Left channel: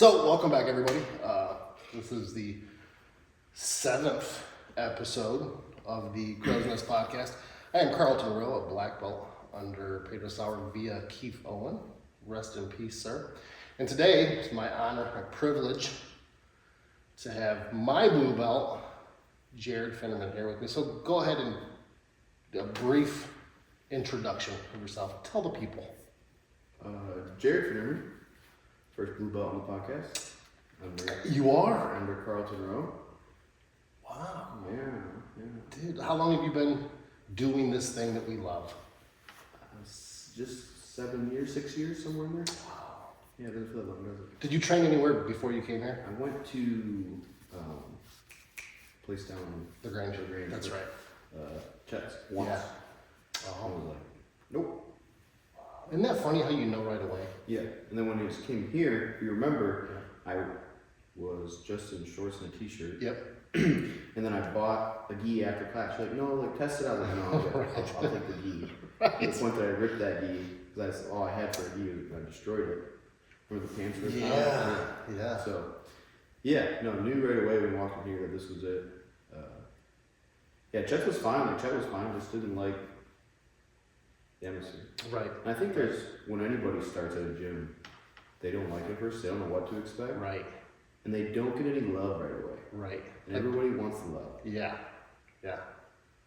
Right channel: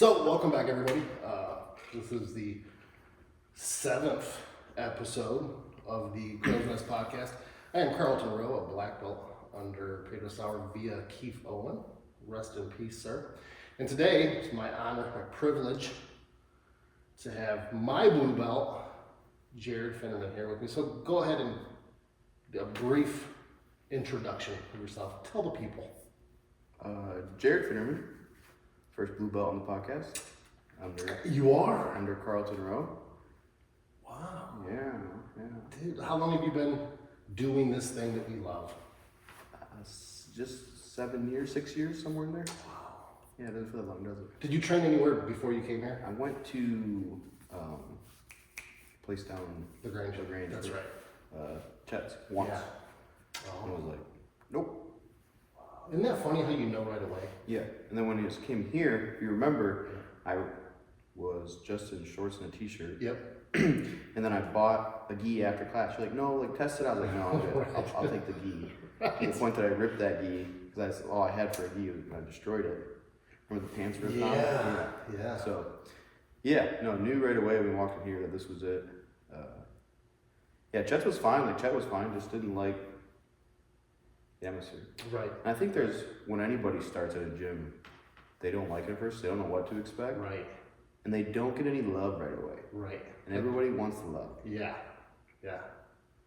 So, welcome back, everybody. This is the 7th episode of the CRowesNest podcast. I am Carlton Rowe, a black belt under Pedro Sauer via Keith Owen. Rest in peace, sir. And today, it's my honor, my privilege to have my blue belt, Jared Finnerman, here with me. So, go ahead and do a brief introduction of yourself. Tell the people. Jared Finnerman, first blue belt on the podcast. You are? Under Carlton Rowe. Wow. Yeah. Dude, how long have you been doing this thing that we love? Just 7 years, 6 years, somewhere in there. Wow. Yeah, it doesn't feel that long, does it? Did you train anywhere before you came here? I went to place down The Grange. That's with, right. Chet's once. Yeah. And I was like, nope. Isn't that funny how you know right away? Yeah, and then when he just came here, if you remember, I was just in shorts and a t-shirt. Yep. And then I bought a gi after class. You're like, no, like test it out. I was like, no, I'm good. I'll take the gi. Right. To the point that I ripped that gi, because that's all I had for a gi, and I destroyed it. Remember the pants ripped out? Yeah. So, yeah, no, knew right away when we walked in here that this was it. Yeah, Chet was fine. Like, Chet was fine, just didn't like the atmosphere. Right. And I think when anybody starts at a gym, they don't like it at first, they don't know what to expect. Right. And they don't get any love right away. Right. And everybody wants the love. Yeah.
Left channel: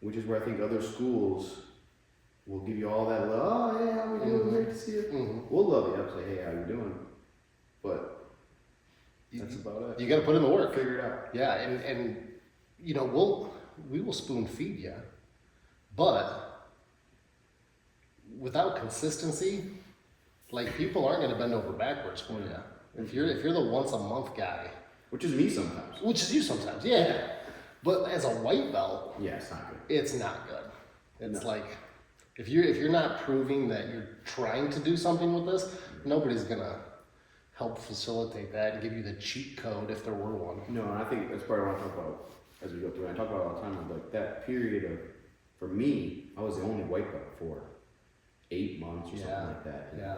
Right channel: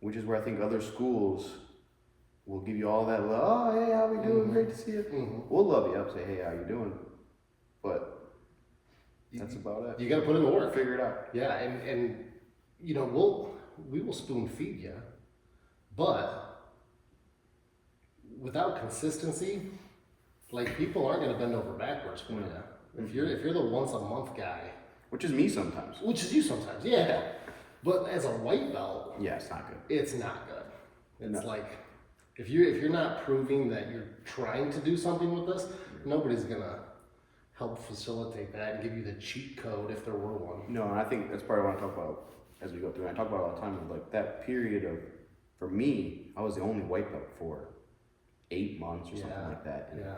Which is where I think other schools will give you all that love. Oh, hey, how we doing? Mm-hmm. Great to see you. Mm-hmm. We'll love you up, say, hey, how you doing? But that's about it. You got to put in the work. Figure it out. Yeah, and you know, we will spoon feed you, but without consistency, like, people aren't going to bend over backwards for you. If you're the once a month guy, which is me sometimes. which is you sometimes, yeah. But as a white belt, Yeah, it's not good. it's not good. It's No. like, if you're not proving that you're trying to do something with this, nobody's gonna help facilitate that and give you the cheat code if there were one. No, and I think that's part I want to talk about as we go through. And I talk about it all the time, like that period of, for me, I was the only white belt for 8 months or something like that. And Yeah.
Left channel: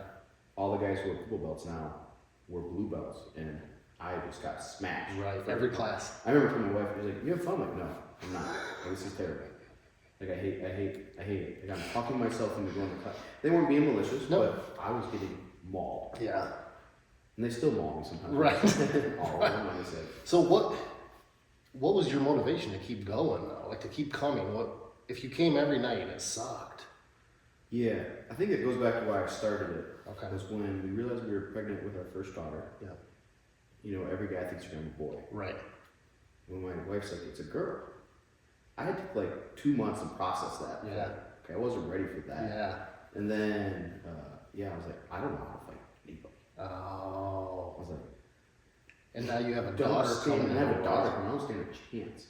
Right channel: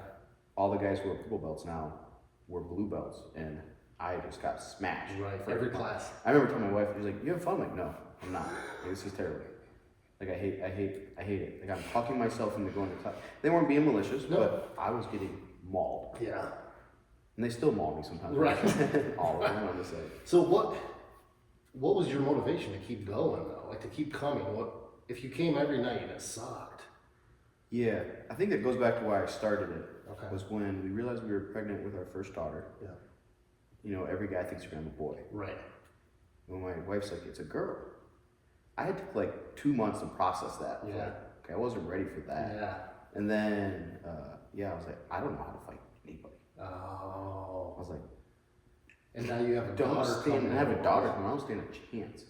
all the guys who are purple belts now were blue belts, and I just got smashed. Right. Every class. I remember telling my wife, she's like, "You have fun?" I'm like, no, I'm not. Like, this is terrible. Like, I hate it. Like, I'm talking myself into going to class. They weren't being malicious, but I was getting mauled. Yeah. And they still maul me sometimes. Right. All of them, I'm gonna say. So what was your motivation to keep going though? Like, to keep coming? What if you came every night and it sucked? Yeah, I think it goes back to why I started it. Okay. Was when we realized we were pregnant with our first daughter. Yeah. You know, every guy thinks you're gonna have a boy. Right. When my wife's like, it's a girl. I had like 2 months to process that. Yeah. Like, okay, I wasn't ready for that. Yeah. And then, I was like, I don't know how to fight anybody. Oh. I was like, And now you have a don't daughter stand, coming. I have a daughter coming, I don't stand a chance.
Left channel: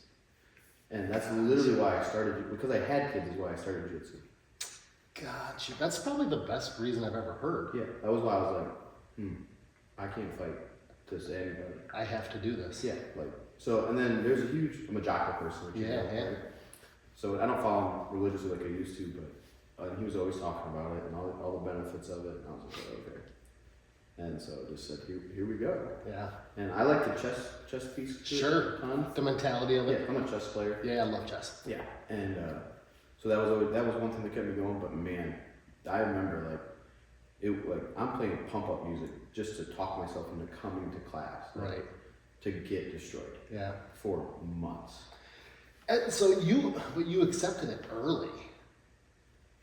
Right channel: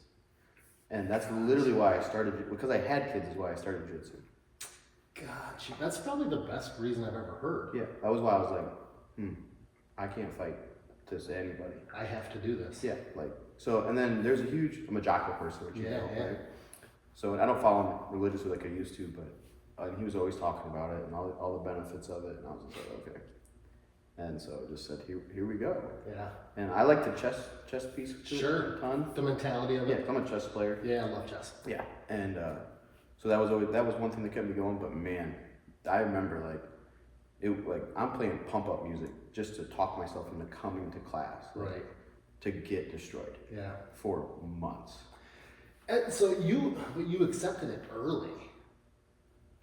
And that's literally why I started, because I had kids is why I started jiu-jitsu. Gotcha. That's probably the best reason I've ever heard. Yeah, that was why I was like, I can't fight to anybody. I have to do this. Yeah, like, so, and then there's a huge, I'm a Jocko person, which you know, right? So I don't follow him religiously like I used to, but he was always talking about it and all the benefits of it, and I was like, okay. And so I just said, here we go. Yeah. And I like the chess piece to Sure. it a ton. The mentality of Yeah, it. I'm a chess player. Yeah, I love chess. Yeah, and so that was one thing that kept me going. But man, I remember I'm playing pump up music just to talk myself into coming to class, Right. To get destroyed. Yeah. For months. And so you accepted it early.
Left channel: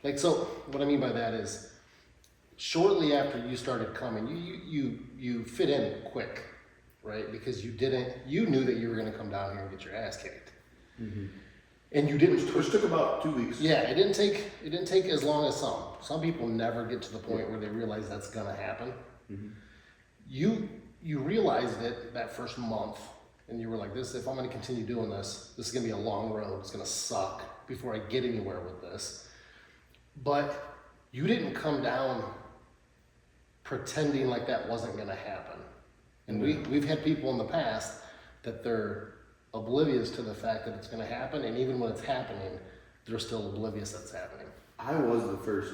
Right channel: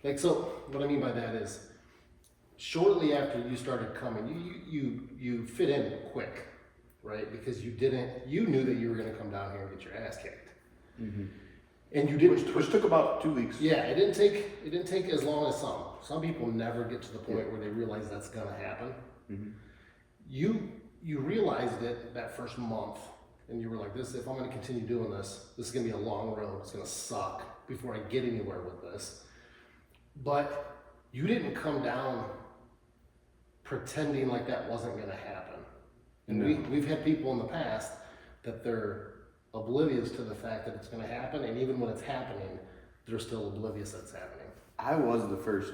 Like, so what I mean by that is, shortly after you started coming, you fit in quick, right? Because you knew that you were going to come down here and get your ass kicked. Mm-hmm. And you didn't. Which took about 2 weeks. Yeah, it didn't take as long as some. Some people never get to the point where they realize that's going to happen. Mm-hmm. You realized it that first month, and you were like, "This, if I'm going to continue doing this is going to be a long road. It's going to suck before I get anywhere with this." But you didn't come down pretending like that wasn't going to happen. And we've had people in the past that they're oblivious to the fact that it's going to happen, and even when it's happening, they're still oblivious that it's happening. I was the first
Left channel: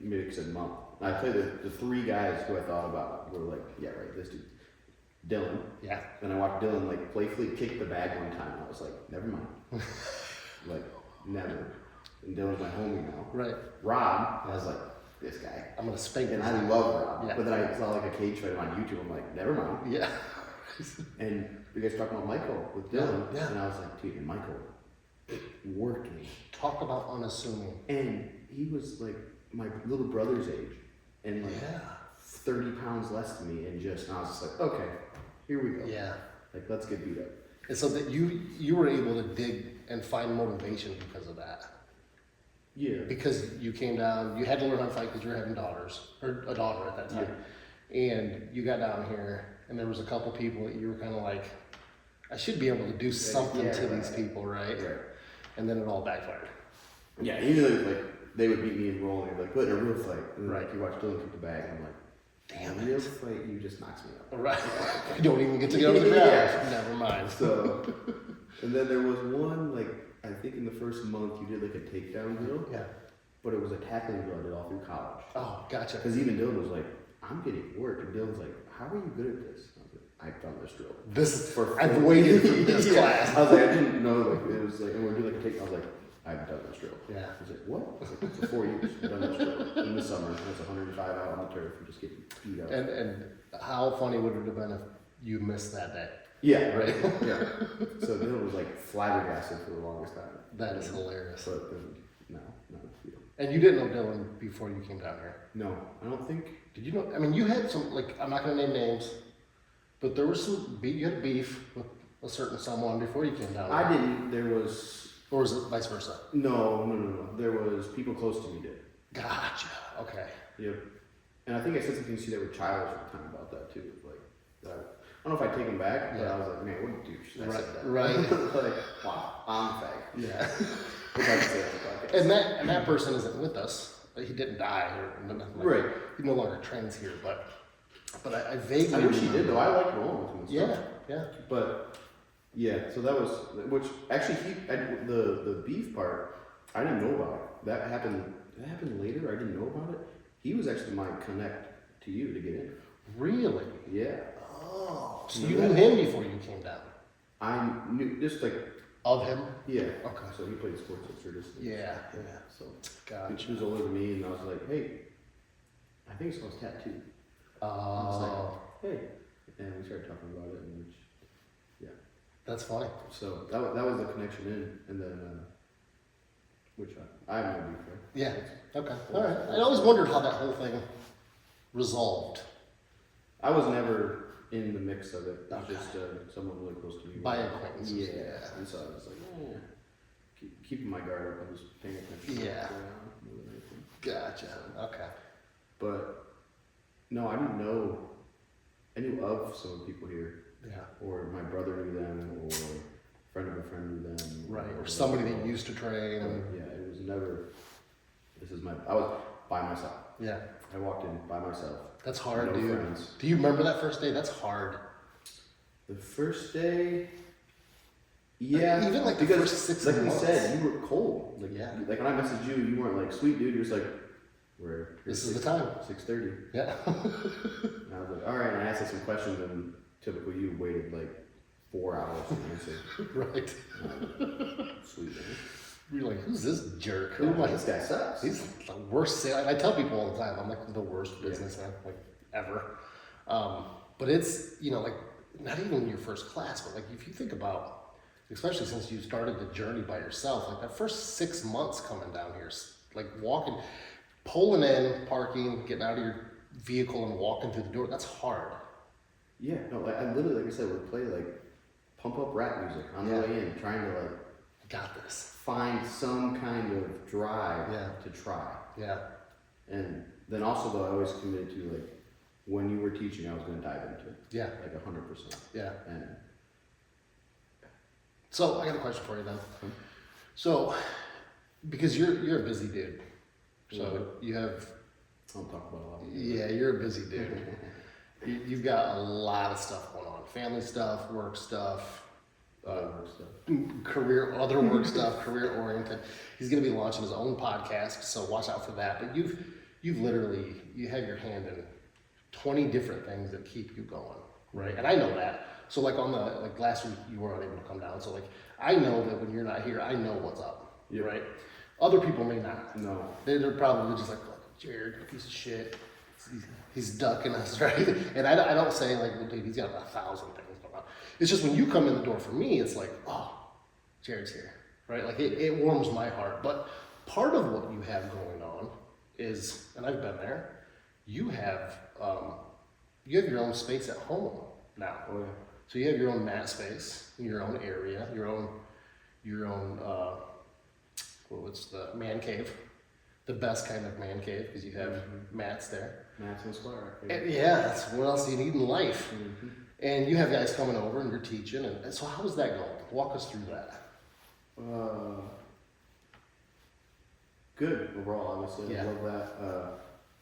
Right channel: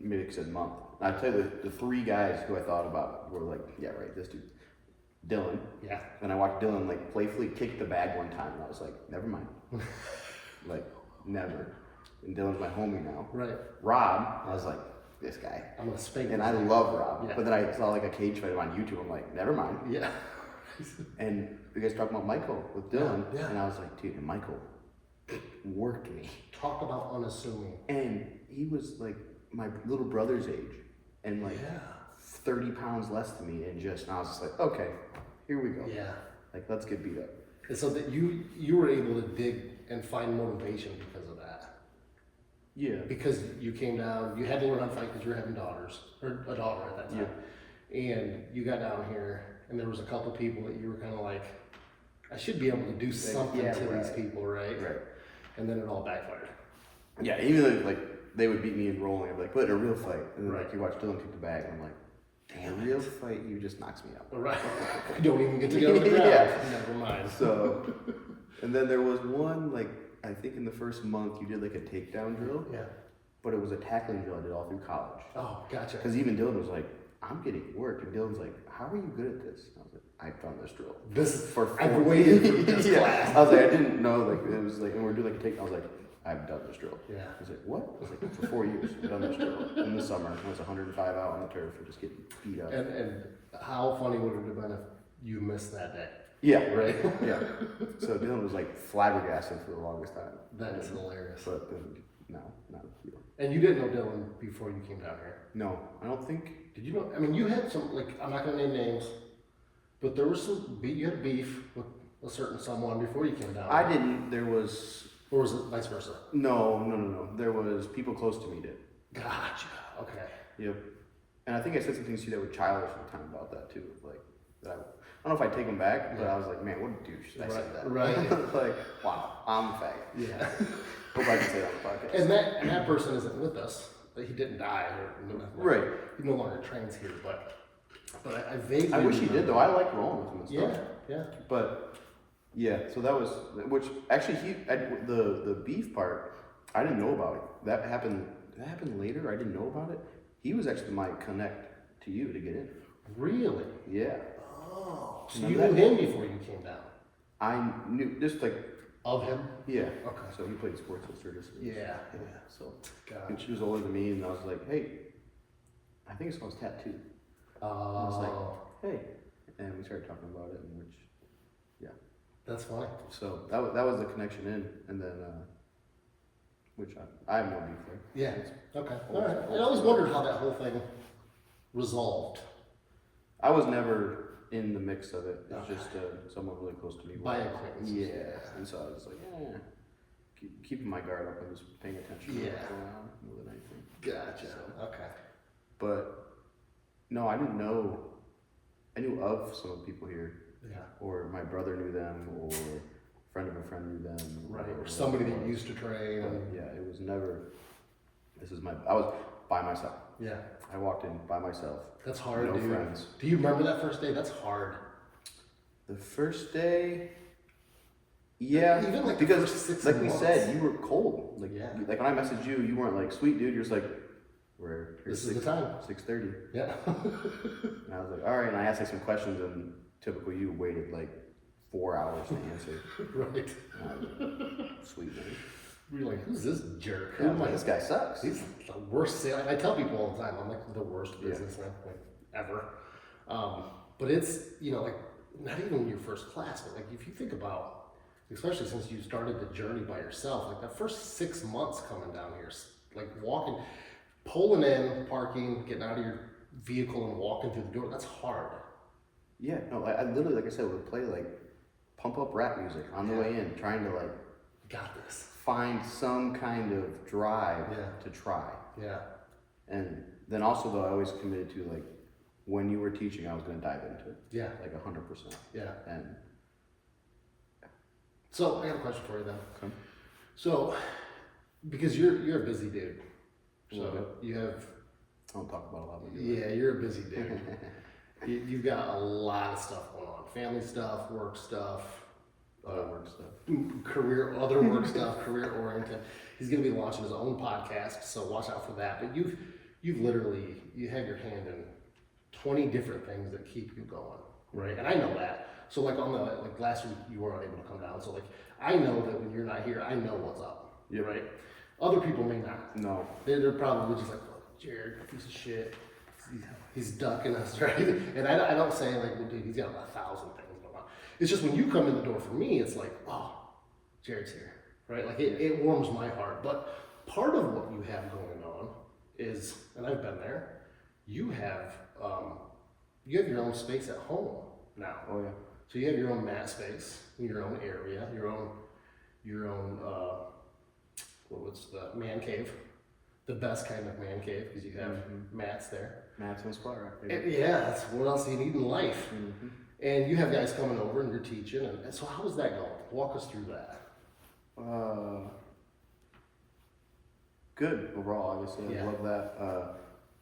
month. I tell you, the 3 guys who I thought about were like, yeah, right, this dude. Dylan. Yeah. And I watched Dylan like playfully kick the bag one time, and I was like, never mind. Like, never. And Dylan's my homie now. Right. Rob, I was like, this guy. I'm gonna spank And this I guy. love Rob. Yeah. But then I saw like a cage fight on YouTube. I'm like, never mind. Yeah. And you guys talking about Michael with Dylan. Yeah. And I was like, dude, and Michael working. Talk about unassuming. And he was like my little brother's age. And like 30 pounds less than me. And I was just like, okay, here we go. Yeah. Like, let's get beat up. And so that you were able to dig and find motivation because of that. Yeah. Because you came down, you had to learn how to fight because you were having daughters, or a daughter at that time. Yeah. And you got down here, and there was a couple people that you were kind of like, I should be able to do something to these people, right? Right. And then it all backfired. Yeah, even though like they would beat me in rolling, I'd be like, but in a real fight. And then like you watch Dylan kick the bag, and I'm like, in a real fight, you just knocks me out. Right. You don't even get to go to the ground. Yeah. Never mind. So, and then there was one, like, I think in the first month you did like a takedown drill. Yeah. But it was a tackling drill I did all through college. Oh, gotcha. Because even Dylan was like, I'm getting work. And Dylan's like, how are you good at this? I was like, I've done this drill. I've waited for this yeah. class. I was like, I didn't know, like, it was like, and we're doing like a takedown. I was like, I've done this drill. Yeah. He's like, what? I was like, for 4 years, I've done this drill. In the summer, I was 105 out on the turf and just getting beat up. And how funny would it have been if you missed that day? Yeah, Right. Yeah. So Dylan was like flabbergasted for the longest time. That is hilarious. But then, no, not a deal. And you didn't know Dylan before you came down here? No, I don't think. Did you know? I mean, you had some, like, I'm not going to name names, but there was you had beef with a certain someone before you came down. I didn't. There was. Or was it vice versa? No. There was people close to me did. Gotcha. Okay. Yep. And I think I said something to you that was childish one time about that too. Like, that I don't know if I take them back, but I was like, man, what a douche. I said that. Right. Like, wow, I'm the fag. Yeah. Hope I can say that on the podcast. And that person isn't with us. Like, he didn't die or nothing. Right. He no longer trains here, but I vaguely. I wish he did though. I like rolling with him and stuff. Yeah. But yeah, so that was actually the beef part I didn't know about it. That happened later. I didn't know about it. He was actually my connect to you to get in. Really? Yeah. Oh, so you knew him before you came down? I knew just like of him. Yeah. Okay. So he played sports illustrated. Yeah. So gotcha. She was older than me, and I was like, hey, I think it's called tattoo. Oh. I was like, hey, and we started talking about it, and which. That's funny. So that was the connection in, and then which I have no beef there. Yeah. Okay. All right. I always wondered how that whole thing resolved. I was never in the mix of it. It's Okay. just someone really close to me. By acquaintance. Yeah. And so I was like, keeping my guard up and just paying attention to what's going on more than anything. Gotcha. Okay. But no, I didn't know. I knew of some of the people here. Yeah. Or my brother knew them, or a friend of a friend knew them. Right. Or somebody that used to train. Yeah, it was never. I was by myself. Yeah. I walked in by myself. That's hard, no dude. friends. Do you remember that first day? That's hard. The first day. Yeah. Even like because the first 6 like months. we said, you were cold. Like like when I messaged you, you weren't like sweet dude. You're just like, this is the time. 6:30. Yeah. And I was like, all right. And I asked like some questions, and typically you waited like 4 hours to answer. Right. Sweet man. You're like, who's this jerk? Yeah, I'm like, this guy sucks. He's the worst sales. I tell people all the time, I'm like the worst businessman like ever. But it's, like not even your first class, but like if you think about, especially since you started the journey by yourself, like that first 6 months coming down here, like walking, pulling in, parking, getting out of your vehicle and walking through the door, that's hard. Yeah, no, I literally, like I said, would play like pump up rap music on the way in, trying to like got this. Find some kind of drive to try. Yeah. And then also though, I always committed to like when you were teaching, I was going to dive into it. Yeah. Like 100%. Yeah. And so I got a question for you then. Okay. So, because you're a busy dude, so you have. I don't talk about a lot. Yeah, you're a busy dude. You've got a lot of stuff going on: family stuff, work stuff, work stuff, other work stuff, career oriented. He's going to be launching his own podcast, so watch out for that. But you've literally have your hand in 20 different things that keep you going. right? And I know that. So like on the, like last week you were unable to come down. So like, I know that when you're not here, I know what's up, Yep. right? Other people may not. No. They're probably just like, "Fuck, Jared, piece of shit. He's ducking us," right? And I don't say like, well, dude, he's got 1,000 things going on. It's just when you come in the door for me, it's like, oh, Jared's here, right? Like it warms my heart. But part of what you have going on is, and I've been there, you have your own space at home now. Oh yeah. So you have your own mat space in your own area, your own what's the man cave, the best kind of man cave because you have mats there. Mats and squat rack. Yeah, that's what else do you need in life. And you have guys coming over and you're teaching. And so how's that going? Walk us through that. Good overall, obviously. Yeah. I love that.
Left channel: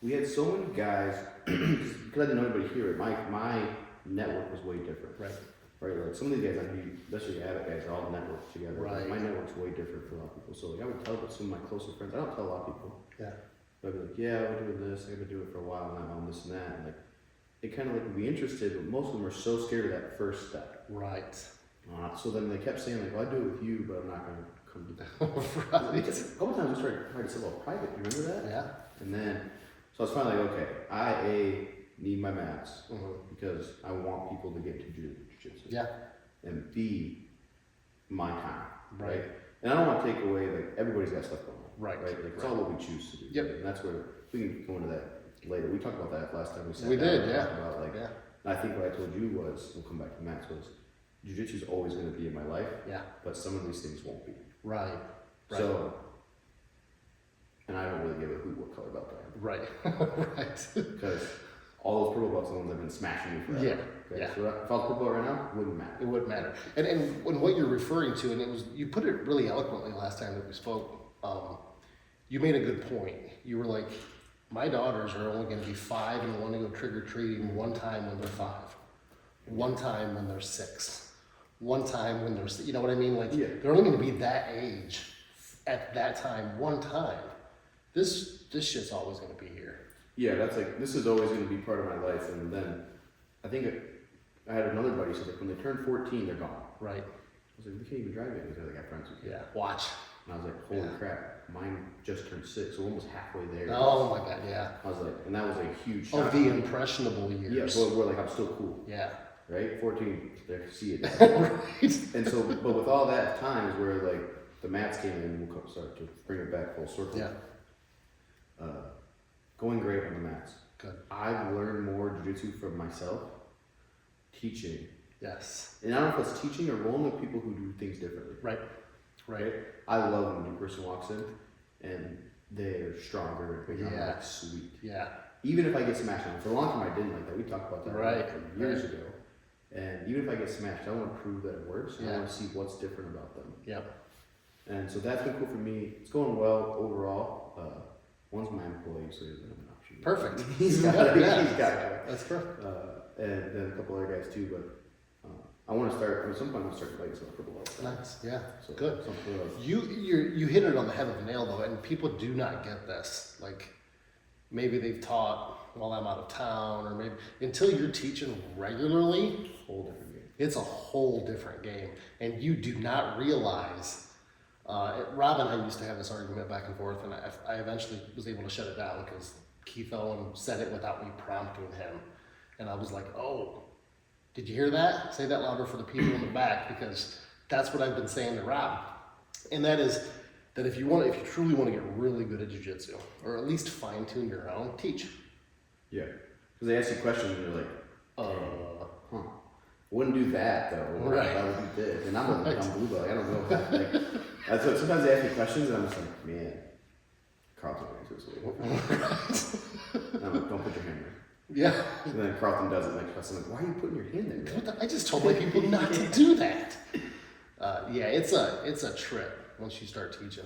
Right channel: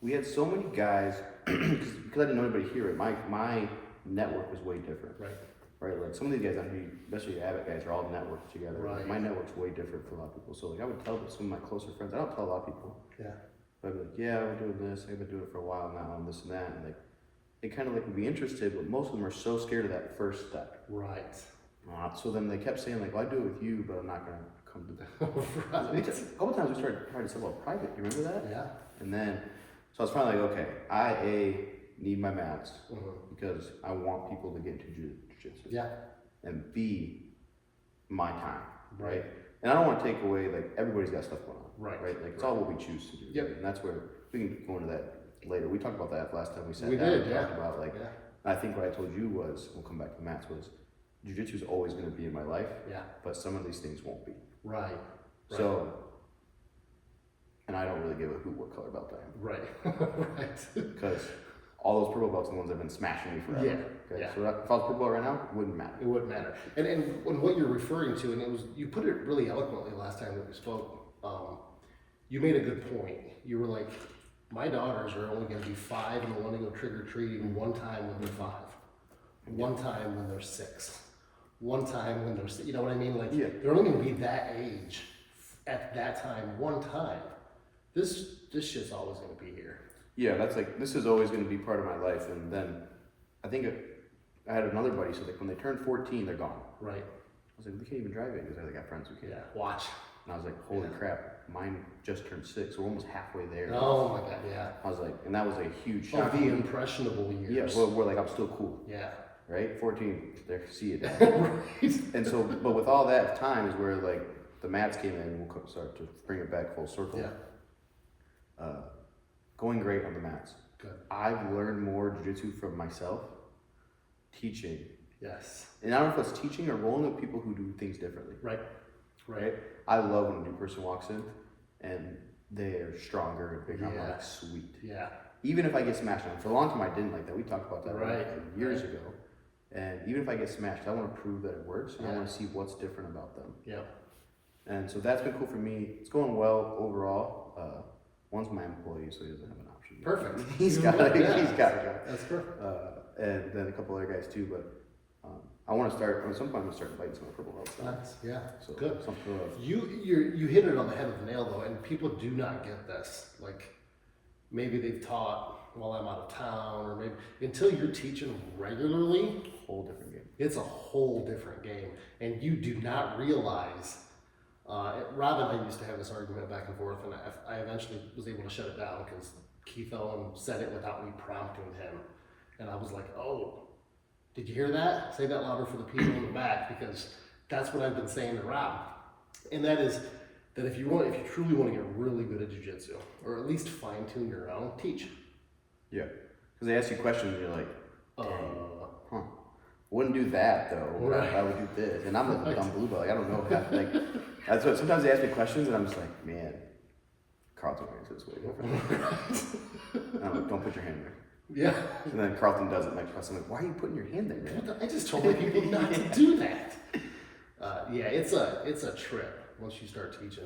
We had so many guys because I didn't know anybody here. My network was way different. Right, like some of these guys, especially your Abbott guys, are all networked together. Right. My network's way different for a lot of people. So like I would tell some of my closer friends. I don't tell a lot of people. Yeah. But I'd be like, yeah, we're doing this. I've been doing it for a while now, and this and that. And like, they kind of like would be interested, but most of them are so scared of that first step. Right. So then they kept saying like, well, I do it with you, but I'm not gonna come to that. Right. Because a couple times we started trying to sell out private. Do you remember that? Yeah. And then, so I was finally like, okay, I need my mats because I want people to get into jiu-jitsu. Yeah. And B, my time, Right. And I don't want to take away, like, everybody's got stuff going on, Right. Like, it's all what we choose to do. Yep. Right? And that's where, we can go into that later. We talked about that last time we sat We down. did, and yeah. talked about, like, Yeah. I think what I told you was, we'll come back to Matt's, was jiu-jitsu is always going to be in my life, Yeah. but some of these things won't be. Right. So, and I don't really give a hoot what color belt I am. Right. Right. Because all those purple belts are the ones that have been smashing me forever. Yeah. Okay? Yeah. So if I was purple belt right now, it wouldn't matter. It wouldn't matter. And what you're referring to, and it was, you put it really eloquently last time that we spoke. You made a good point. You were like, my daughters are only going to be 5 and want to go trick or treating one time when they're 5, one time when they're 6, one time when they're, you know what I mean? Like, Yeah. they're only going to be that age at that time, one time. This shit's always going to be here. Yeah, that's like, this is always going to be part of my life. And then I think I had another buddy said like when they turn 14, they're gone. Right. I was like, they can't even drive it because I got friends who can. Yeah. Watch. And I was like, holy Yeah. crap, mine just turned 6, so we're almost halfway there. Oh my God, yeah. I was like, and that was a huge Of shock. the impressionable years. Yeah, we're like, I'm still cool, Yeah. right? 14, there, see it. Right. And so, but with all that time is where like the mats came in, and we'll start to bring it back full circle. Yeah. Going great on the mats. Good. I've learned more jiu-jitsu from myself, teaching. Yes. And I don't know if it's teaching or rolling with people who do things differently. Right. Right? I love when a new person walks in and they're stronger and bigger. I'm Yeah. like, sweet. Yeah. Even if I get smashed on, for a long time I didn't like that. We talked about that Right. like years Right. ago. And even if I get smashed, I want to prove that it works. And I Yeah. want to see what's different about them. Yep. And so that's been cool for me. It's going well overall. One's my employee, so he doesn't have an option. Perfect. He's got it. Yeah. He's got it. That's perfect. And then a couple other guys too. But I want to start. At some point, I'm gonna start fighting some purple belts. Nice. Yeah. So Good. some sort of, You hit it on the head of the nail though, and people do not get this. Like maybe they've taught while I'm out of town, or maybe until you're teaching regularly, whole different game. it's a whole different game, and you do not realize. Rob and I used to have this argument back and forth, and I eventually was able to shut it down because Keith Owen said it without me prompting him, and I was like, "Oh, did you hear that? Say that louder for the people in the back, because that's what I've been saying to Rob, and that is that if you truly want to get really good at jiu-jitsu, or at least fine tune your own, teach. Yeah, because they ask you questions, and you're like, Huh. wouldn't do that though. Right. I would do this, and I'm a dumb blue belt. Like, I don't know how. Like, that's what sometimes they ask me questions, and I'm just like, man, Carlton answer this way. And I'm like, don't put your hand there. Yeah. And then Carlton does it next question. I'm like, why are you putting your hand there, man? I just told my people not to do that. Yeah, it's a trip once you start teaching,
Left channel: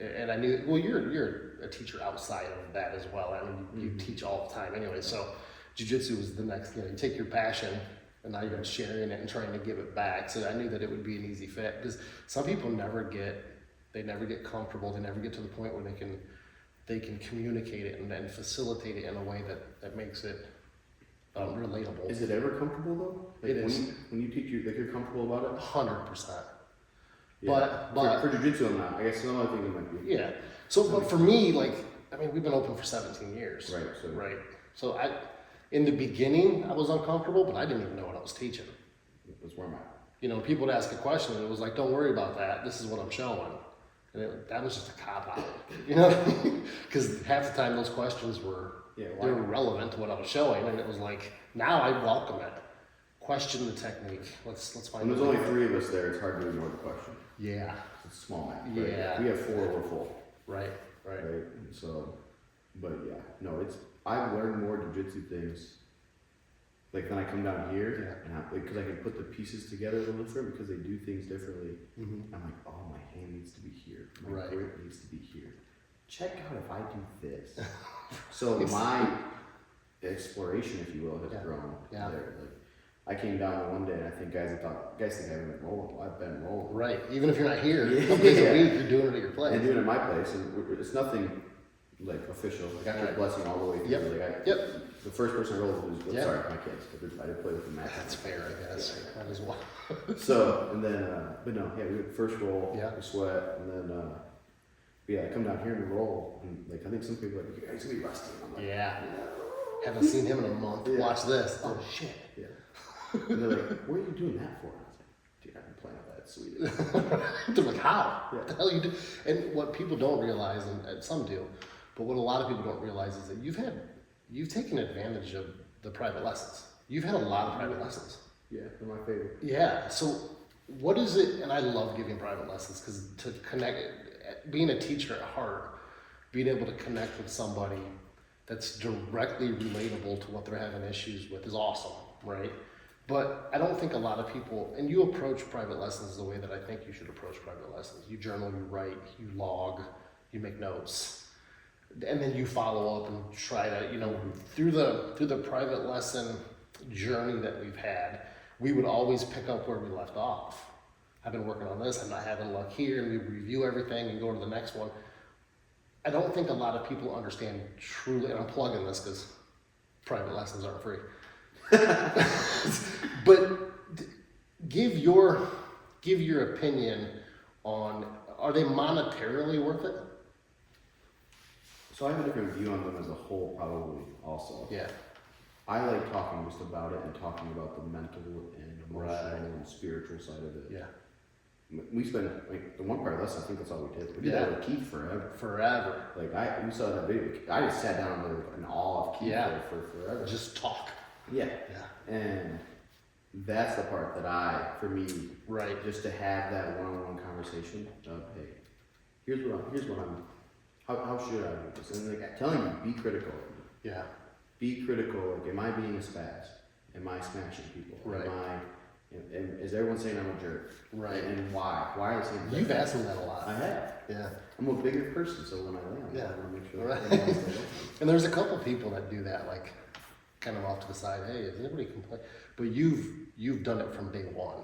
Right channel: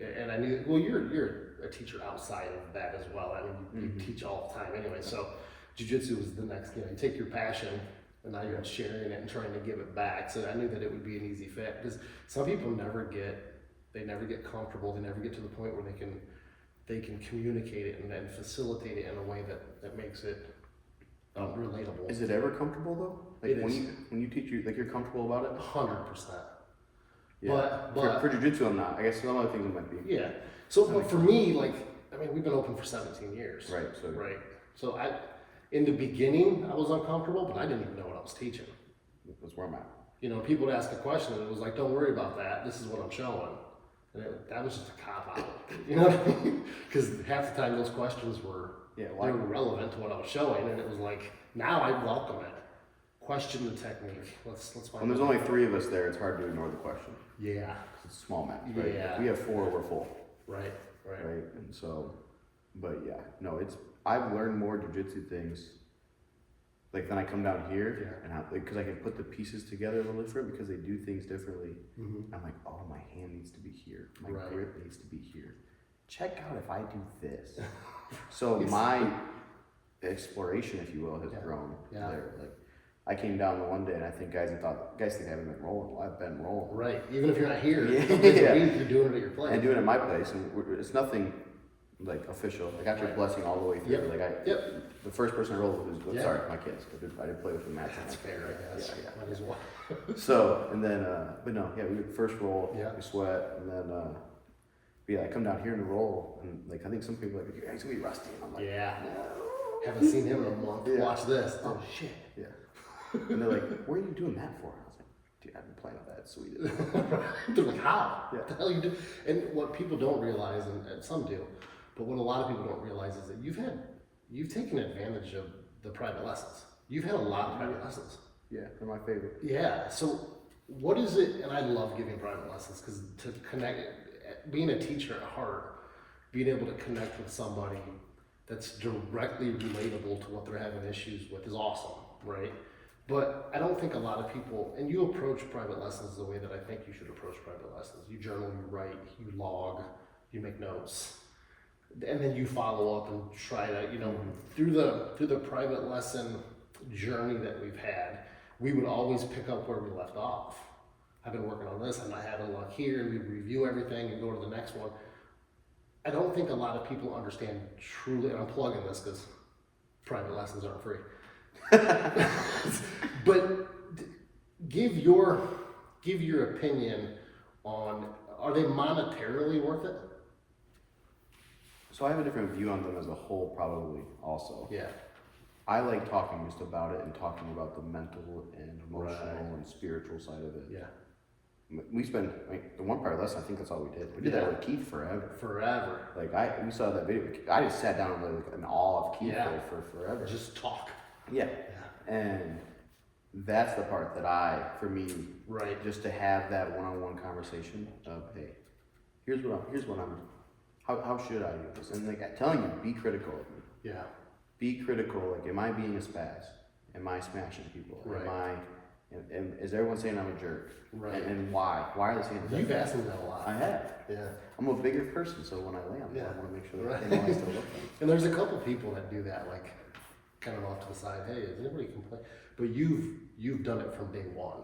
and I knew. Well, you're a teacher outside of that as well. I mean, you teach all the time anyway. So, jiu-jitsu was the next. You take your passion, and now you're sharing it and trying to give it back. So I knew that it would be an easy fit, because some people never get comfortable. They never get to the point where they can communicate it and facilitate it in a way that makes it relatable. Is it ever comfortable though? Like It is. when you teach, like you're comfortable about it? 100%. Yeah. But for jiu-jitsu, I'm not. I guess some other things it might be. yeah. So, but for me, like, I mean, we've been open for 17 years. Right. So Right. So in the beginning, I was uncomfortable, but I didn't even know what I was teaching. that's where I'm at. You know, people would ask a question and it was like, don't worry about that. This is what I'm showing. And that was just a cop out. You know? Because half the time those questions were they were relevant to what I was showing. And it was like, now I welcome it. Question the technique. Let's find When there's only 3 of us there, it's hard to ignore the question. Yeah. It's a small match, right? Yeah. If we have 4, we're full. Right. And so, but yeah, no, I've learned more jiu-jitsu things, like then I come down here, and because I can put the pieces together a little different because they do things differently. Mm-hmm. I'm like, oh, my hand needs to be here, my Right. grip needs to be here. Check out if I do this. So my exploration, if you will, has grown there. Like I came down the one day and I think guys think I haven't been rolling. Well, I've been rolling. Right. Even if you're not here, Yeah. some days a week, you're doing it at your place. And doing it at my place, and it's nothing like official. Like after blessing all the way through, like the first person I rolled was sorry, my kids. I did play with the match. That's fair, I guess. Yeah. Might as well. So and then, but no, we would first roll, we sweat, and then I come down here and roll, and like I think some people are like, he's gonna be rusty. And I'm like, haven't seen him in a month. Watch this. Oh shit. Yeah. And they're like, what are you doing that for? I was like, dude, I've been playing with that Swedish. They're like, how? Yeah. What the hell you do? And what people don't realize, and some do, but what a lot of people don't realize is that you've taken advantage of the private lessons. You've had a lot of private lessons. Yeah, they're my favorite. Yeah. So what is it? And I love giving private lessons because to connect, being a teacher at heart, being able to connect with somebody that's directly relatable to what they're having issues with is awesome, right? But I don't think a lot of people, and you approach private lessons the way that I think you should approach private lessons. You journal, you write, you log, you make notes, and then you follow up and try to, through the private lesson journey that we've had, we would always pick up where we left off. I've been working on this, I'm not having luck here, and we review everything and go to the next one. I don't think a lot of people understand truly, and I'm plugging this because private lessons aren't free. But give your opinion on, are they monetarily worth it? So I have a different view on them as a whole, probably also. Yeah. I like talking just about it and talking about the mental and emotional and spiritual side of it. Yeah. We spent the one part lesson. I think that's all we did. We did that with Keith forever. Forever. Like we saw that video. I just sat down in awe of Keith there for forever. Just talk. Yeah. And that's the part that for me, just to have that one-on-one conversation of, hey, here's what I'm, how should I do this? And like telling you, be critical of me. Yeah. Be critical. Like, am I being a spaz? Am I smashing people? Right. Is everyone saying I'm a jerk? Right. And why? Why are they saying that? You've asked me that a lot. I have. Yeah. I'm a bigger person, so when I land, I want to make sure that everyone still looks at me. And there's a couple people that do that, like kind of off to the side. Hey, is anybody complain? But you've done it from day one.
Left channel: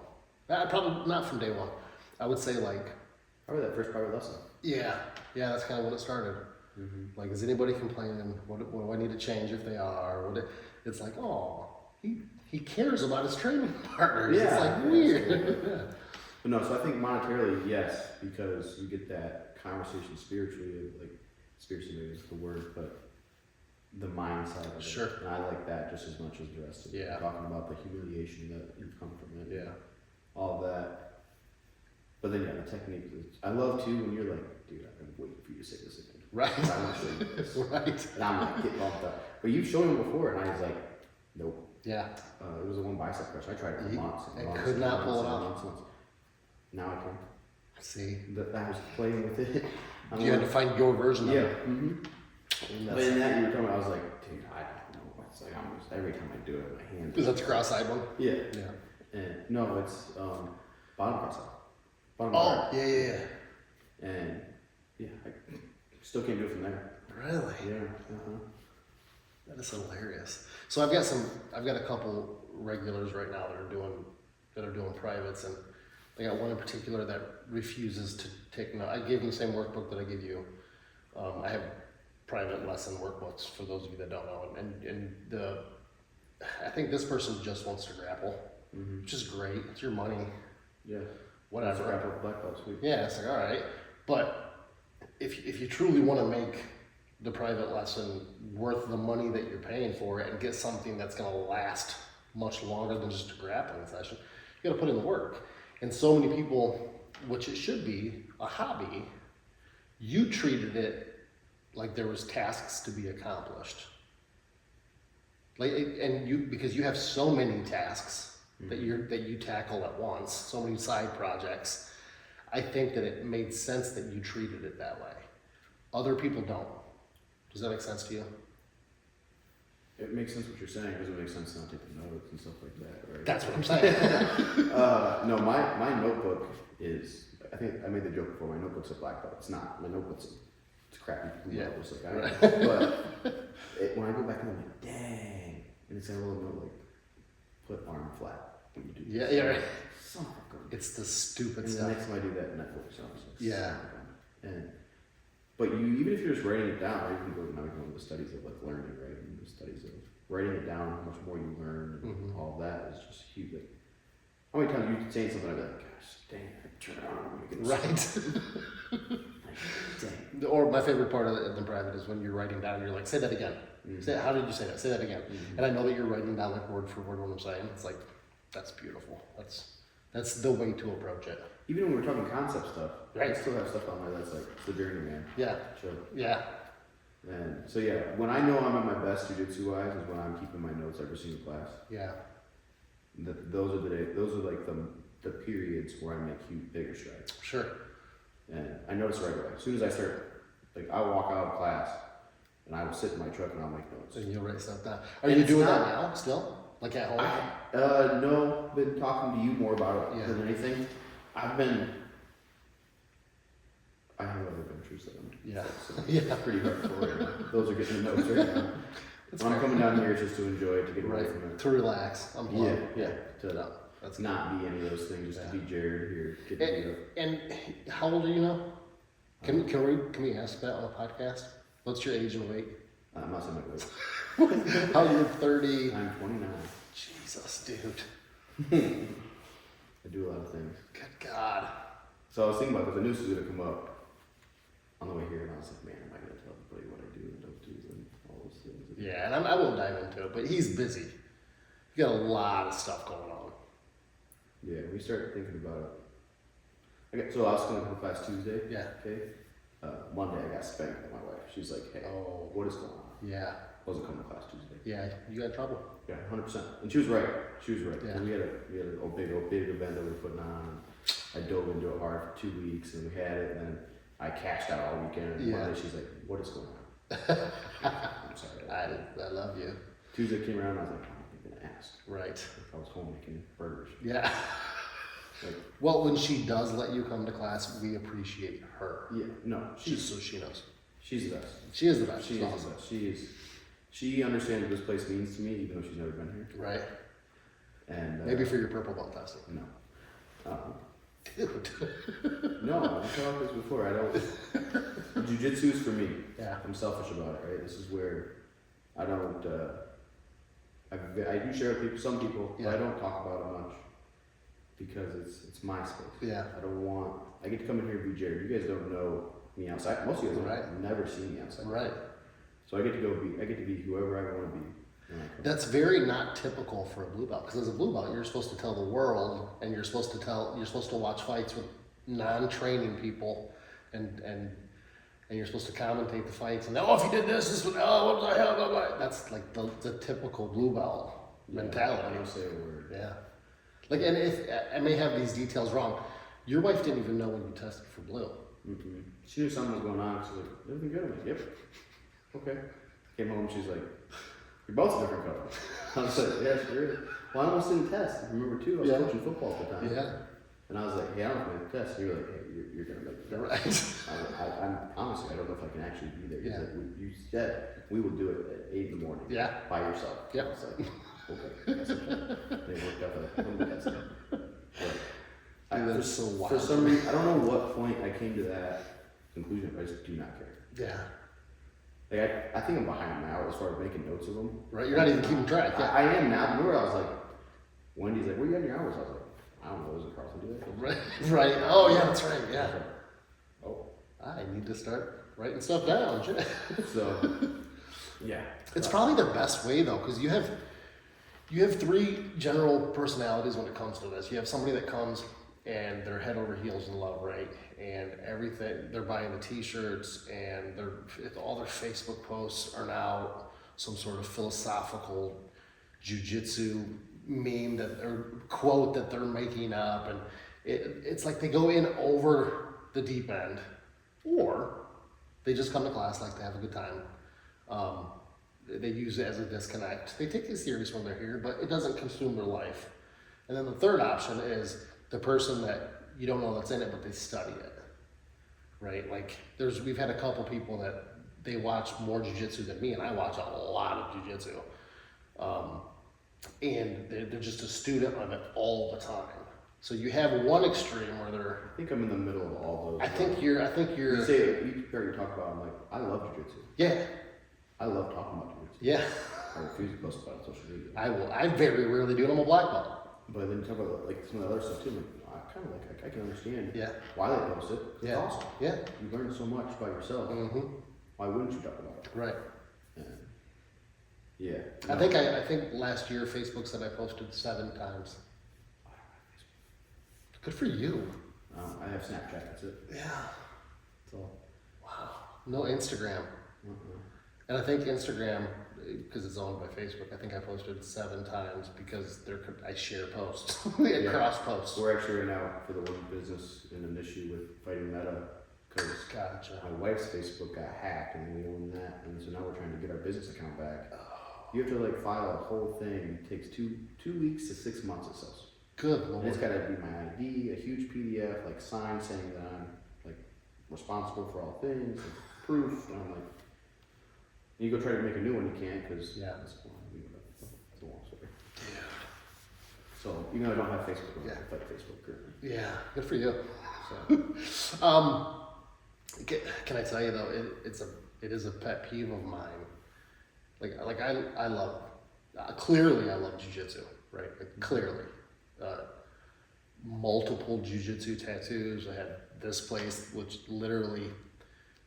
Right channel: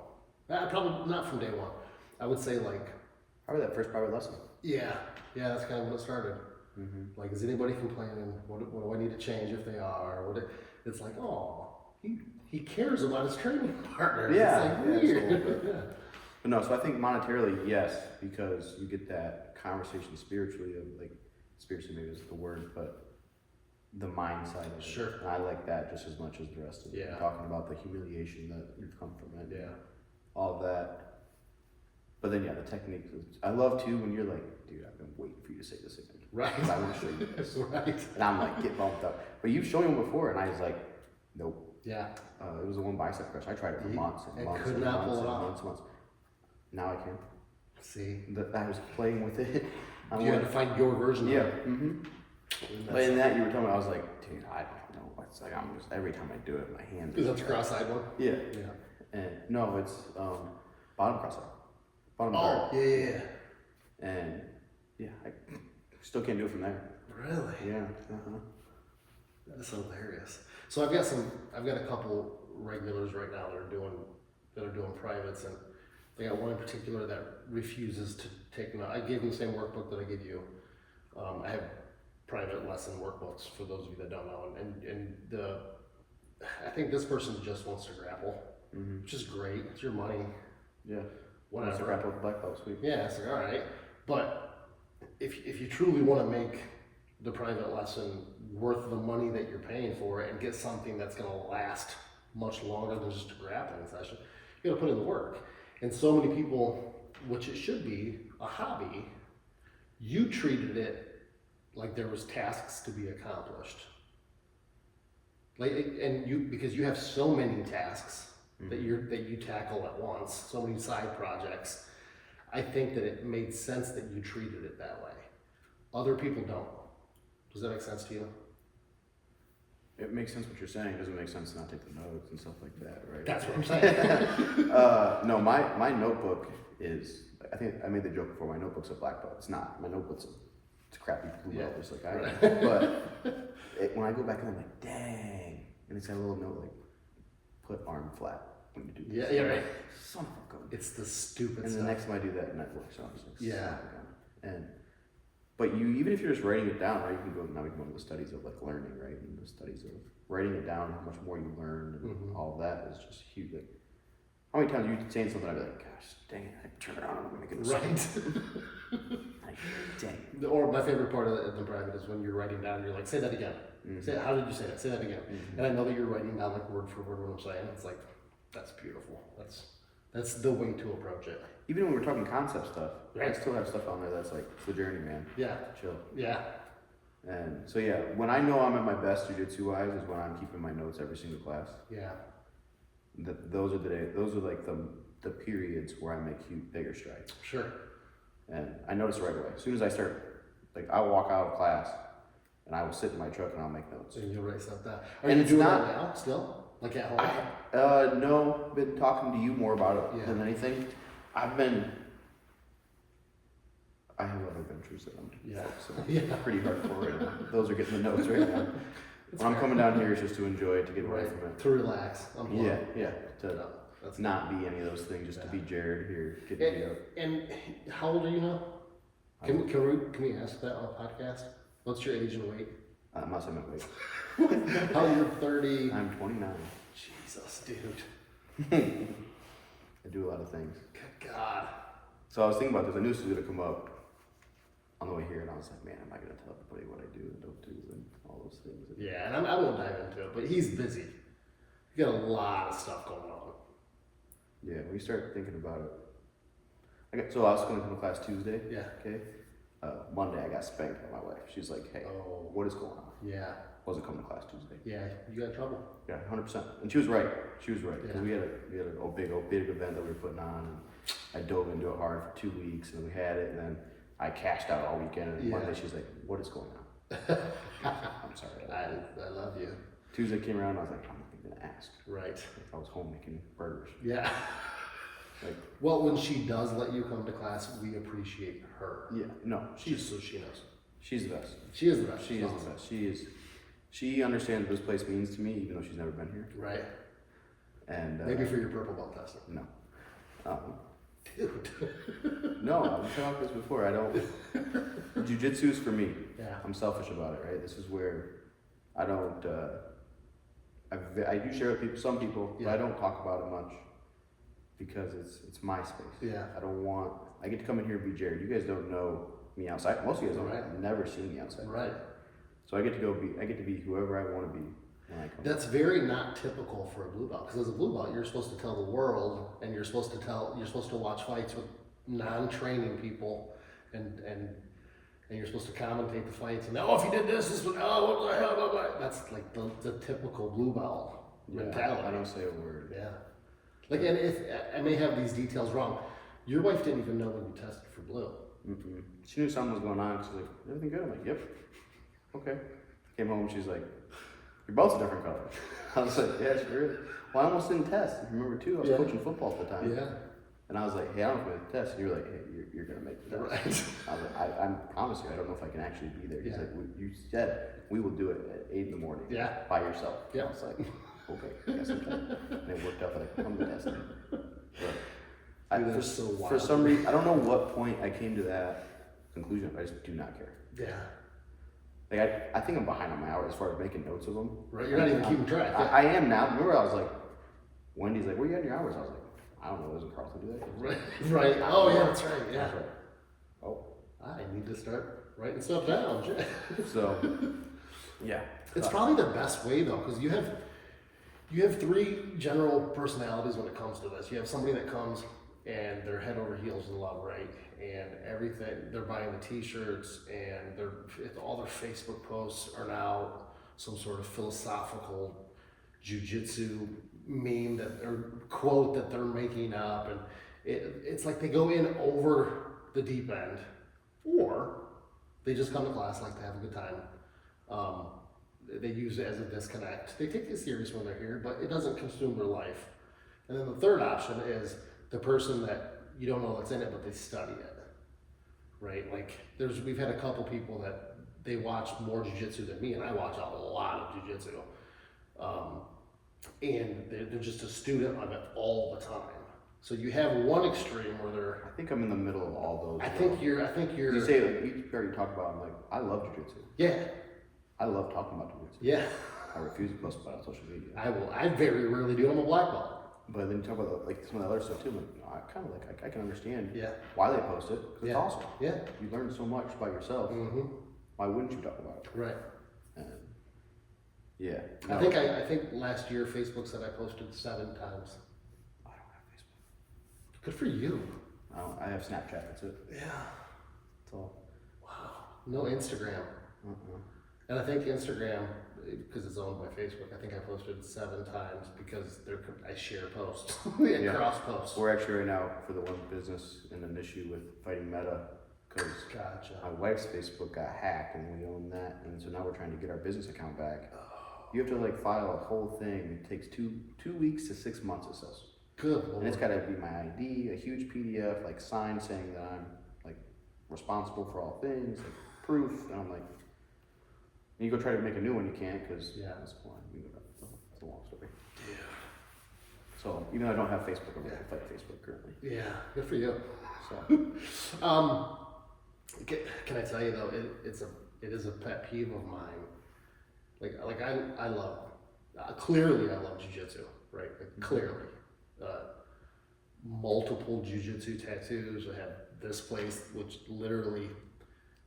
Probably not from day one. I would say like probably that first private lesson. Yeah, that's kind of when it started. Mm-hmm. Like, is anybody complaining? What do I need to change if they are? It's like, oh, he cares about his training partners. Yeah, it's like weird. Yeah. But no, so I think monetarily, yes, because you get that conversation spiritually of like, spiritually maybe is the word, but the mind side of it. Sure. And I like that just as much as the rest of it. Yeah. Talking about the humiliation that you've come from it. Yeah. All of that. But then, the technique. I love too when you're like, dude, I've been waiting for you to say this again. Right. I want to show you this. Right. And I'm like, get bumped up. But you've shown him before, and I was like, nope. Yeah. It was a one bicep crush. I tried it for months and months could and not months pull it and off. months. Now I can. See. I was playing with it. You had to find your version of it. Mm-hmm. But in that you were telling me, I was like, dude, I don't know. It's like every time I do it, my hand. Because that's a cross-eyed one? Yeah. Yeah. And no, it's bottom cross-eyed. Bottom guard. Yeah. And I still can't do it from there. Really? Yeah. That is hilarious. So I've got a couple regulars right now that are doing privates, and I got one in particular that refuses to take I gave him the same workbook that I give you. I have private lesson workbooks for those of you that don't know, and I think this person just wants to grapple, which is great. It's your money. Yeah. Whatever. That's grapple with black belt, sweet. Yeah, it's like, all right. But if you truly want to make the private lesson worth the money that you're paying for it and get something that's going to last much longer than just a grappling session, you got to put in the work. And so many people, which it should be a hobby, you treated it like there was tasks to be accomplished. Because you have so many tasks that you tackle at once, so many side projects. I think that it made sense that you treated it that way. Other people don't. Does that make sense to you? It makes sense what you're saying. Does it make sense to not take the notes and stuff like that, right? That's what I'm saying. No, my notebook is, I think I made the joke before, my notebook's a black belt. It's not. My notebook's a crappy blue belt, just like I am. But when I go back in, I'm like, dang. And it's got a little note like, put arm flat when you do this. Yeah, right. Son of a gun. It's the stupid and stuff. the next time I do that, and that works. So I'm just like, Yeah. son of a gun. But you, even if you're just writing it down, right? You can go, now we can go into the studies of like learning, right? And the studies of writing it down, how much more you learn, and all that is just huge. Like, how many times you saying something, I'd be like, gosh, dang it, I turn it on, I'm gonna get it Right. like, dang. Or my favorite part of it in private is when you're writing down, you're like, say that again. Say, how did you say that? Say that again. And I know that you're writing down like word for word what I'm saying. It's like, that's beautiful. That's the way to approach it. Even when we're talking concept stuff, Right. I still have stuff on there that's like, it's the journey, man. Yeah. Chill. Yeah. And so yeah, when I know I'm at my best jiu-jitsu wise is when I'm keeping my notes every single class. Yeah. Those are like the periods where I make bigger strides. Sure. And I notice right away. As soon as I start, like I'll walk out of class and I will sit in my truck and I'll make notes. And you'll write stuff down. Are you doing that now still? Like at home? No, been talking to you more about it Yeah. than anything. I have other ventures that I'm focusing pretty hardcore right now. Those are getting the notes right now. When I'm coming down here, it's just to enjoy it, to get away from it. To relax. Yeah. To That's not be any of those things, just to be Jared here, getting me up. And how old are you now? Can we ask that on a podcast? What's your age and weight? I'm not saying my weight. How you're 30? I'm 29. Jesus, dude. I do a lot of things. Good God. So I was thinking about this. I knew this was going to come up on the way here, and I was like, man, am I going to tell everybody what I do and don't do and all those things? Yeah, and I won't dive into it, but he's busy. You got a lot of stuff going on. Yeah, we start thinking about it. So I was going to come to class Tuesday. Yeah. Okay. Monday, I got spanked by my wife. She's like, hey, what is going on? Yeah. Wasn't coming to class Tuesday. Yeah, you got trouble. Yeah, 100%. And she was right. She was right. Yeah. 'Cause we had a big event that we were putting on, and I dove into it hard for 2 weeks, and we had it, and then I cashed out all weekend. And Monday, she's like, what is going on? I'm sorry. I love you. Tuesday came around, I was like, I'm not even gonna ask. Right. I was home making burgers. Yeah. Like, well, when she does let you come to class, we appreciate her. yeah, no, So she knows. she's the best. She is the best. She is the best. She understands what this place means to me, even though she's never been here. Right. And maybe for your purple belt testing. No. Dude. No, I've talked about this before. I don't. Jiu-jitsu is for me. Yeah. I'm selfish about it, right? This is where I don't. I do share with people, some people, but I don't talk about it much because it's my space. Yeah. I don't want. I get to come in here and be Jared. You guys don't know me outside. Most of you guys have never seen me outside. Right. So I get to be whoever I want to be when I come. That's very not typical for a blue belt, because as a blue belt, you're supposed to tell the world, and you're supposed to watch fights with non-training people, and you're supposed to commentate the fights, and if you did this would, what the hell, blah, blah. That's like the typical blue belt mentality. I don't say a word. Yeah. Like, and if I may have these details wrong, your wife didn't even know when you tested for blue. Mm-mm. She knew something was going on. She's like, everything good? I'm like, yep. Okay. Came home, she's like, your belt's a different color. I was like, yeah, it's weird. Well, I almost didn't test. If you remember too, I was coaching football at the time. Yeah. And I was like, hey, I don't make the test. And you were like, hey, you're going to make the test. Right. I was like, I promise you, I don't know if I can actually be there. He's Yeah. like, you said we will do it at 8 in the morning. Yeah. By yourself. Yeah. I was like, okay, I guess I can. And it worked out that I come to test it. But So wild. for some reason, I don't know what point I came to that conclusion. I just do not care. Yeah. like I think I'm behind on my hours as far as making notes of them. Right, you're not even keeping track. Yeah. I am now. Remember, I was like, Wendy's like, where you at in your hours? I was like, I don't know. Doesn't Carlton do that? Right. Oh yeah, that's right. Yeah. Like, oh, I need to start writing stuff down. so yeah, it's probably the best way though, because you have 3 general personalities when it comes to this. You have somebody that comes and they're head over heels in love, right? And everything, they're buying the t-shirts and all their Facebook posts are now some sort of philosophical jujitsu meme or quote that they're making up. And it's like they go in over the deep end, or they just come to class like to have a good time. They use it as a disconnect. They take it serious when they're here, but it doesn't consume their life. And then the third option is the person that you don't know that's in it, but they study it, right? Like we've had a couple people that they watch more jiu-jitsu than me, and I watch a lot of jiu-jitsu. And they're just a student of it all the time. So you have one extreme where I think I'm in the middle of all those. I think you're. You say like you already talk about. I'm like, I love jiu-jitsu. Yeah. I love talking about jiu-jitsu. Yeah. I refuse to post about it on social media. I very rarely do. I'm a black belt. But then you talk about like some of the other stuff too. I'm like, I kind of like I can understand why they post it, because it's awesome. Yeah. You learn so much by yourself. Mm-hmm. Why wouldn't you talk about it? Right. And yeah. I think last year Facebook said I posted 7 times. I don't have Facebook. Good for you. I have Snapchat. That's it. Yeah. That's all. Wow. No Instagram. And I think Instagram, because it's owned by Facebook, I think I posted 7 times because I share posts, cross posts. We're actually right now for the one business in an issue with fighting Meta, because my wife's Facebook got hacked and we own that, and so now we're trying to get our business account back. You have to like file a whole thing. It takes 2 weeks to 6 months, it says. Good Lord. And it's got to be my ID, a huge PDF, like sign saying that I'm like responsible for all things, like proof, and I'm like. You go try to make a new one, you can't, because that's a long story. Yeah. So even though I don't have Facebook, I'm gonna fight Facebook currently. Yeah, good for you. So. Can I tell you though, it is a pet peeve of mine. Like I love, clearly I love jiu-jitsu, right? Like, clearly, multiple jiu-jitsu tattoos. I had this place, which literally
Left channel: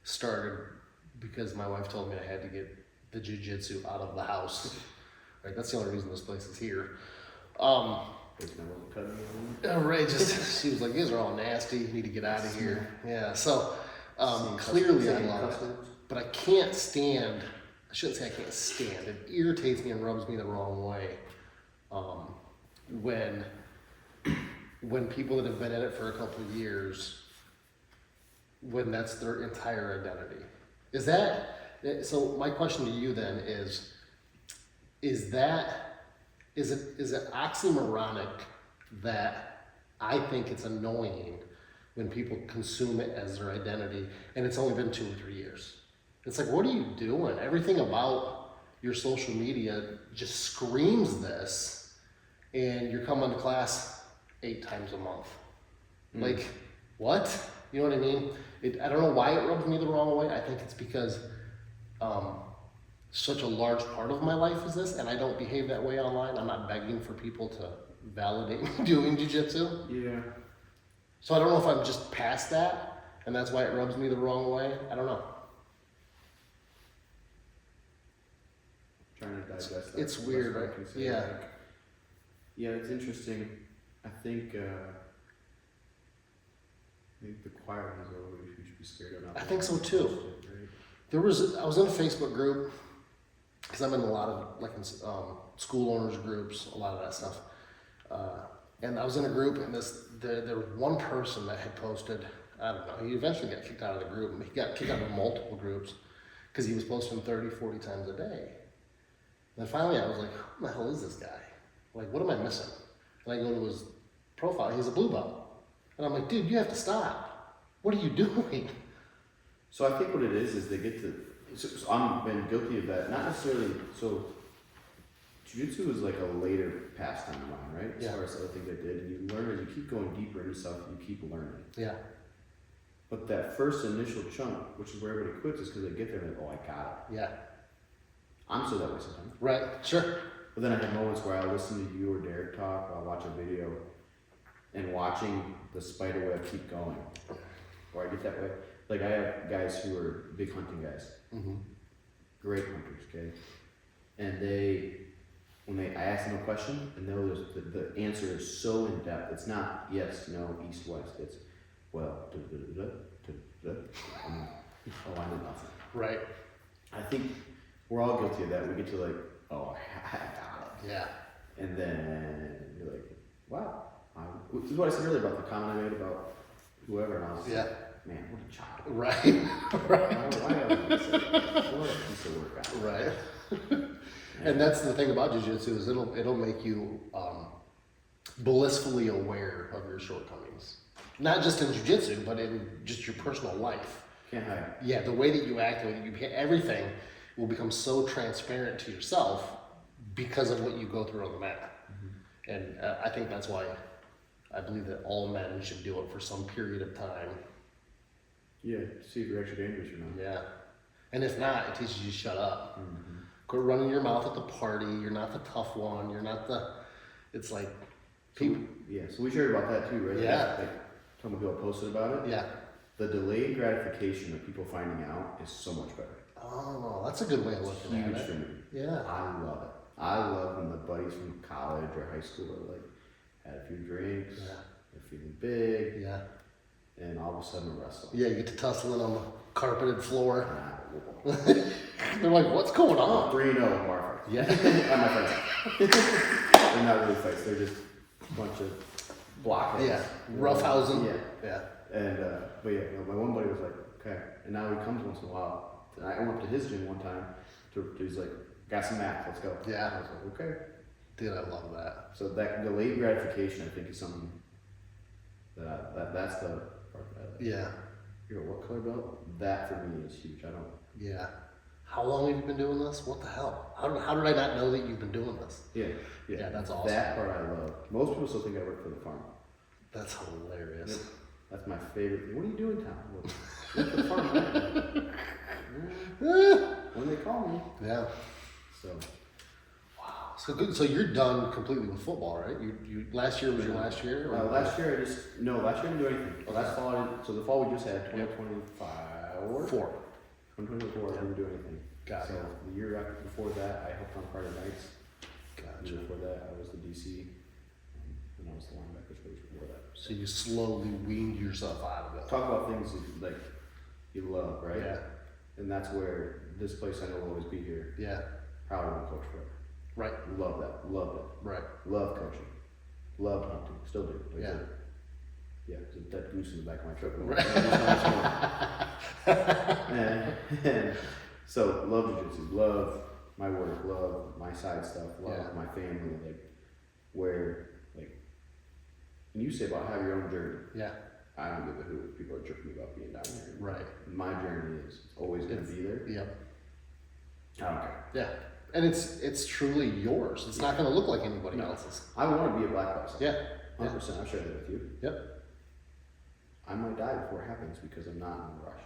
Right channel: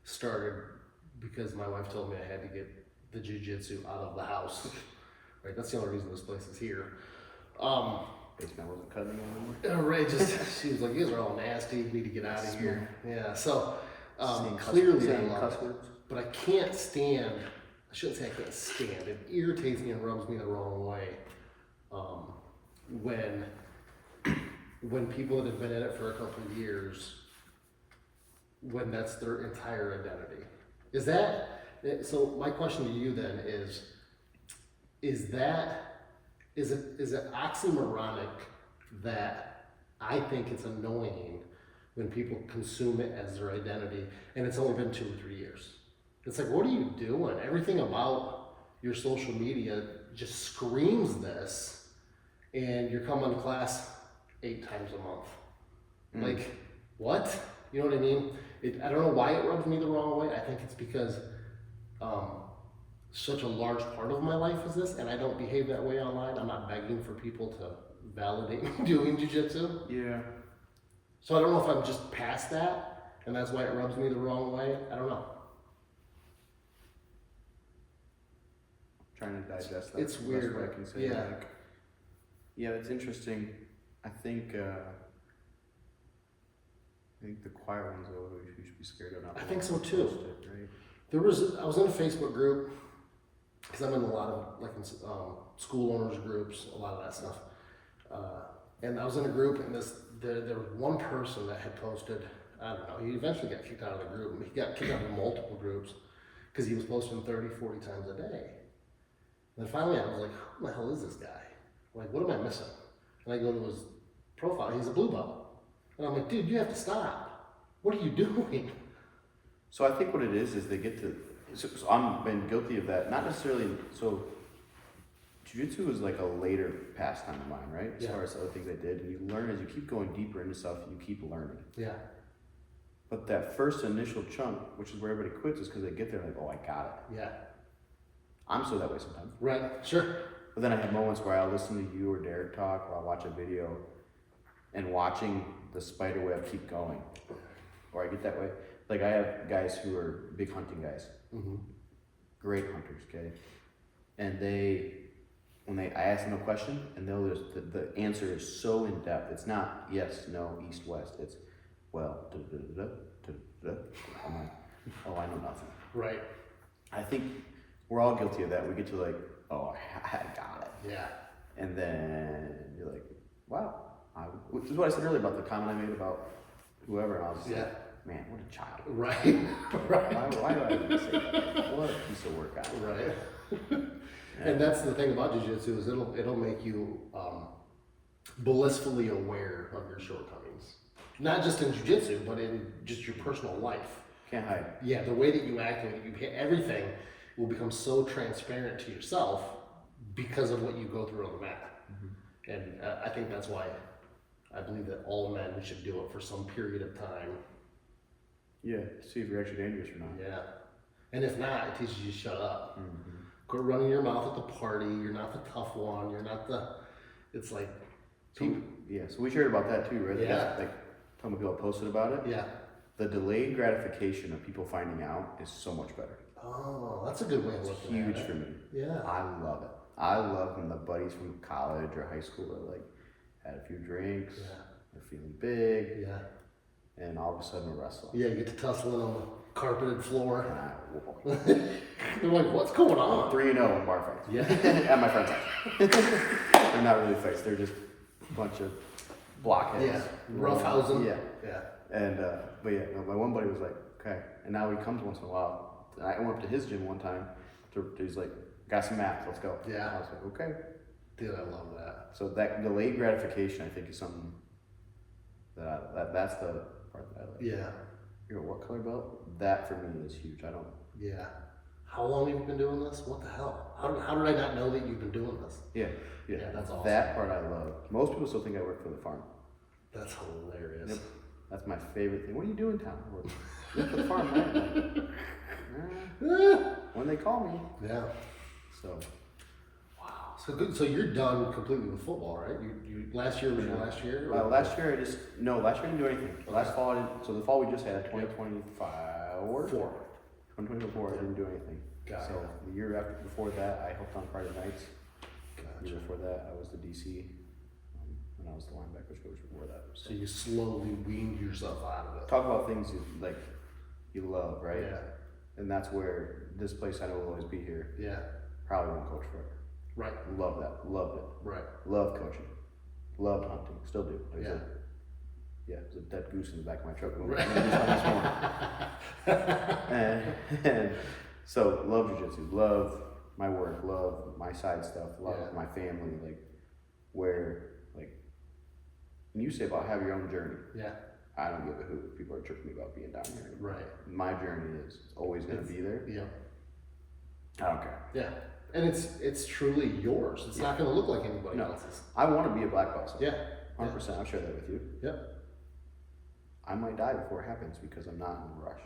started because my wife told me I had to get the jiu-jitsu out of the house. Right, that's the only reason this place is here. Basically, I wasn't cutting right, she was like, "You guys are all nasty. You need to get out of here." Yeah, so clearly I love it, but I can't stand. I shouldn't say I can't stand. It irritates me and rubs me the wrong way when people that have been in it for a couple of years, when that's their entire identity. Is that, so my question to you then is it oxymoronic that I think it's annoying when people consume it as their identity and it's only been 2 or 3 years? It's like, what are you doing? Everything about your social media just screams this, and you're coming to class 8 times a month. Like, what? You know what I mean? I don't know why it rubs me the wrong way. I think it's because such a large part of my life is this, and I don't behave that way online. I'm not begging for people to validate me doing jiu-jitsu. Yeah. So I don't know if I'm just past that, and that's why it rubs me the wrong way. I don't know. Trying to digest that. It's weird. I can say. Yeah, it's interesting. I think the quiet ones are what we should be scared of. Not I think so too. Right? I was in a Facebook group because I'm in a lot of school owners groups, a lot of that stuff. And I was in a group, and there was one person that had posted. I don't know. He eventually got kicked out of the group. He got kicked out of multiple groups because he was posting 30, 40 times a day. And then finally, I was like, "Who the hell is this guy? Like, what am I missing?" And I go to his profile. He's a blue belt. And I'm like, "Dude, you have to stop. What are you doing?" So I think what it is they get to. So I've been guilty of that. Not necessarily. So jiu-jitsu is like a later pastime of mine, right? As far as other things I did, and you learn as you keep going deeper into stuff, you keep learning. Yeah. But that first initial chunk, which is where everybody quits, is because they get there and like, oh, I got it. Yeah. I'm still that way sometimes. Right. Sure. But then I have moments where I'll listen to you or Derek talk, or I'll watch a video, and watching the spider web keep going. Or I get that way. Like I have guys who are big hunting guys, great hunters, okay? And I ask them a question, and the answer is so in depth. It's not yes, no, east, west. It's well, I'm like, oh, I know nothing. Right. I think we're all guilty of that. We get to like, oh, I got it. Yeah. And then you're like, wow. Which is what I said earlier about the comment I made about whoever, and I was like, man, what a child. Right. Right. Why do I even say that? What a piece of work. Right. And that's the thing about jiu-jitsu is it'll make you blissfully aware of your shortcomings. Not just in jiu-jitsu, but in just your personal life. Can't hide. Yeah, the way that you act, everything will become so transparent to yourself because of what you go through on the mat. And I think that's why I believe that all men should do it for some period of time. Yeah, see if you're actually dangerous or not. Yeah. And if not, it teaches you to shut up. Quit running your mouth at the party. You're not the tough one. You're not it's like. So we shared about that too, right? Yeah. Like, some people posted about it. Yeah. The delayed gratification of people finding out is so much better. Oh, that's a good way of looking at it. Huge for me. Yeah. I love it. I love when the buddies from college or high school are like, had a few drinks, they're feeling big, and all of a sudden we're wrestling. Yeah, you get to tussling on the carpeted floor. And They're like, what's going on? 3-0 in bar fights. Yeah. At my friend's house. They're not really fights, they're just a bunch of blockheads. Yeah, roughhousing. Yeah. And, but yeah, you know, my one buddy was like, okay, and now he comes once in a while. And I went up to his gym one time, he's like, got some mats, let's go. Yeah. I was like, okay. Dude, I love that. So that delayed gratification, I think, is something that's the part that I like. Yeah. You know, what color belt? That for me is huge. I don't. Yeah. How long have you been doing this? What the hell? How did I not know that you've been doing this? Yeah. Yeah, that's awesome. That part I love. Most people still think I work for the farm. That's hilarious. Yep. That's my favorite thing. What are you doing, Tom? Well, work for the farm, right? When they call me. Yeah. So. Wow. So good. So you're done completely with football, right? You last year was your last year? Last year last year I didn't do anything. Last fall so the fall we just had 2024. 2024 I didn't do anything. Got so it. the year before that I helped on Friday nights. Gotcha. The year before that I was the DC, and I was the linebacker coach before that. So you slowly weaned yourself out of it. Talk about things you love, right? Yeah. And that's where this place I know will always be here. Yeah. Probably won't coach forever. Right. Love that. Loved it. Right. Loved coaching. Loved hunting. Still do. Like Yeah. There's a dead goose in the back of my truck. Right. and so love jiu-jitsu, love my work, love my side stuff, love my family, when you say about have your own journey. Yeah. I don't give a hoot. People are tripping me about being down here. Right. My journey is always gonna be there. Yep. I don't care. Yeah. And it's truly yours. It's not gonna look like anybody else's. I wanna be a black belt someday. Yeah. 100%. I'll share that with you. Yep. I might die before it happens because I'm not in a rush.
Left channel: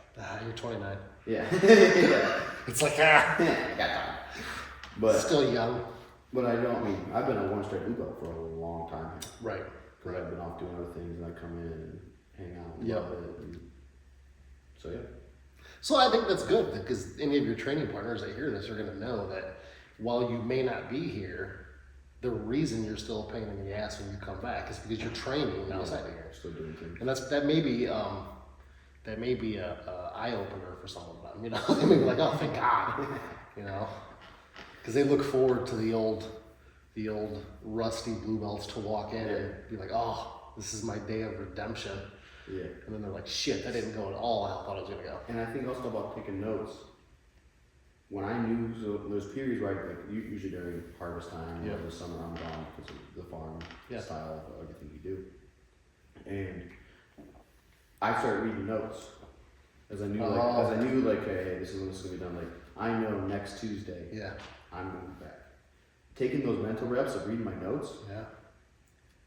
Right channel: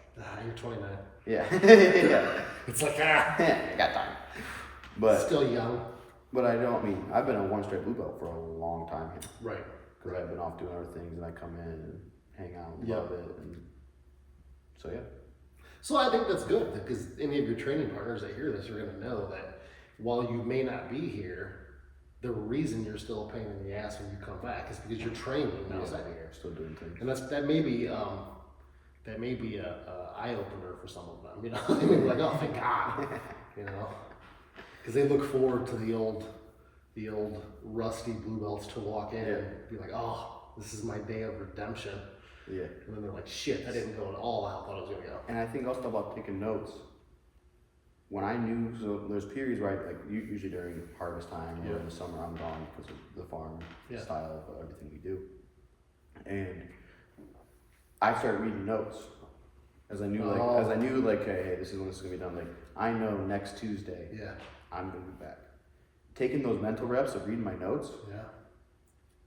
You're 29. Yeah. Yeah. It's like, I got time. But still young. But I've been a one-stripe blue belt for a long time here. Right. Because I've been off doing other things and I come in and hang out and love it. And so, yeah. So I think that's good because any of your training partners that hear this are going to know that while you may not be here, the reason you're still a pain in the ass when you come back is because you're training outside of here. Still doing things. And that may be a eye opener for some of them. You know, they may be like, oh, thank God. You know, because they look forward to the old rusty blue belts to walk in and be like, oh, this is my day of redemption. Yeah. And then they're like, shit, that didn't go at all how I thought it was gonna go. And I think also about taking notes. When I knew, so there's periods where usually during harvest time or in the summer I'm gone because of the farm style of everything we do. And I started reading notes as I knew hey, this is when this is gonna be done. Like I know next Tuesday I'm gonna be back. Taking those mental reps of reading my notes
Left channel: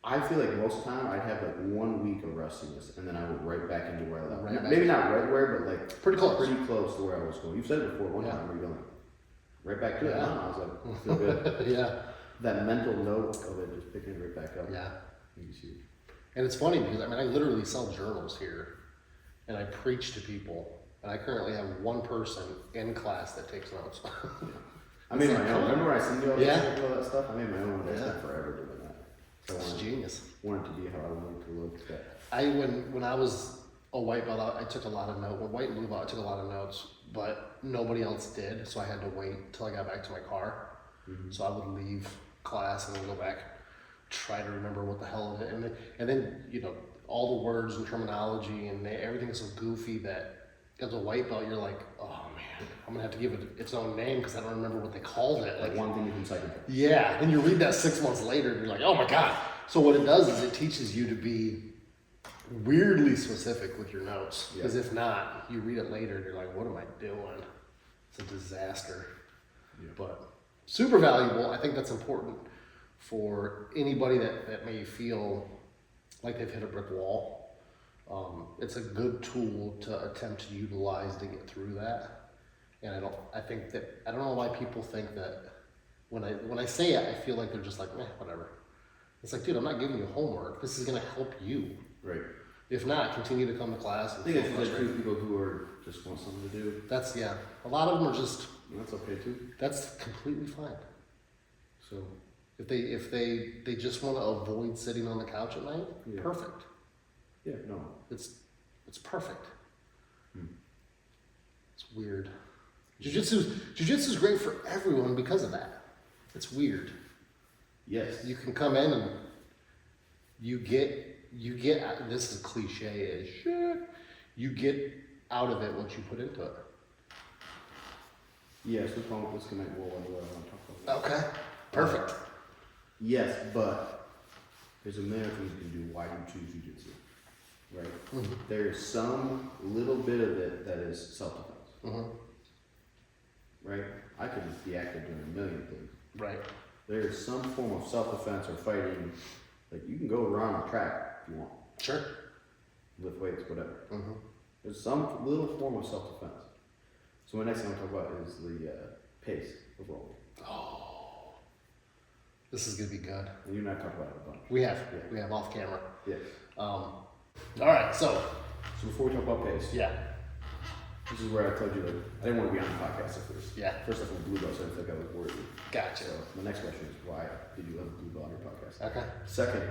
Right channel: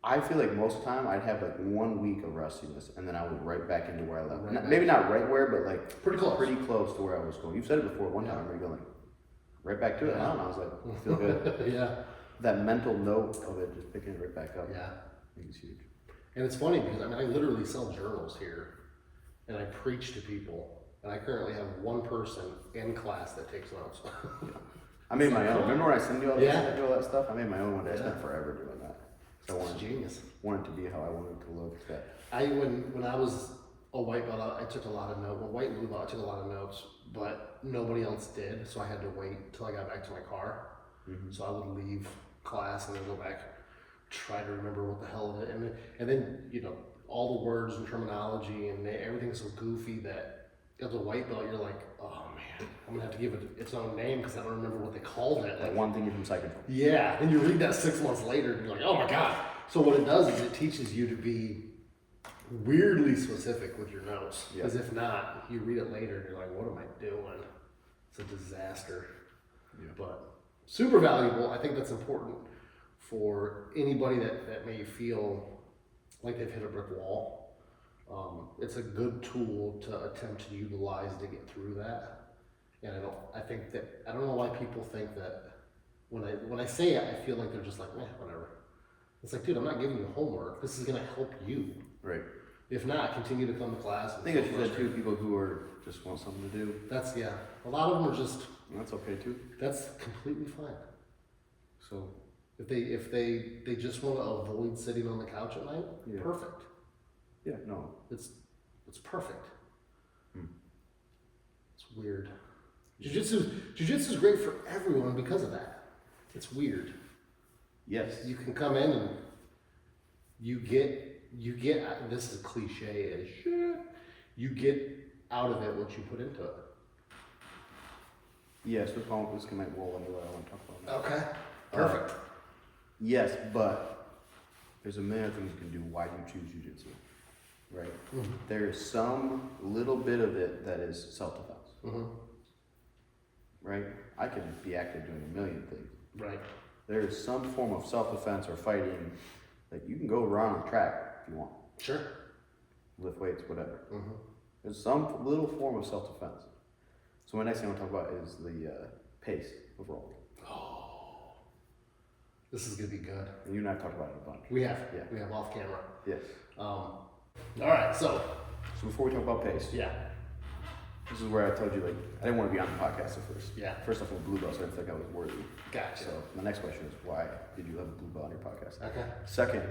I feel like most of the time I'd have like 1 week of rustiness, and then I would right back into where I left. Right Maybe not right where, but like Pretty close. pretty close to where I was going. You've said it before one time where you're going like right back to it. Yeah. I don't know. I was like, I feel good. Yeah. That mental note of it, just picking it right back up. Yeah. I think it's huge. And it's funny because I mean, I literally sell journals here and I preach to people, and I currently have one person in class that takes notes. I made my own. Remember when I sent you all, all that stuff? I made my own one. I spent forever doing that. So It's genius. wanted to be how I wanted it to look. When I was a white belt, I took a lot of notes. When white and blue belt, I took a lot of notes, but nobody else did, so I had to wait till I got back to my car. So I would leave class and then go back, try to remember what the hell of it, and then you know, all the words and terminology and everything's so goofy that as a white belt you're like, oh man, I'm gonna have to give it its own name because I don't remember what they called it. Like one thing you can cycle. Yeah, and you read that 6 months later and you're like, oh my god. So what it does is it teaches you to be weirdly specific with your notes, because if not, you read it later and you're like, what am I doing? It's a disaster. But super valuable. I think that's important for anybody that may feel like they've hit a brick wall. It's a good tool to attempt to utilize to get through that. And I don't know why people think that when I say it, I feel like they're just like, whatever. It's like, dude, I'm not giving you homework. This is gonna help you. Right. If not, continue to come to class. I think it's just two people who are just want something to do. That's a lot of them are just. And that's okay too. That's completely fine. So if they just want to avoid sitting on the couch at night, perfect. Yeah, no. It's perfect. It's weird. Jiu-jitsu's great for everyone because of that. It's weird. Yes. You can come in and you get this is cliche as shit. You get out of it what you put into it. Yes, this might roll into what I want to talk about. Okay. Perfect. Yes, but there's a million things you can do. Why do you choose jiu-jitsu? Right? There's some little bit of it that is self-defense. Right? I can be active doing a million things. Right. There's some form of self-defense or fighting that you can go around the track if you want. Sure. Lift weights, whatever. There's some little form of self-defense. So my next thing I want to talk about is the pace of rolling. Oh, this is gonna be good. And you and I have talked about it a bunch. We have. Yeah. We have off camera. Yes. All right. So before we talk about pace, this is where I told you like I didn't want to be on the podcast at first. Yeah. First off, I'm a blue belt, so I didn't think I was worthy. Gotcha. So my next question is why did you have a blue belt on your podcast? Okay. Second,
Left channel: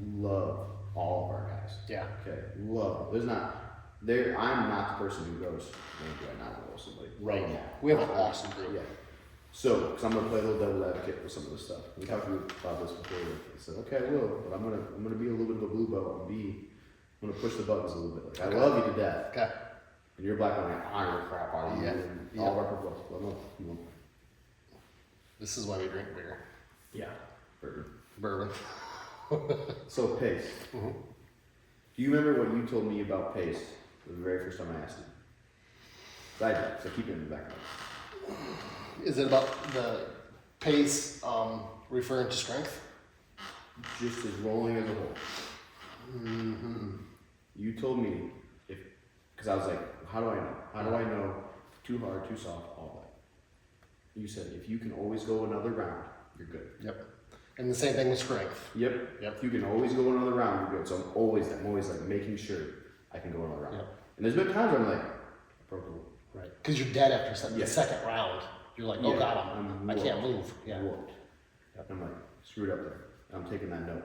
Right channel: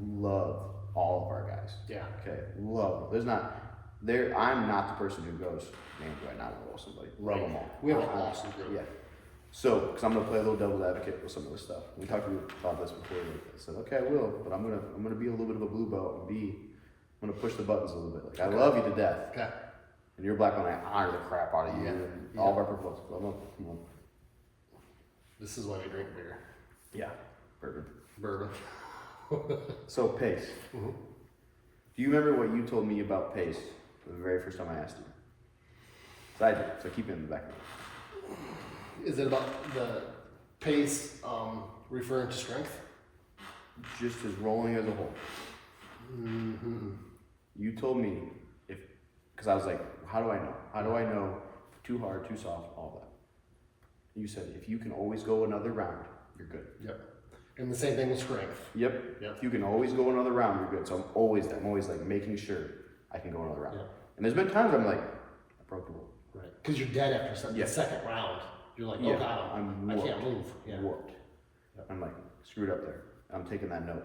love all of our guys. Yeah. Okay. Love. I'm not the person who goes, man, do I not want to roll somebody? Love them all. We have an awesome group. Yeah. So, because I'm gonna play a little devil's advocate with some of this stuff. We talked about this before. Like, I said, okay, I will, but I'm gonna be a little bit of a blue belt and I'm gonna push the buttons a little bit. Like, I love you to death. Okay. And you're black when I honor the crap out of you and all of our purple. This is why we drink beer. Yeah. Bourbon. So pace. Do you remember what you told me about pace the very first time I asked you? 'Cause I do, so keep it in the back of your mind. Is it about the pace referring to strength? Just as rolling as a whole. You told me because I was like, how do I know? How do I know too hard, too soft, all that? You said if you can always go another round, you're good. Yep. And the same thing with strength. Yep. If you can always go another round, you're good. So I'm always like making sure I can go another round. Yep. And there's been times where I'm like, I broke the rule. Right. Because you're dead after the second round. You're like, oh god, I can't move. Yeah. Whooped. Yep. I'm like, screwed up there. I'm taking that note.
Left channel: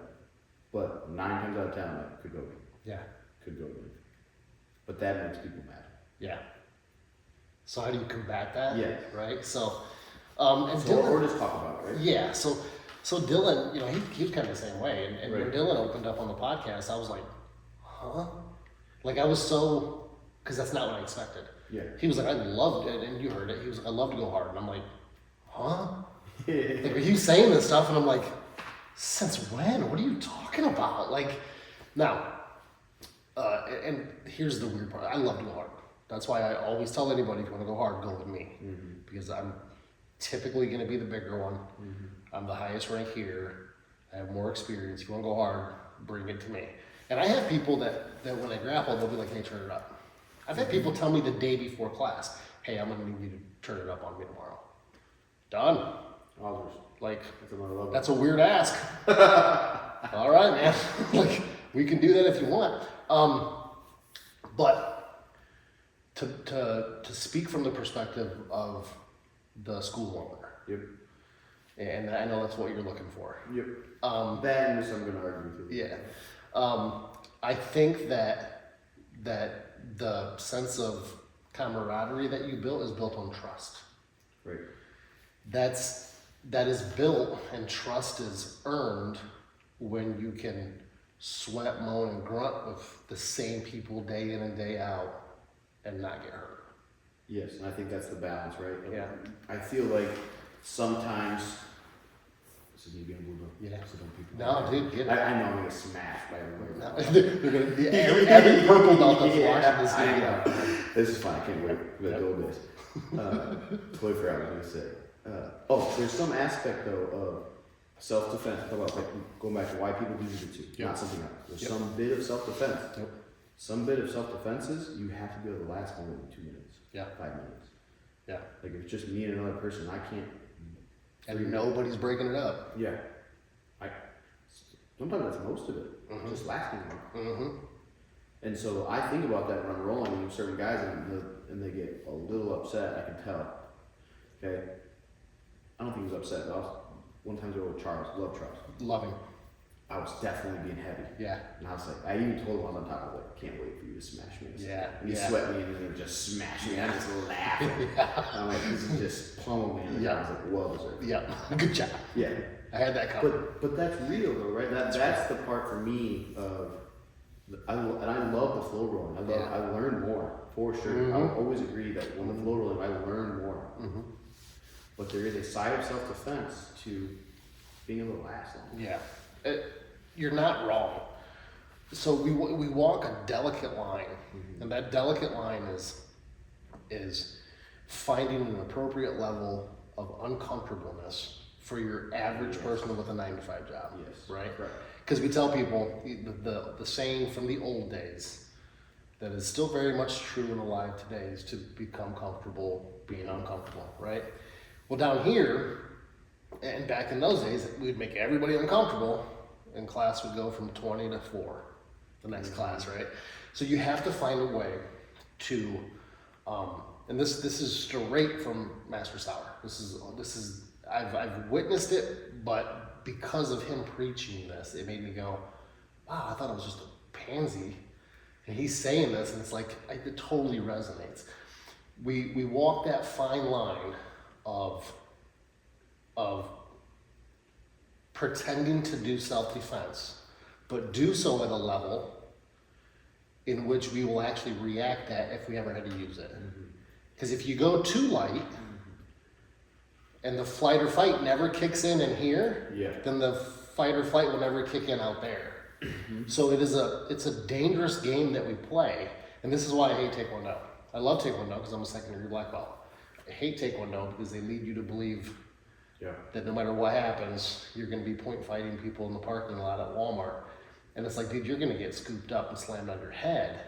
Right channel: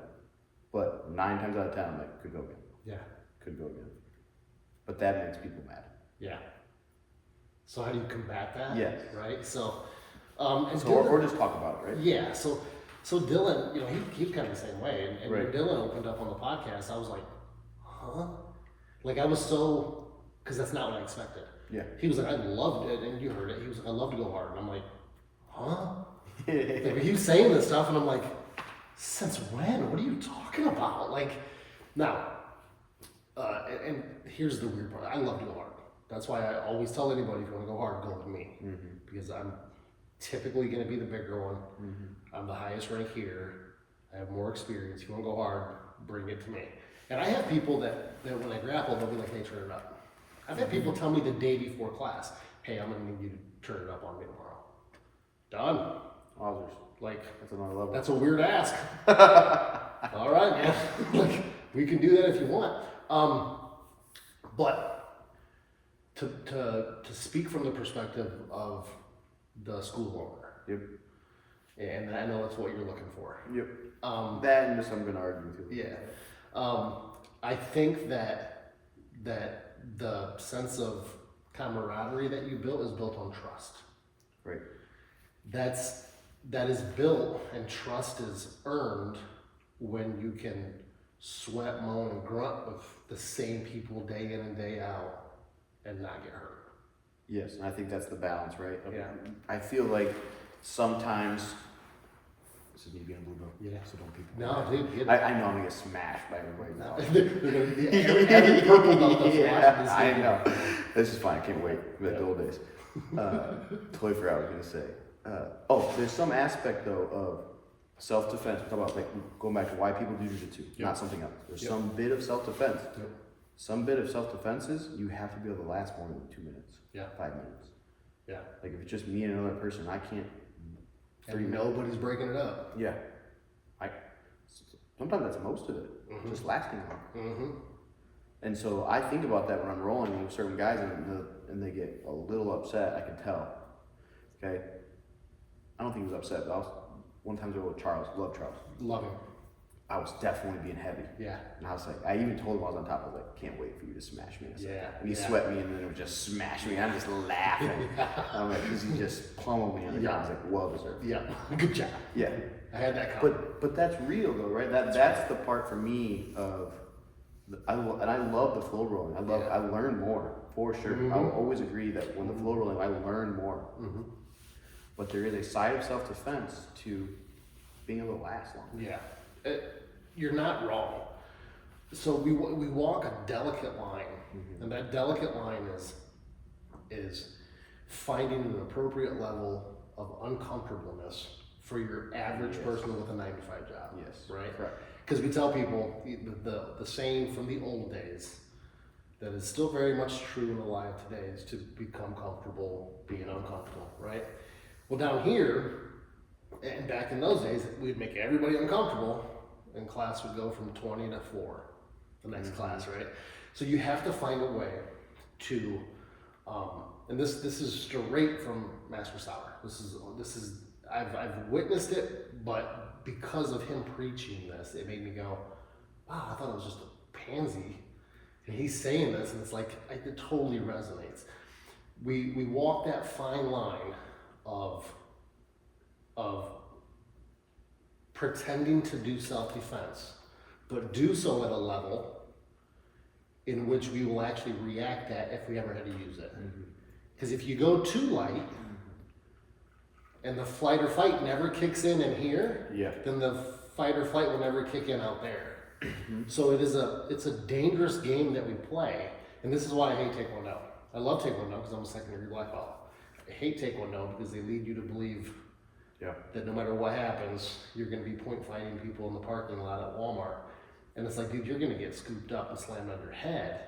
But 9 times out of 10, I'm like, could go again. Yeah. Could go again. But that makes people mad. Yeah. So how do you combat that? Yes. Right. So, or just talk about it, right? Yeah. So Dylan, you know, he's kind of the same way. And right. when Dylan opened up on the podcast, I was like, huh? Like I was so, because that's not what I expected. Yeah. He was like, I love it, and you heard it. He was like, I love to go hard, and I'm like, huh? Like, he was saying this stuff, and I'm like, since when? What are you talking about? Like, now, and here's the weird part. I love to go hard. That's why I always tell anybody, if you want to go hard, go with me, because I'm typically going to be the bigger one. I'm the highest rank here. I have more experience. You want to go hard, bring it to me. And I have people that when they grapple, they'll be like, hey, turn it up. I've had people tell me the day before class, hey, I'm going to need you to turn it up on me tomorrow. Done. Wowzers. Like, That's another level. that's a weird ask. All right, man. Like, we can do that if you want. But to speak from the perspective of the school owner. Yep. And I know that's what you're looking for. Yep. That and this I'm going to argue with you. Yeah. I think that the sense of camaraderie that you built is built on trust. Right. That is built and trust is earned when you can sweat, moan, and grunt with the same people day in and day out and not get hurt. Yes, and I think that's the balance, right? Yeah. I feel like sometimes. So you being a blue belt? Yeah. So don't people. No, dude. I know I'm gonna get smashed by everybody now. Every purple belt that's Yeah, watching this I video. know. This is fine. I can't wait for the old days. Totally forgot what I was gonna say. There's some aspect though of self-defense. Talk about like going back to why people do jiu-jitsu, not something else. There's some bit of self-defense. Yep. Some bit of self-defense is you have to be able to last more than 2 minutes. Yeah. 5 minutes. Yeah. Like if it's just me and another person, I can't. And nobody's breaking it up. Yeah. Sometimes that's most of it. Just lasting long. And so I think about that when I'm rolling with certain guys and they get a little upset. I can tell. Okay. I don't think he was upset. But one time I was with Charles. Love Charles. Love him. I was definitely being heavy. Yeah. And I was like, I even told him I was on top. I was like, can't wait for you to smash me. Yeah. And he sweat me and then he would just smash me. I'm just laughing. I'm like, because he just pummeled me on the ground. I was like, well deserved. Yeah. Good job. Yeah. I had that coming. But that's real though, right? That's the part for me of, I love the flow rolling. I learn more for sure. I will always agree that when the flow rolling, I learn more. But there is a side of self-defense to being able to last long. Yeah. You're not wrong. So we walk a delicate line, and that delicate line is finding an appropriate level of uncomfortableness for your average person with a 9-to-5 job. Yes. Right? Correct. Because we tell people the saying from the old days that is still very much true and alive today is to become comfortable being uncomfortable, right? Well, down here, and back in those days, we'd make everybody uncomfortable, and class would go from 20 to 4, the next class, right? So you have to find a way to, and this is straight from Master Sauer. This is I've witnessed it, but because of him preaching this, it made me go, wow, I thought it was just a pansy, and he's saying this, and it's like it totally resonates. We walk that fine line of pretending to do self-defense, but do so at a level in which we will actually react at if we ever had to use it. Because if you go too light and the flight or fight never kicks in here, then the fight or flight will never kick in out there. So it's a dangerous game that we play, and this is why I hate Taekwondo. I love Taekwondo because I'm a second-degree black belt. I hate Taekwondo because they lead you to believe that no matter what happens, you're going to be point fighting people in the parking lot at Walmart. And it's like, dude, you're going to get scooped up and slammed on your head.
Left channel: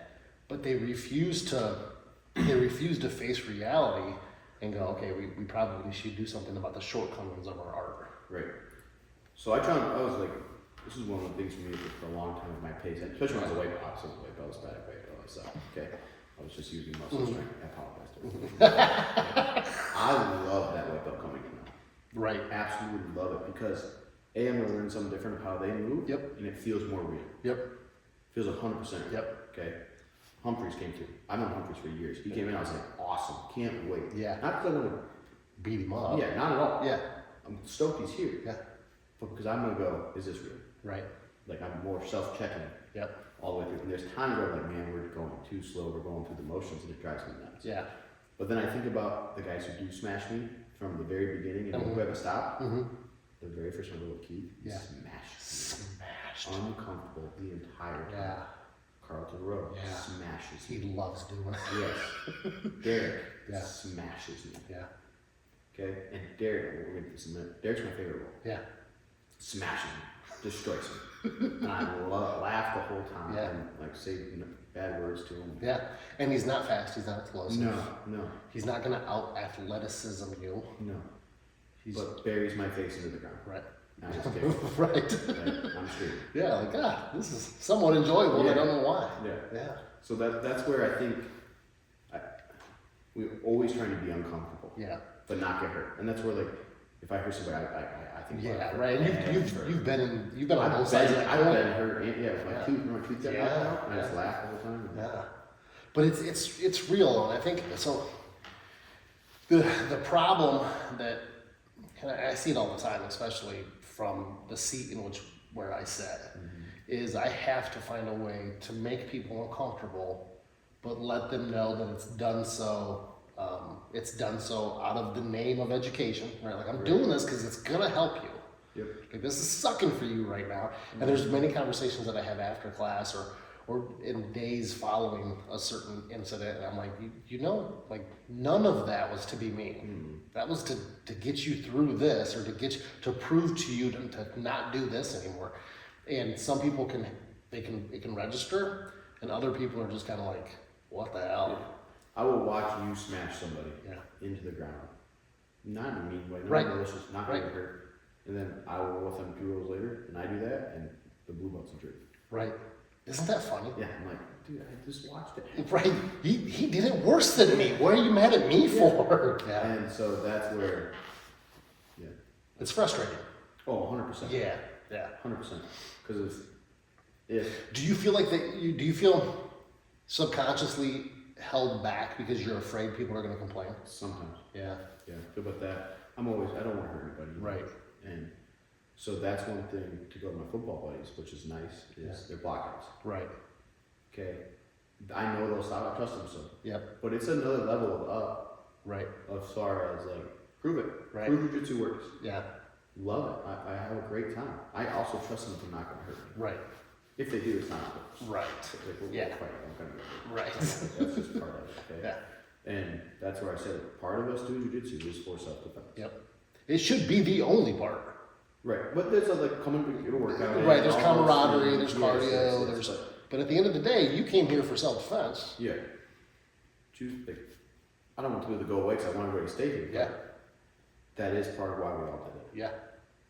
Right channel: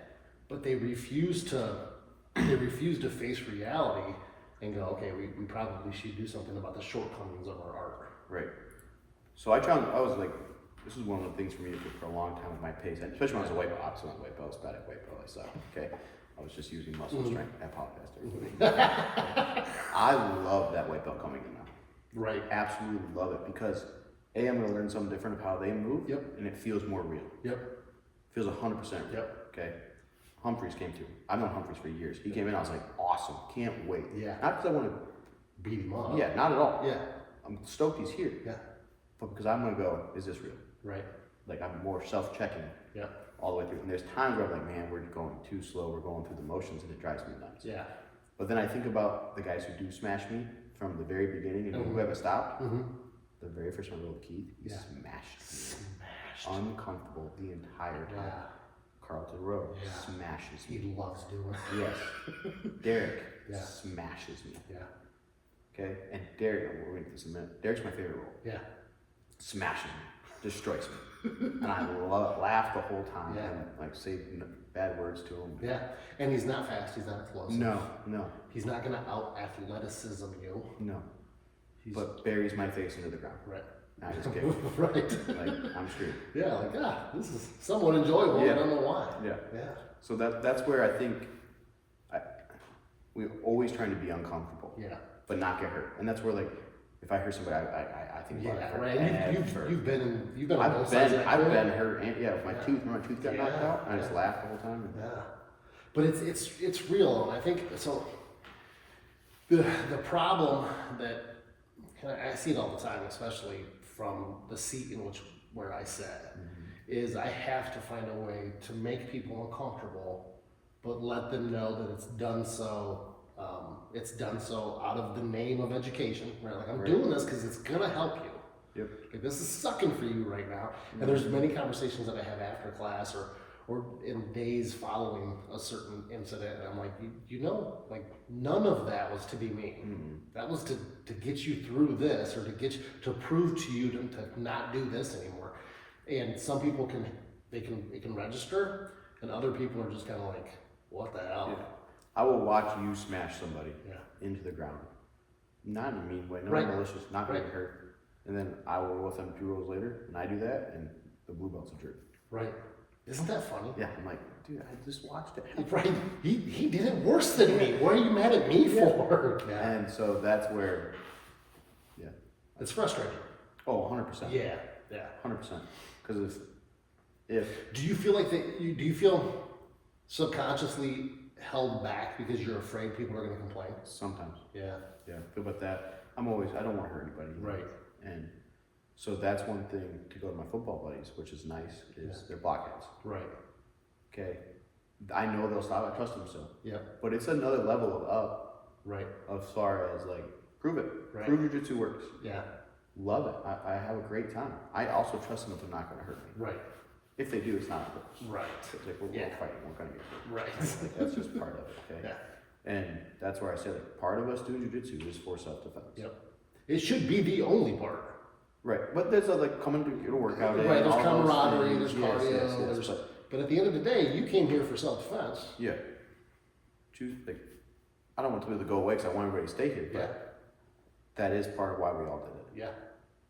But they refuse to face reality and go, okay, we probably should do something about the shortcomings of our art. Right. So I was like, this is one of the things for me for a long time with my pace, especially when I was a white belt. I was white belt, I was bad at white belt, I suck. Okay. I was just using muscle strength. I apologize to everybody. I love that white belt coming in now. Right. Absolutely love it because I'm going to learn something different of how they move. And it feels more real. Feels 100% real. Okay. Humphreys came through. I've known Humphreys for years. He came in, I was like, awesome. Can't wait. Not because I want to beat him up. Not at all. I'm stoked he's here. But because I'm going to go, is this real? Right. Like I'm more self-checking. All the way through. And there's times where I'm like, man, we're going too slow. We're going through the motions and it drives me nuts. But then I think about the guys who do smash me from the very beginning and who haven't stopped. The very first one I with Keith, he smashed me. Uncomfortable the entire time. Carlton Rowe smashes me. He loves doing it. Yes. Derek smashes me. Okay? And Derek, we're going to get this in a minute. Derek's my favorite role. Smashes me. destroys me. And I laugh the whole time and like say bad words to him. Yeah, and he's not fast. He's not explosive. No. He's not gonna out athleticism you. No. But buries my face into the ground. Right. I just kick. Right. Like, I'm screwed. Yeah, like, this is somewhat enjoyable. I don't know why. Yeah. Yeah. So that's where I think we're always trying to be uncomfortable. Yeah. But not get hurt. And that's where, like, if I hear somebody, I think about it. Right. You've been on both sides. I've been hurt. And, my tooth, my tooth got knocked out, and I just laugh the whole time. Yeah. But it's real, and I think so. The problem that I see it all the time, especially from the seat in where I sit, is I have to find a way to make people uncomfortable, but let them know that it's done so. It's done so out of the name of education, right? Like I'm doing this because it's gonna help you. Yep. Like this is sucking for you right now. And there's many conversations that I have after class or in days following a certain incident, and I'm like, like none of that was to be mean. That was to get you through this, or to prove to you to not do this anymore. And some people it can register, and other people are just kind of like, what the hell? Yeah. I will watch you smash somebody into the ground, not in a mean way, no malicious, not getting hurt, and then I will with them 2 rows later, and I do that, and the blue belt's a jerk. Right. Isn't that funny? Yeah, I'm like, dude, I just watched it. Right. He did it worse than me. What are you mad at me for? Yeah. And so that's where, it's frustrating. Oh, 100%. Yeah. 100%. Because if do you feel like do you feel subconsciously held back because you're afraid people are going to complain? Sometimes. Yeah. Feel about that. I don't want to hurt anybody. Right. And so that's one thing to go to my football buddies, which is nice, is they're blockheads. Right. Okay. I know they'll stop. I trust them still. Yep. But it's another level of up. Right. As far as like, prove it. Right. Prove jiu-jitsu works. Yeah. Love it. I have a great time. I also trust them that they're not going to hurt me. Right. If they do, it's not on purpose. Right. It's like we're fighting. We're going to get hurt. Right. That's just part of it. Okay. Yeah. And that's where I said it. Part of us doing jiu-jitsu is for self-defense. Yep. It should be the only part. Right, but there's like coming to get a workout. Right, there's camaraderie, there's cardio, yes, but at the end of the day, you came here for self-defense. Yeah. I don't want to go away because I want everybody to stay here, but that is part of why we all did it.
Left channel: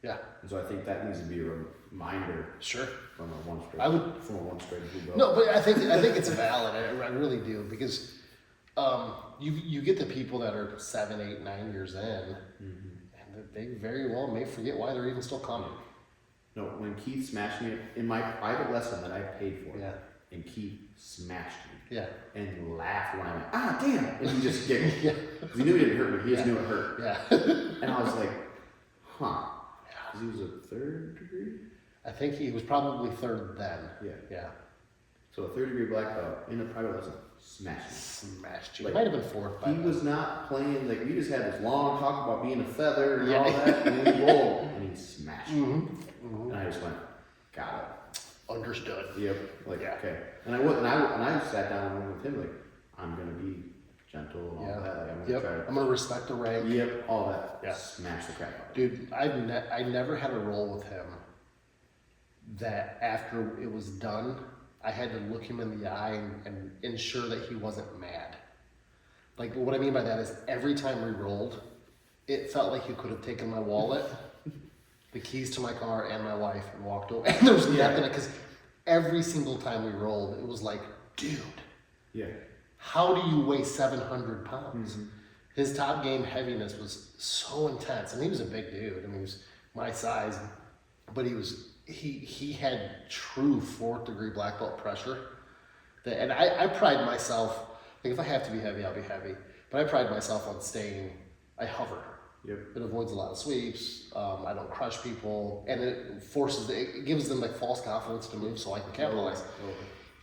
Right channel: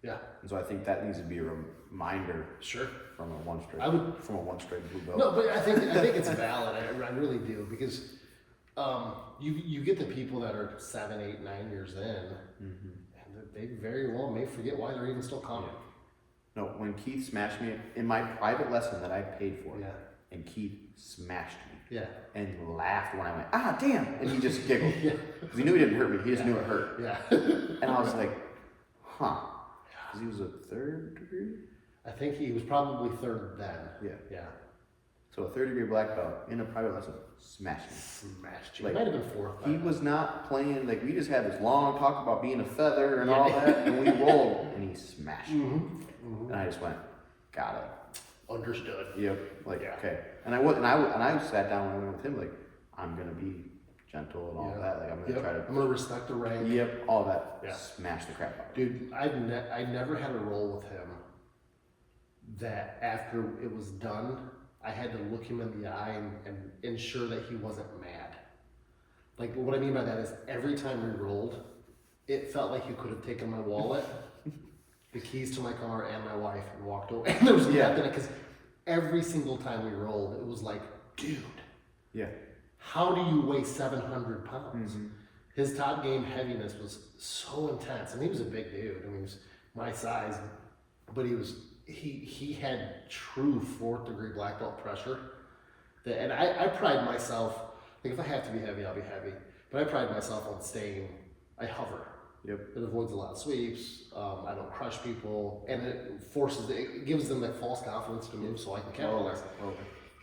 Yeah. And so I think that needs to be a reminder. Sure. From a one straight blue belt. No, but I think it's valid. I really do, because you get the people that are 7, 8, 9 years in. They very well may forget why they're even still coming. No, when Keith smashed me in my private lesson that I paid for, and Keith smashed me, and laughed when I went, damn, and he just giggled, because he knew he didn't hurt me, he just knew it hurt. And I was like, because he was a 3rd degree? I think he was probably 3rd then. Yeah. So a 3rd degree black belt in a private lesson smashed me. Smashed you. Like, it might have been 4th. He was not playing, like, we just had this long talk about being a feather and all that, and we rolled, and he smashed me. And I just went, got it. Understood. Yep. Like, okay. And I sat down and went with him, like, I'm gonna be gentle and all that. Like, I'm gonna try to. I'm gonna respect the rank. Yep. All that. Yeah. Smash the crap out of it. Dude, I never had a roll with him that after it was done, I had to look him in the eye and ensure that he wasn't mad. Like, what I mean by that is every time we rolled, it felt like he could have taken my wallet, the keys to my car, and my wife and walked away. And there was nothing, because every single time we rolled, it was like, dude, how do you weigh 700 pounds? His top game heaviness was so intense, and he was a big dude. I mean, he was my size, but he had true 4th degree black belt pressure. And I pride myself, like, if I have to be heavy, I'll be heavy. But I pride myself on I hover. Yep. It avoids a lot of sweeps. I don't crush people, and it gives them like false confidence to move, so I can capitalize.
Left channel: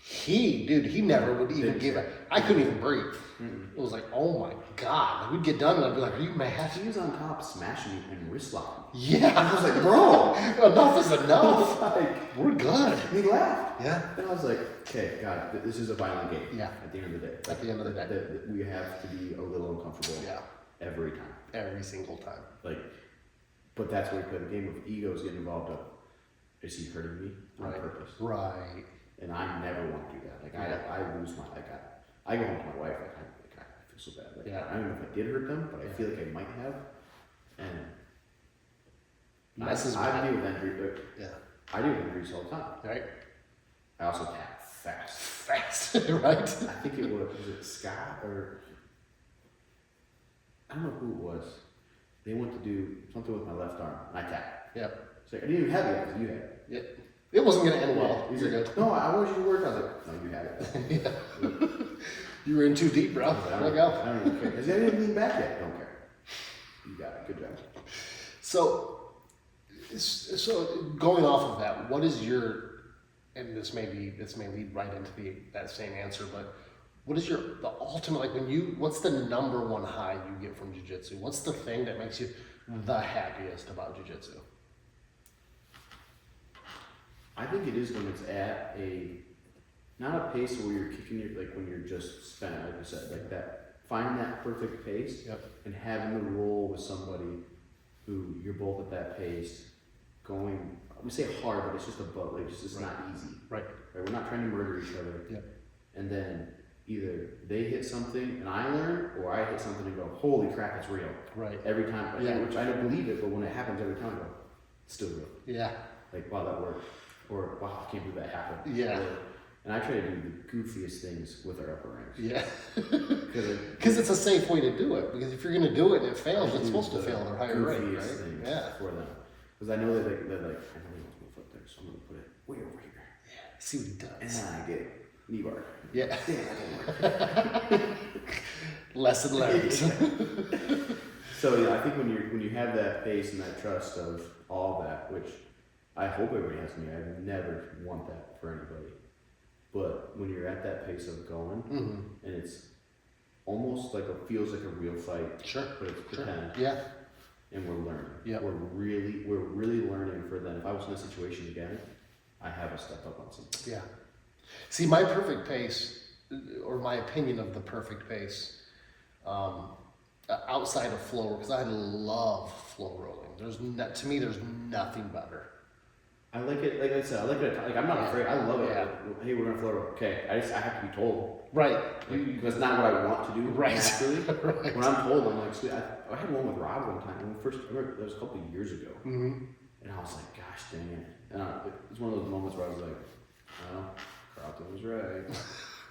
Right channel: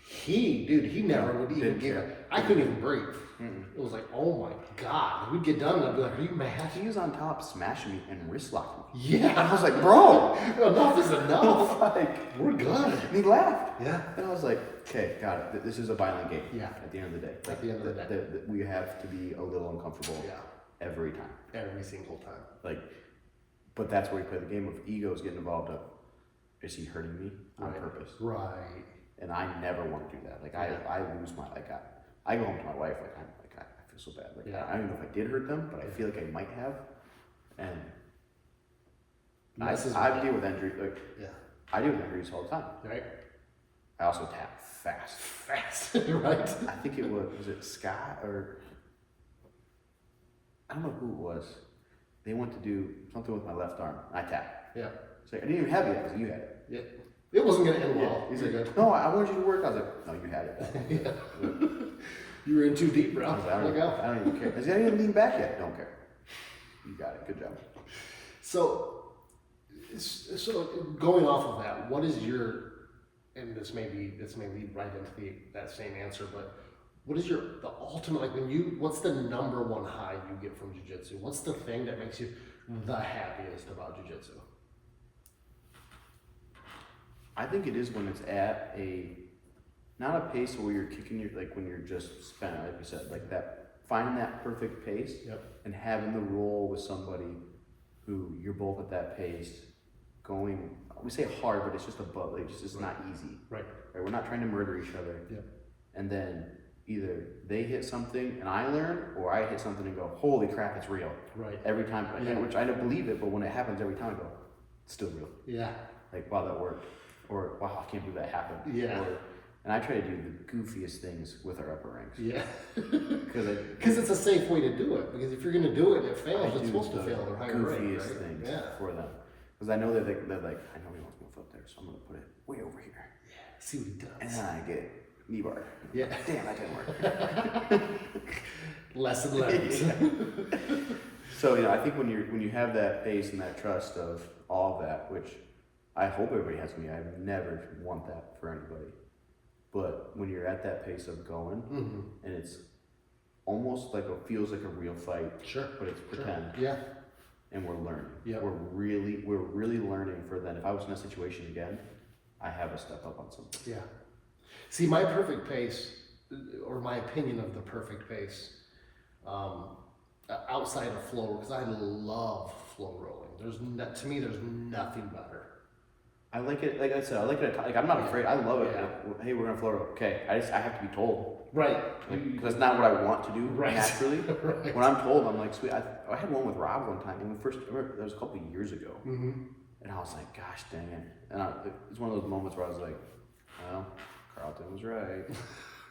He never would even give it. I couldn't even breathe. It was like, oh my God. We'd get done and I'd be like, are you mad? He was on top smashing me and wrist locking me. Yeah. I was like, bro. Enough is enough. Like, we're good. And he laughed. Yeah. And I was like, okay, got it. This is a violent game. Yeah. At the end of the day. At the end of the day. We have to be a little uncomfortable. Yeah. Every time. Every single time. Like, but that's where we play the game of egos getting involved up. is he hurting me on purpose? Right. And I never want to do that. Like I lose my I go home to my wife I feel so bad. Like I don't even know if I did hurt them, but I feel like I might have. And I deal with injuries. I deal with injuries all the time. Right. I also tap fast. Right. I think it was it Scott or I don't know who it was. They went to do something with my left arm, and I tapped. Yeah. So I didn't even have it. I was like, you had it. Yeah. It wasn't gonna end well. He's like, no, I wanted you to work. I was like, no, you had it. Yeah. You were in too deep, bro. I was like, I don't even care. I said, I didn't lean back yet. Don't care. You got it. Good job. So going off of that, what is your, and this may lead right into that same answer, but what is the ultimate, like what's the number one high you get from jiu-jitsu? What's the thing that makes you the happiest about jiu-jitsu? I think it is when it's at not a pace where you're kicking when you're just spent, like you said, like that, finding that perfect pace and having the roll with somebody who you're both at that pace going, we say hard, but it's just above, like it's not easy. Right. We're not trying to murder each other. Yep. And then either they hit something and I learn, or I hit something and go, holy crap, it's real. Right. Every time, which I don't believe it, but when it happens every time I go, it's still real. Yeah. Like, wow, that worked. Or, wow, I can't believe that happened. Yeah. And I try to do the goofiest things with our upper ranks. Yeah. Because it's a safe way to do it. Because if you're going to do it and it fails, it's supposed to fail at a higher rate. Goofiest things for them. Because I know that they're like, I know he wants to move up there, so I'm going to put it way over here. Yeah. See what he does. And then I get knee bar. Yeah. Damn, that didn't work. Lesson learned. So yeah, I think when you have that pace and that trust of all that, which I hope everybody has me. I never want that for anybody. But when you're at that pace of going, and it's almost like feels like a real fight. Sure. But it's pretend. Sure. Yeah. And we're learning. Yeah. We're really learning for then. If I was in that situation again, I have to step up on something. Yeah. See, my perfect pace, or my opinion of the perfect pace, outside of flow, because I love flow rolling. To me, there's nothing better. I like it, like I said, I like it, like I'm not afraid, I love it. Like, hey, we're gonna float, okay, I have to be told. Right. Because it's not what I want to do naturally. Right. When I'm told, I'm like, sweet. I had one with Rob one time, when we first, that was a couple of years ago. And I was like, gosh dang it. And it's one of those moments where I was like, well, Carlton was right.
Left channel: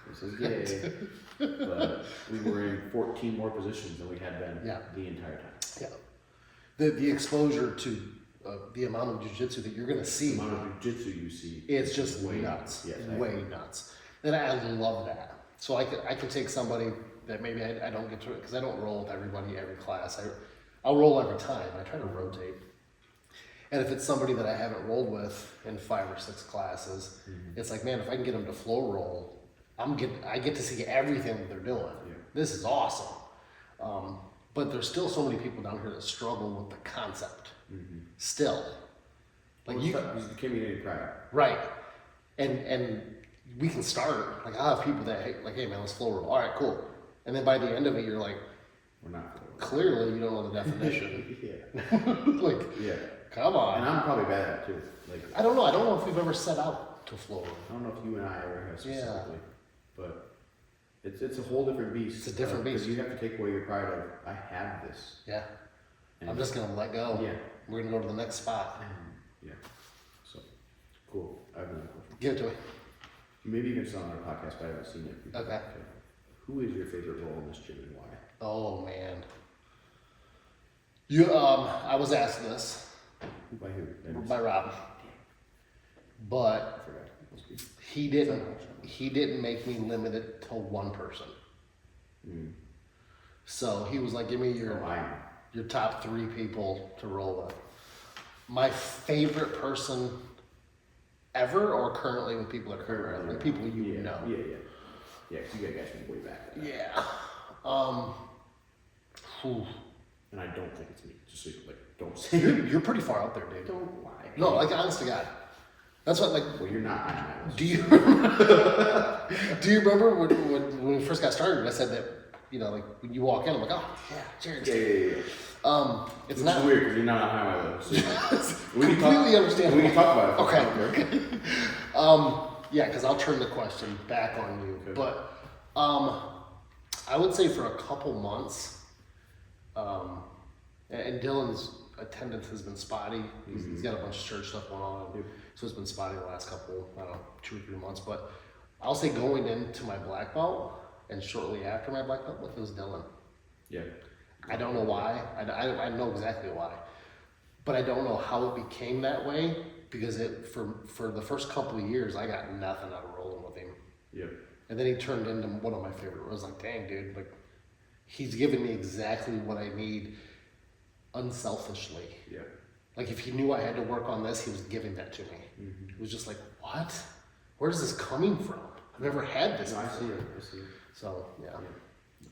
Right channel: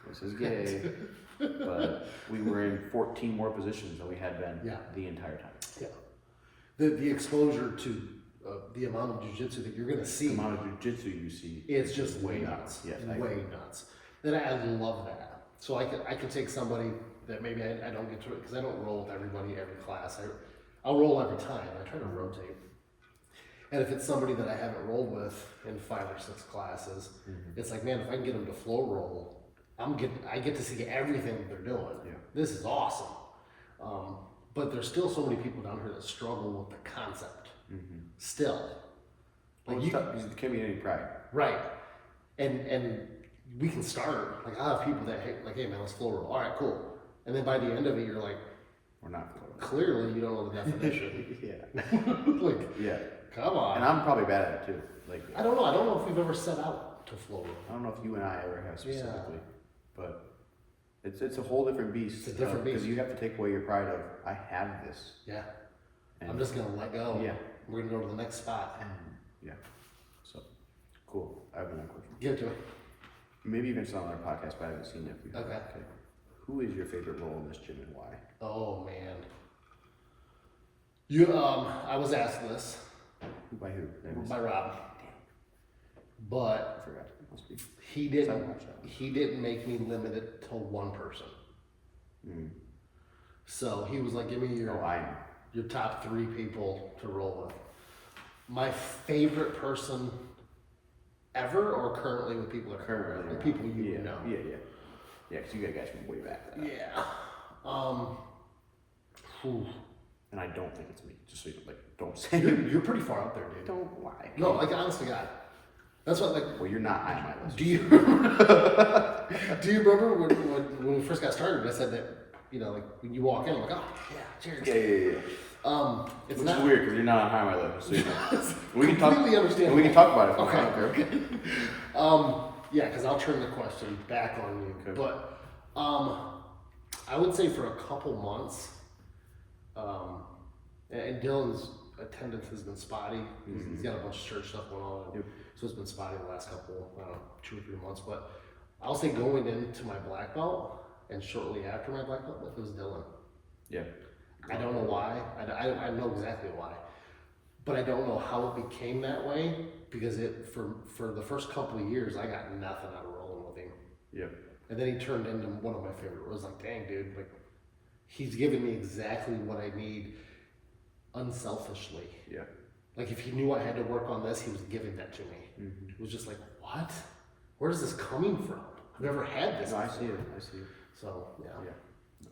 This is gay. But we were in 14 more positions than we had been the entire time. Yeah. The exposure to the amount of jiu-jitsu that you're going to see. The amount of jiu-jitsu you see. It's just way nuts. Yes, way nuts. And I love that. So I can take somebody that maybe I don't get to it, because I don't roll with everybody every class. I'll roll every time. I try to rotate. And if it's somebody that I haven't rolled with in 5 or 6 classes, it's like, man, if I can get them to flow roll, I get to see everything that they're doing. Yeah. This is awesome. But there's still so many people down here that struggle with the concept. Still. Like you can't be any pride. Right. And we can start. Like, I have people that, hey man, let's flow roll. All right, cool. And then by the end of it, you're like, we're not flow roll. Clearly, you don't know the definition. Yeah. Come on. And I'm probably bad at it too. Like, I don't know if we've ever set out to flow roll. I don't know if you and I ever have specifically, but it's a whole different beast. It's a different beast. Because you have to take away your pride of, I have this. Yeah. And I'm just gonna let go. Yeah. We're gonna go to the next spot. Yeah. So cool. I have another question. Give it to me. Maybe you can sell on our podcast, but I haven't seen it. Okay. Who is your favorite role in this gym and why? Oh man. I was asked this. By who? By Rob. But I forgot. Must be. He didn't make me limit it to one person. So he was like, give me your top 3 people to roll with. My favorite person ever, or currently with people that are currently with people you know. Yeah, because you got guys from way back then. Yeah. And I don't think it's me. Just so you don't say you're pretty far up there, dude. Don't lie. No, like, honest to God. That's what, like. Well, you're not on my list. Do you remember when we first got started? I said that you know, like when you walk in, I'm like, oh yeah, cheers. Yeah. It's Which not is weird because you're not on highway level, so you know. We completely understandable. We can talk about it. Okay. Yeah, because I'll turn the question back on you. Okay. But I would say for a couple months, and Dylan's attendance has been spotty. He's got a bunch of church stuff going on, so it's been spotty the last couple, I don't know, 2 or 3 months. But I'll say going into my black belt and shortly after my black belt, it was Dylan. Yeah. I don't know why. I know exactly why, but I don't know how it became that way because for the first couple of years I got nothing out of rolling with him. Yeah. And then he turned into one of my favorite. I was like, dang, dude, like he's giving me exactly what I need, unselfishly. Yeah. Like if he knew I had to work on this, he was giving that to me. Mm-hmm. It was just like, what? Where is this coming from? I've never had this. No, I before. see it. So yeah. No.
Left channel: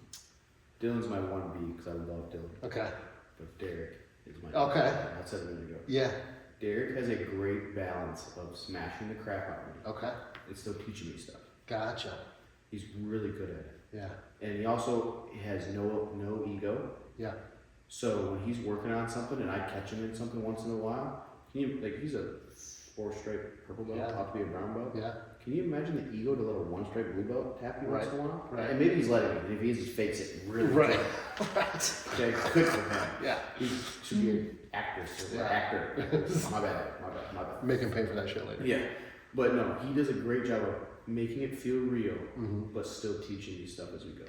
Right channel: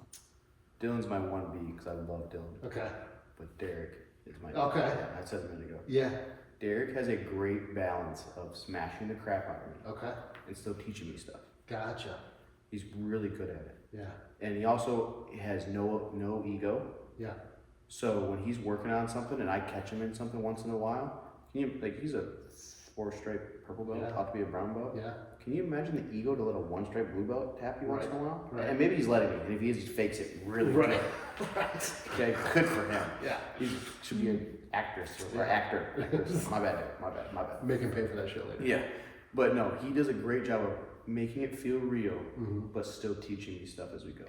Dylan's my 1B because I love Dylan. Okay. But Derek is my. Okay. I said a minute ago. Yeah. Derek has a great balance of smashing the crap out of me Okay. and still teaching me stuff. Gotcha. He's really good at it. Yeah. And he also has no ego. Yeah. So when he's working on something and I catch him in something once in a while, he's a 4-stripe purple belt, about to be a brown belt. Yeah. Can you imagine the ego to let a 1-stripe blue belt tap you once in a while? Right. And maybe he's letting me, and if he is, he fakes it really Right. good. Right. Okay, good for him. Yeah. He should be an actress or Right. actor. My bad. Make him pay for that shit later. Yeah. But no, he does a great job of making it feel real, Mm-hmm. but still teaching me stuff as we go.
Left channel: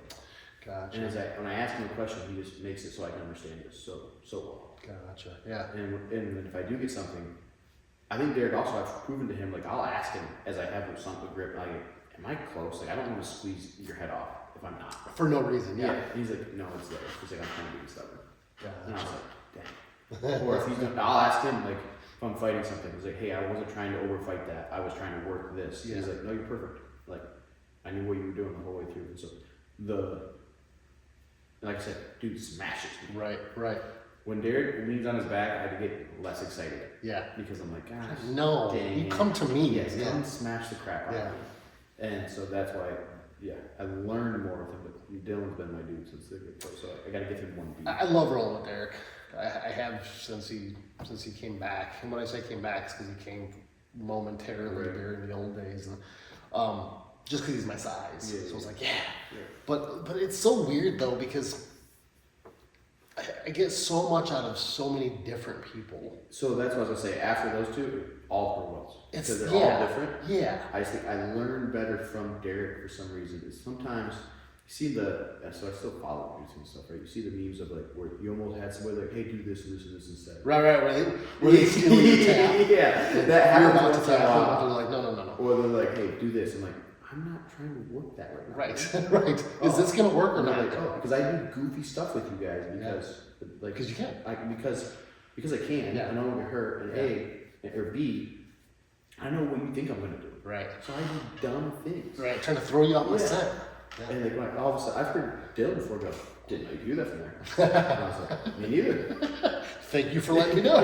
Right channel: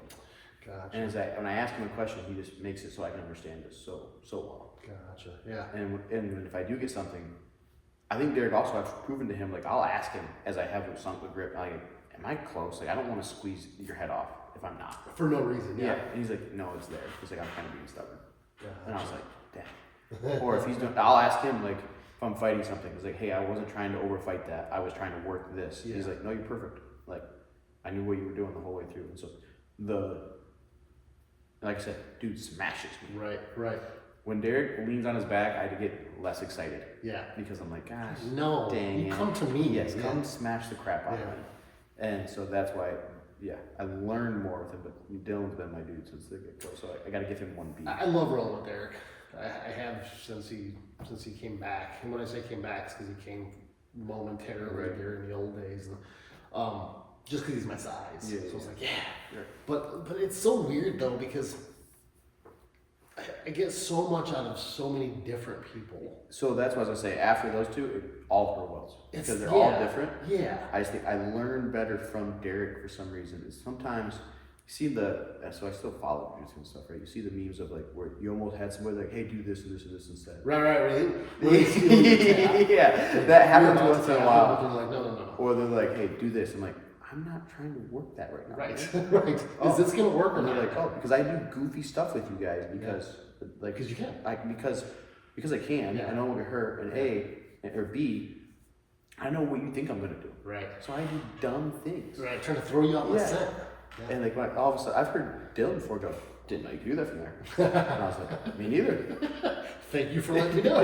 Gotcha. And when I ask him a question, he just makes it so I can understand it so well. Gotcha. Yeah. And if I do get something, I think Derek also, I've proven to him, like I'll ask him as I have sunk the grip, like, am I close? Like I don't want to squeeze your head off if I'm not. For no reason. Yeah. And he's like, no, it's there. He's like, I'm trying to be stubborn. Gotcha. And I was like, dang. Or if he's doing, I'll ask him like, if I'm fighting something, he's like, hey, I wasn't trying to overfight that. I was trying to work this. Yeah. He's like, no, you're perfect. Like, I knew what you were doing the whole way through. And so like I said, dude smashes me. Right. When Derek leans on his back, I get less excited. Yeah. Because I'm like, gosh, No, dang you it. come to me. Yes, Yeah. come smash the crap out of Yeah. me. And so that's why, I learned more with him. But Dylan's been my dude since the get pro, so I got to give him 1B. I love rolling with Derek. I have since he came back. And when I say came back, it's because he came momentarily Right. during the old days, and just because he's my size. Yeah, so it's like, Yeah. But it's so weird though because I get so much out of so many different people. So that's what I was gonna say. After those two, all pro belts because they're yeah. all different. Yeah. I just think I learn better from Derek for some reason. Is sometimes you see so I still follow YouTube and stuff, right? You see the memes of like where you almost had somebody like, hey, do this and this and this instead. Right. Yeah, that happens once in a while. I'm like, no. Or they're like, hey, do this. I'm like, I'm not trying to work that right now. Right. Right. Oh. Is this gonna work or And not? they're like, oh, because I do goofy stuff with you guys Because you can. Because I can. Yeah. I don't want to get hurt. And A or B, I know what you think I'm gonna do. Right. So I do dumb things. Right. Trying to throw you off the Yeah. scent. Yeah. And like all of a sudden, I've heard Dylan before go, didn't know you could do that from there. And I was like, me neither. Thank you for letting me know.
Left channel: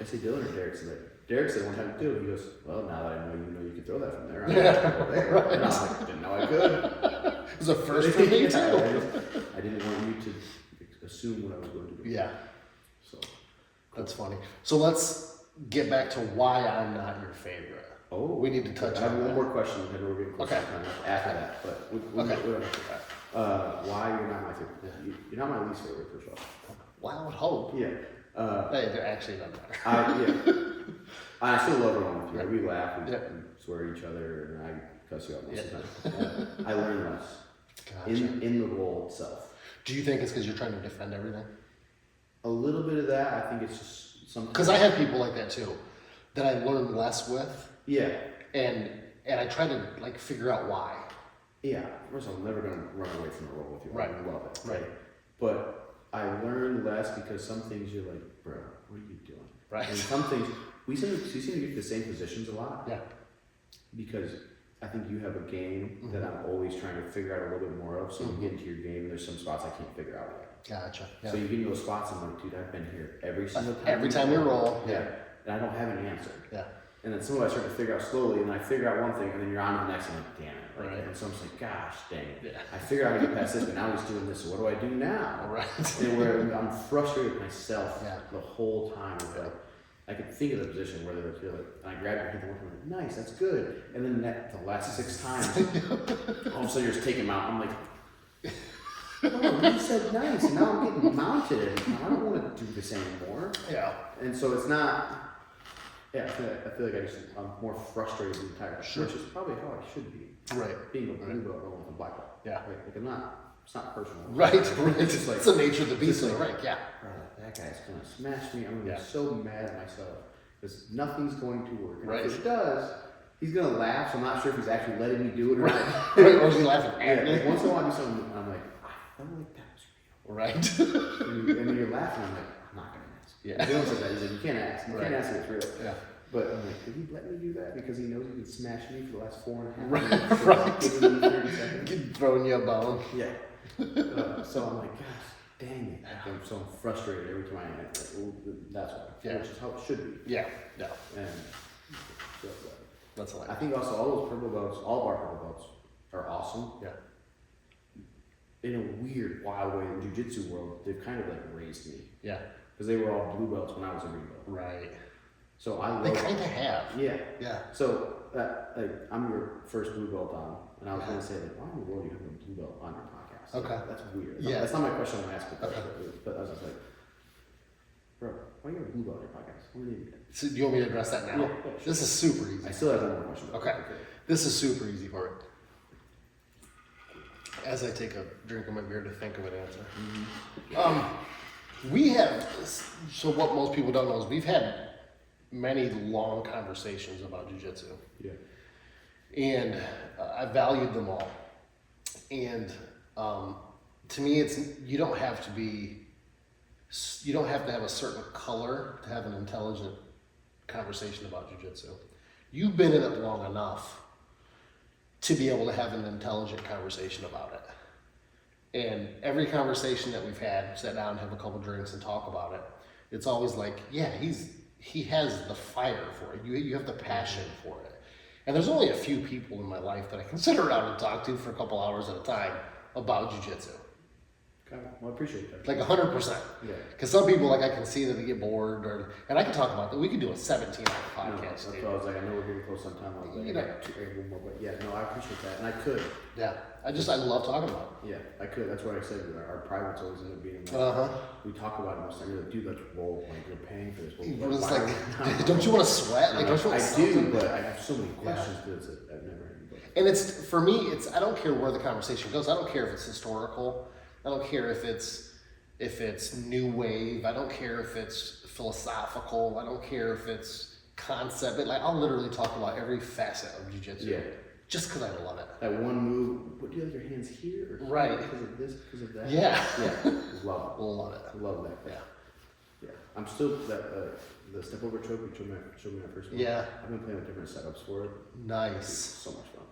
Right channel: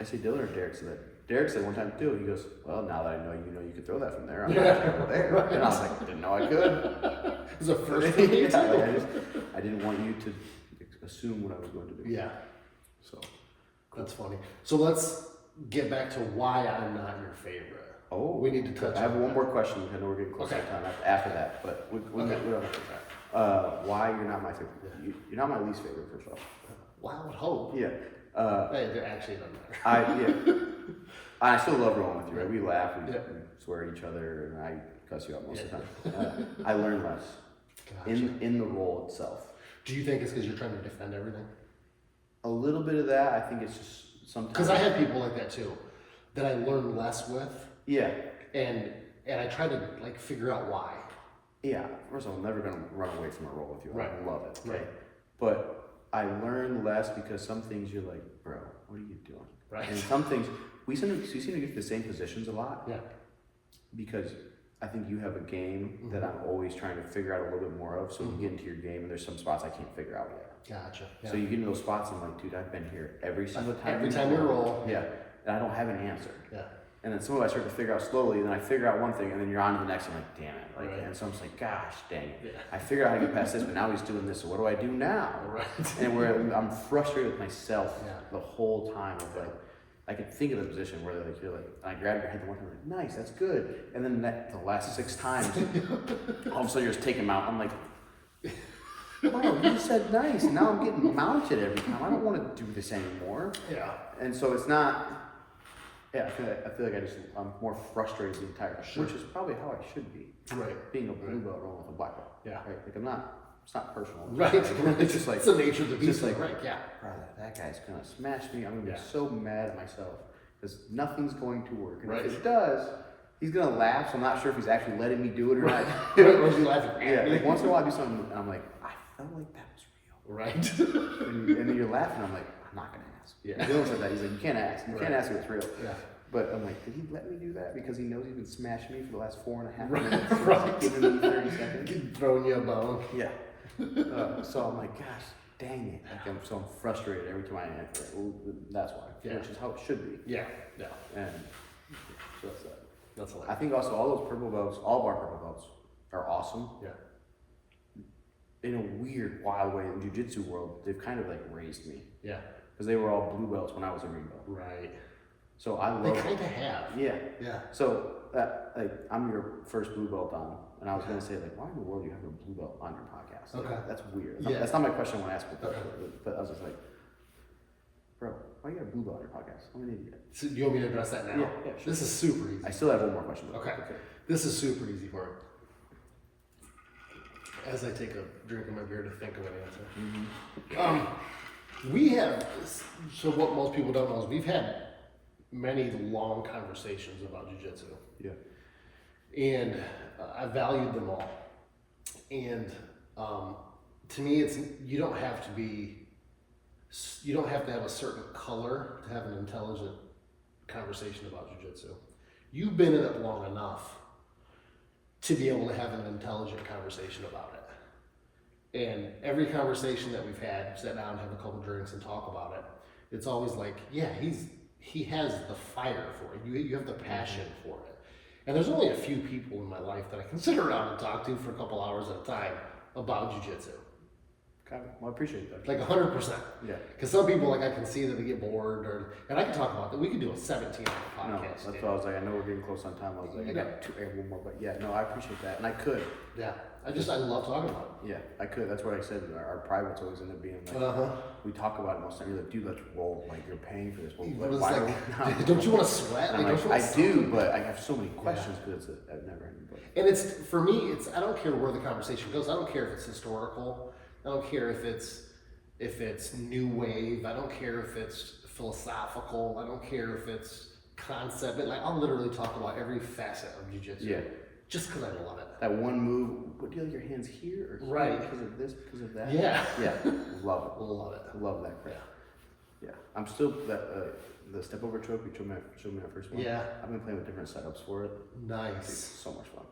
I say Dylan or Derek said that. Derek said one time too. He goes, well, now that I know you could throw that from there. I'm gonna have to go there. Right. And I was like, didn't know I could. It was a first for me too. I didn't want you to assume what I was going to do. Yeah. So That's funny. So let's get back to why I'm not your favorite. Oh, We need to touch I have on one that. more question. I know we're getting close to Okay. time after that, but we don't have to do that. Why you're not my favorite? Yeah. You're not my least favorite, first of all. Well, I would hope. Yeah. It actually doesn't matter. I still love rolling with you. Right? We laugh, we Yeah. swear at each other, and I cuss you out most of the time. I learn less Gotcha. in the role itself. Do you think it's because you're trying to defend everything? A little bit of that. I think it's just sometimes. Because I have people like that too, that I learn less with, Yeah. and I try to like figure out why. Yeah. First of all, I'm never gonna run away from a role with you. Right. I love it. Right. Okay? But I learn less because some things you're like, bro, what are you doing? Right. And some things we seem to get to the same positions a lot. Yeah. Because I think you have a game that I'm always trying to figure out a little bit more of. So you get into your game and there's some spots I can't figure out yet. Gotcha. Yeah. So you get into those spots and I'm like, dude, I've been here every single time. Every time you roll. Yeah. And I don't have an answer. Yeah. And then some of I start to figure out slowly, and then I figure out one thing, and then you're on to the next, and I'm like, damn it. Like, and so I'm just like, gosh, dang it. Yeah. I figure out how to get past this, but now he's doing this, so what do I do now? Right. And where I'm frustrated with myself the whole time. Of like, I could think of the position where they feel like, I grab your head one time, like, nice, that's good. And then the last 6 times, all of a sudden you're just taking him out. I'm like, wow, you said nice, and now I'm getting mounted every time. I don't want to do this anymore. Yeah. And so it's not. Yeah, I feel like I'm more frustrated the entire time, which is probably how I should be. Right. Being a blue belt rolling with a black belt. Yeah. Right. Like I'm not. It's not personal. Right. It's just like it's the nature of the beast. like, right. Yeah. Brother, that guy's gonna smash me. I'm gonna be so mad at myself because nothing's going to work. And if it does, he's gonna laugh. So I'm not sure if he's actually letting me do it or not. Or is he laughing? Yeah. Like once in a while, I do something, and I'm like, I felt like that was real. Right. and then you're laughing. I'm like, I'm not gonna ask. Yeah. Dylan said that. He's like, you can't ask. You can't ask if it's real. Yeah. But I'm like, did he let me do that? Because he knows he can smash me for the last 4.5 Right. minutes. So he's giving me 30 seconds. Keep throwing you a bone. Yeah. So I'm like, gosh, dang it. I'm frustrated every time I enter. Well, that's why. Yeah. Which is how it should be. Yeah. Yeah. And so that's that. That's a lot. I think also all those purple belts, all of our purple belts are awesome. Yeah. In a weird, wild way, in jiu-jitsu world, they've kind of like raised me. Yeah. Because they were all blue belts when I was a green belt. Right. So I love They kind of have. Yeah. Yeah. So like I'm your first blue belt on, and I was gonna say like, why in the world are you having a blue belt on your podcast? Like, Okay. that's weird. Yeah. That's not my question I want to ask, Okay. but I was just like, bro, why you got a blue belt on your podcast? I'm an idiot. So do you want me to address that now? Yeah, sure. This is super easy. I still have one more question. Okay. This is super easy for it. As I take a drink of my beer to think of an answer. We have, so what most people don't know is we've had many long conversations about jiu-jitsu. Yeah. And I valued them all. And to me, you don't have to have a certain color to have an intelligent conversation about jiu-jitsu. You've been in it long enough to be able to have an intelligent conversation about it. And every conversation that we've had, sit down, have a couple drinks, and talk about it, it's always like, yeah, he has the fire for it. You have the passion for it. And there's only a few people in my life that I can sit around and talk to for a couple hours at a time about jiu-jitsu. Okay. Well, I appreciate that. Like 100%. Yeah. Because some people, like, I can see that they get bored, and I can talk about that. We could do a 17-hour No, podcast. that's why I was like, I know we're getting close on time. I was like, I got one more, but yeah, no, I appreciate that, and I could. Yeah. I love talking about it. Yeah, I could. That's what I said. Our privates always end up being like, we talk about it most of the time. You're like, dude, let's roll. Like, you're paying for this. Well, why are we not? Don't you want to sweat? Like, don't you want I do, but I have so many questions because I've never had anybody. And it's, for me, I don't care where the conversation goes. I don't care if it's historical. I don't care if it's new wave. I don't care if it's philosophical. I don't care if it's concept. Like, I'll literally talk about every facet of jiu-jitsu. Yeah. Just because I love it. That one move, what do you like your hands here or here? Right. Because of this, because of that? Yeah. Yeah. Love it. Love it. Love that crap. Yeah. Yeah. I'm still, the step over choke you showed me that first one. Yeah. I've been playing with different setups for it. It's Nice. so much fun.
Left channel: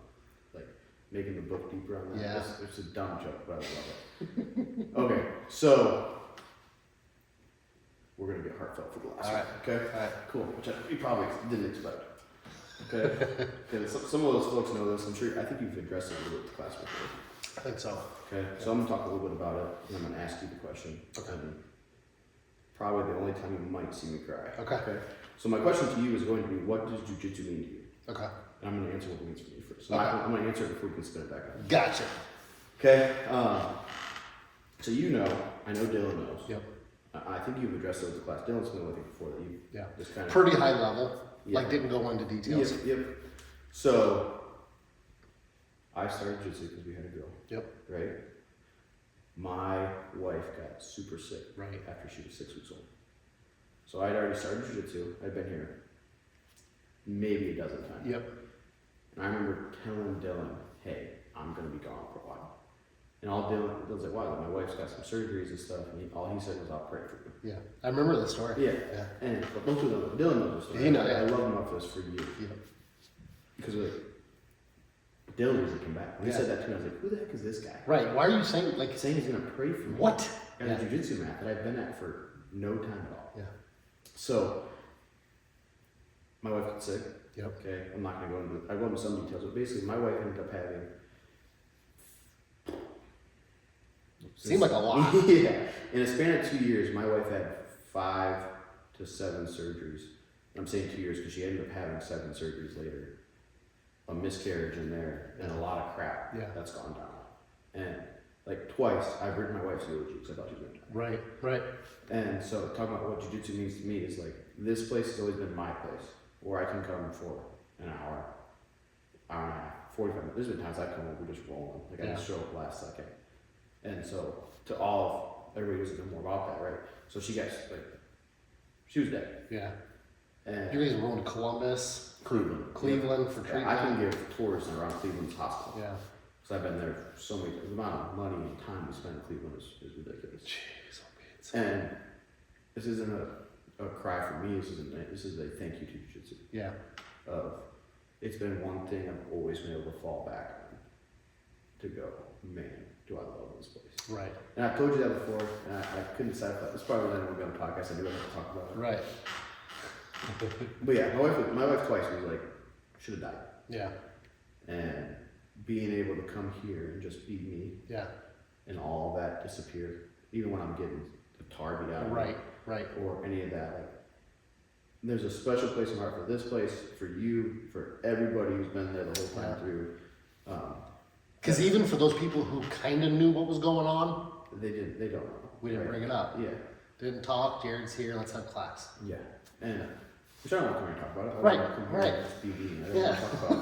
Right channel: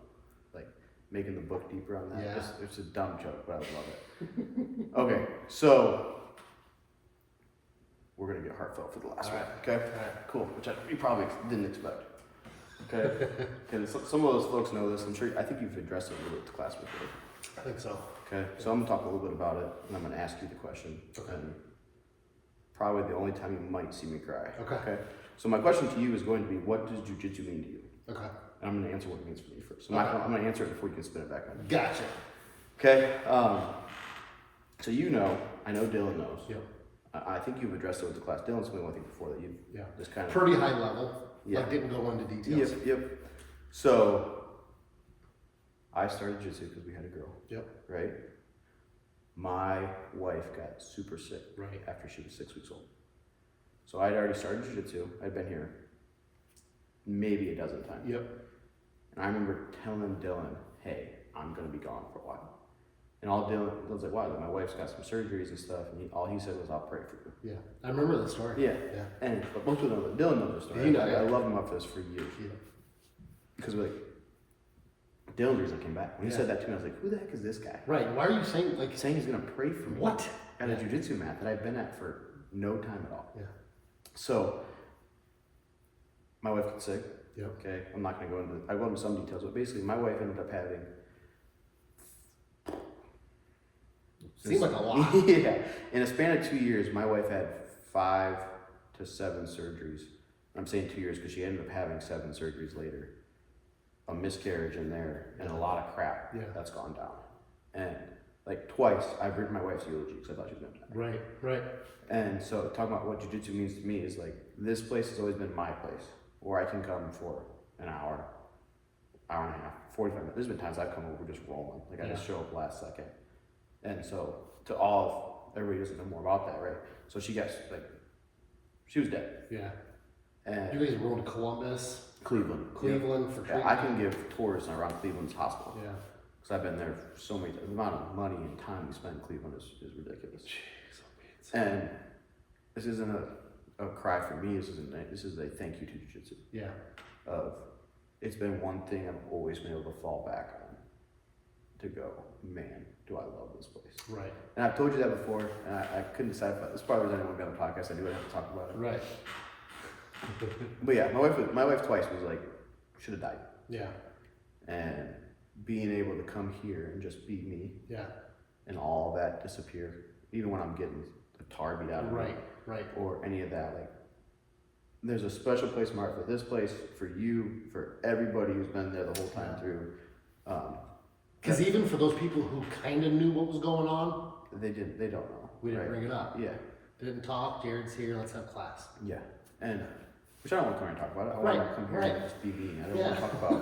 Like making the book deeper on that. Yeah. It's a dumb joke, but I love it. Okay, so we're gonna get heartfelt for the last one. Okay. All right. Cool. Which you probably didn't expect. Okay. Because some of those folks know this. I'm sure. I think you've addressed it a little bit with the class before. I think so. Okay. So I'm gonna talk a little bit about it, and I'm gonna ask you the question. Okay. And probably the only time you might see me cry. Okay. Okay. So my question to you is going to be, what does jujitsu mean to you? Okay. And I'm gonna answer what it means for me first. So I'm gonna answer it before you can spin it back on. Gotcha. Okay. So I know Dylan knows. Yep. I think you've addressed it with the class. Dylan's been with you before that you just kind of pretty high level. Yeah. Like, didn't go into details. Yep. So I started jiu-jitsu because we had a girl. Yep. Right. My wife got super sick Right. after she was 6 weeks old. So I'd already started jiu-jitsu. I'd been here maybe a dozen times. Yep. And I remember telling Dylan, "Hey, I'm gonna be gone for a while." And all Dylan's like, "Wow, my wife's got some surgeries and stuff." And all he said was, "I'll pray for you." Yeah. I remember the story. Yeah. Yeah. And but most people know that Dylan knows the story. You know, I yeah. love him up for this for years. Yeah. Because like Dylan usually came back. When he said that to me, I was like, "Who the heck is this guy?" Right. Why are you saying, like, Saying he's gonna pray for me. what? At a jiu-jitsu mat that I've been at for no time at all. Yeah. So my wife got sick. Yep. Okay, I'm not gonna go into. I go into some details, but basically, my wife ended up having. Seemed like a lot. Yeah, in a span of 2 years, my wife had 5 to 7 surgeries. I'm saying 2 years because she ended up having 7 surgeries later. A miscarriage in there and a lot of crap that's gone down. And like twice, I've written my wife's eulogy because I thought she was gonna die. Right. And so talking about what jiu-jitsu means to me is like, this place has always been my place where I can come for an hour and a half, 45 minutes. There's been times I've come over just rolling. Like I just show up last second. And so to everybody doesn't know more about that, right? So she gets like, she was dead. Yeah. And you guys were going to Columbus, Cleveland for treatment. I can give tours around Cleveland's hospital. Yeah. Because I've been there so many times. The amount of money and time we spend in Cleveland is ridiculous. Jeez, and this isn't a cry for me. This is a thank you to jiu-jitsu. Yeah. It's been one thing I've always been able to fall back on. To go, man, do I love this place. Right. And I've told you that before, and I couldn't decide if this probably wasn't going to be on the podcast. I knew I'd have to talk about it. Right. But yeah, my wife twice was like, should have died. Yeah. And being able to come here and just be me. Yeah. And all that disappear, even when I'm getting the tar beat out of me. Right. Or any of that, like, there's a special place in my heart for this place, for you, for everybody who's been there the whole time through. Because even for those people who kind of knew what was going on, they don't know. We didn't bring it up. Yeah. Didn't talk. Jared's here. Let's have class. Yeah. And which I don't want to come here and talk about it. I want to come here and just be being. I don't want to talk about.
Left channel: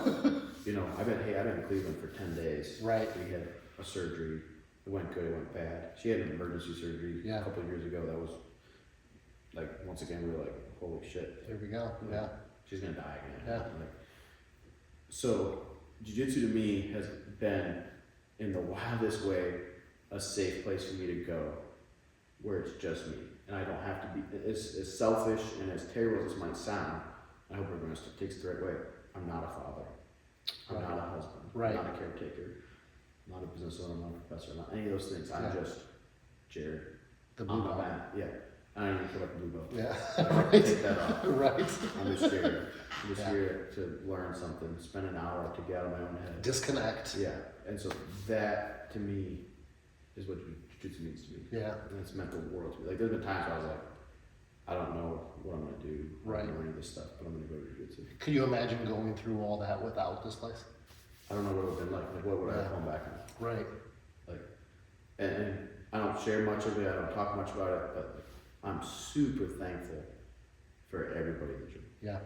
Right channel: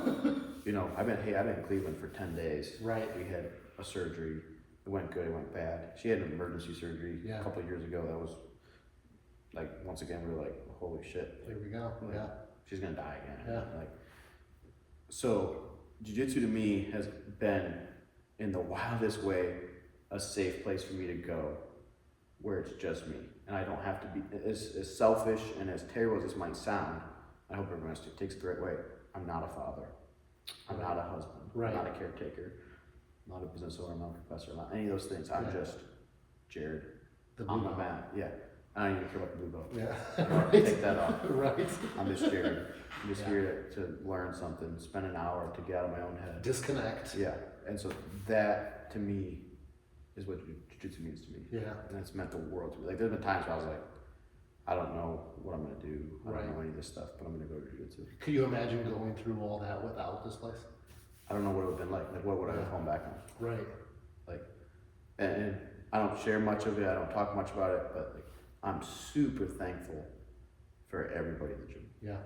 I've been in Cleveland for 10 days. Right. We had a surgery. It went good. It went bad. She had an emergency surgery a couple of years ago. That was like, once again, we were like, holy shit. There we go. Yeah. She's gonna die again. Yeah. So jiu-jitsu to me has been, in the wildest way, a safe place for me to go, where it's just me, and I don't have to be as selfish and as terrible as this might sound. I hope everyone takes it the right way. I'm not a father. I'm not a husband. Right. I'm not a caretaker. I'm not a business owner. I'm not a professor. I'm not any of those things. I'm just Jared. I'm the man. Yeah. I don't even care about the blue belt. Yeah. I don't take that off. Right. I'm just Jared. I'm just here to learn something, spend an hour to get out of my own head. Disconnect. Yeah. And so that, to me, is what jiu-jitsu means to me. Yeah. And it's meant the world to me. Like, there's been times where I was like, I don't know what I'm going to do. I don't know any of this stuff, but I'm going to go to jiu-jitsu. Could you imagine going through all that without this place? I don't know what it would have been like. Like, what would I have come back on? Right. Like, and I don't share much of it. I don't talk much about it, but like, I'm super thankful for everybody in the gym. Yeah.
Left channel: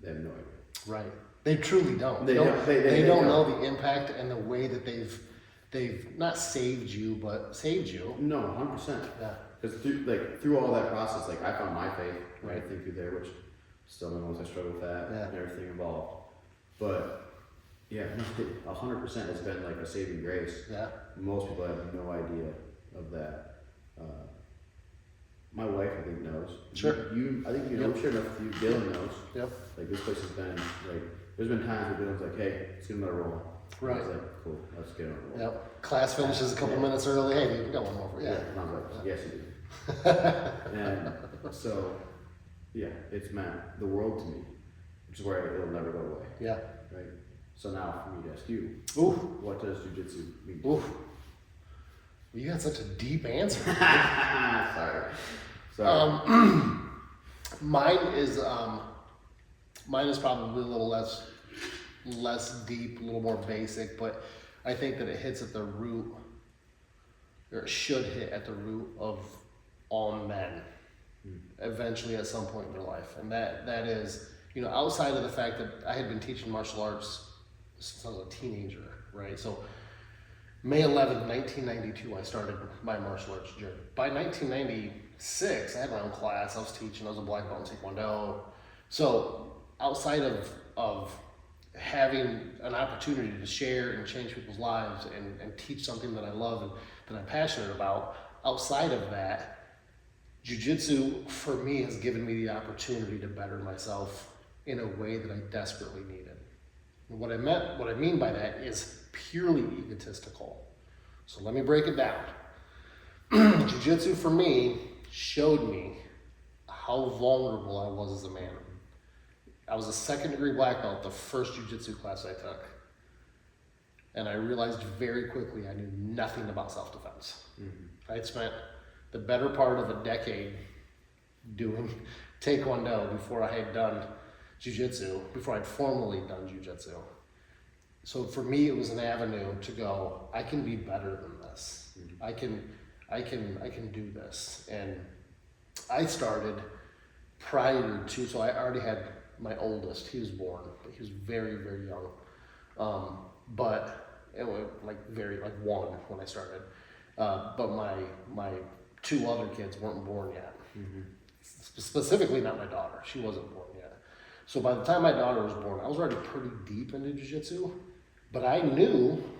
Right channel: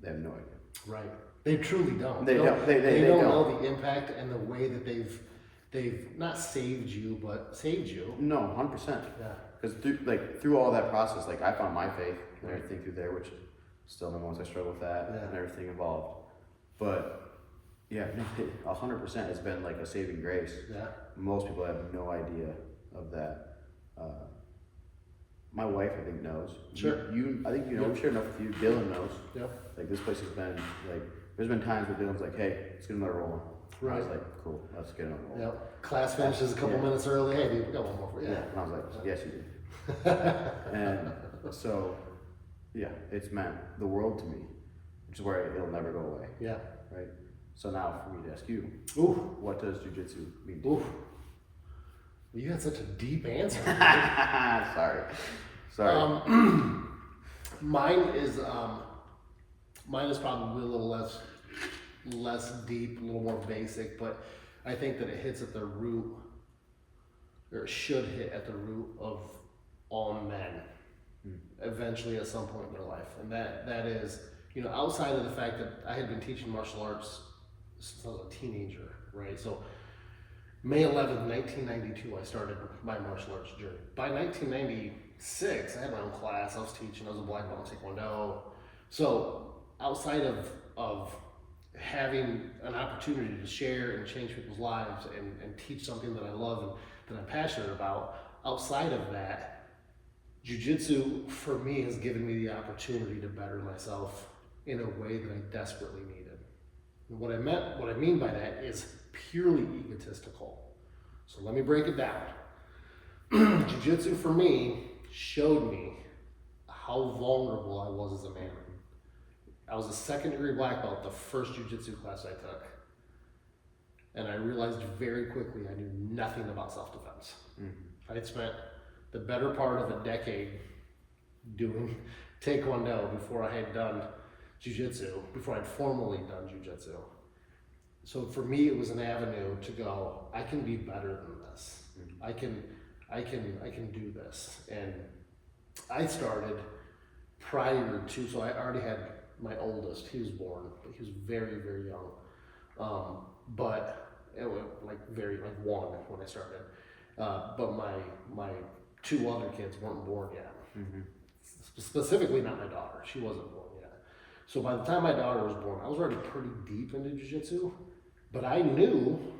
They have no idea. Right. They truly don't. They don't know the impact and the way that they've not saved you, but saved you. No, 100%. Yeah. Because through all that process, like, I found my faith and everything through there, which still knows I struggle with that and everything involved. But yeah, no, 100% has been like a saving grace. Yeah. Most people have no idea of that. My wife, I think, knows. Sure. I think you know. I'm sure enough with you. Dylan knows. Yep. Like, this place has been like. There's been times where Dylan's like, "Hey, let's get another roll." Right. I was like, "Cool, let's get another roll." Yep. Class finishes a couple minutes early. Hey, babe, we got one more. Yeah. And I was like, "Yes, you do." And so, yeah, it's meant the world to me, which is where it'll never go away. Yeah. Right. So now, for me to ask you, Ooh. what does jiu-jitsu mean to Ooh. You got such a deep answer. Sorry. Mine is probably a little less deep, a little more basic, but I think that it hits at the root, or it should hit at the root of all men, eventually at some point in their life, and that is, outside of the fact that I had been teaching martial arts since I was a teenager, right? So May 11th, 1992, I started my martial arts journey. By 1996, I had my own class. I was teaching. I was a black belt in Taekwondo. So outside of having an opportunity to share and change people's lives and teach something that I love and that I'm passionate about, outside of that, jiu-jitsu for me has given me the opportunity to better myself in a way that I desperately needed. And what I mean by that is purely egotistical. So let me break it down. Jiu-jitsu for me showed me how vulnerable I was as a man. I was a second-degree black belt the first jiu-jitsu class I took. And I realized very quickly I knew nothing about self-defense. I had spent the better part of a decade doing Taekwondo before I had done jiu-jitsu, before I'd formally done jiu-jitsu. So for me, it was an avenue to go, I can be better than this. I can do this. And I started prior to, so I already had my oldest, he was born, he was very, very young. But it was like one when I started. But my two other kids weren't born yet. Specifically not my daughter, she wasn't born yet. So by the time my daughter was born, I was already pretty deep into jiu-jitsu, but I knew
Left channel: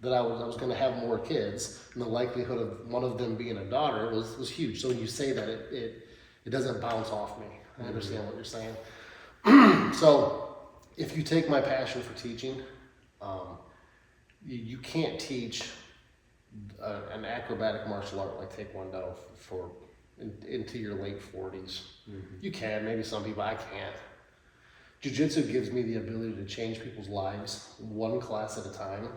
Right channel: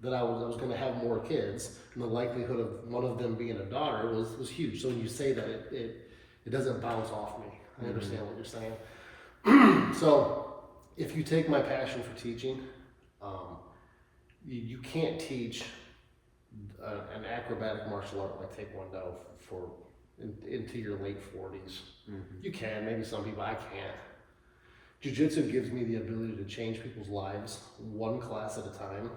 that I was going to have more kids, and the likelihood of one of them being a daughter was huge. So when you say that, it doesn't bounce off me. I understand what you're saying. So if you take my passion for teaching, you can't teach an acrobatic martial art like Taekwondo into your late 40s. You can, maybe some people, I can't. Jiu-jitsu gives me the ability to change people's lives one class at a time,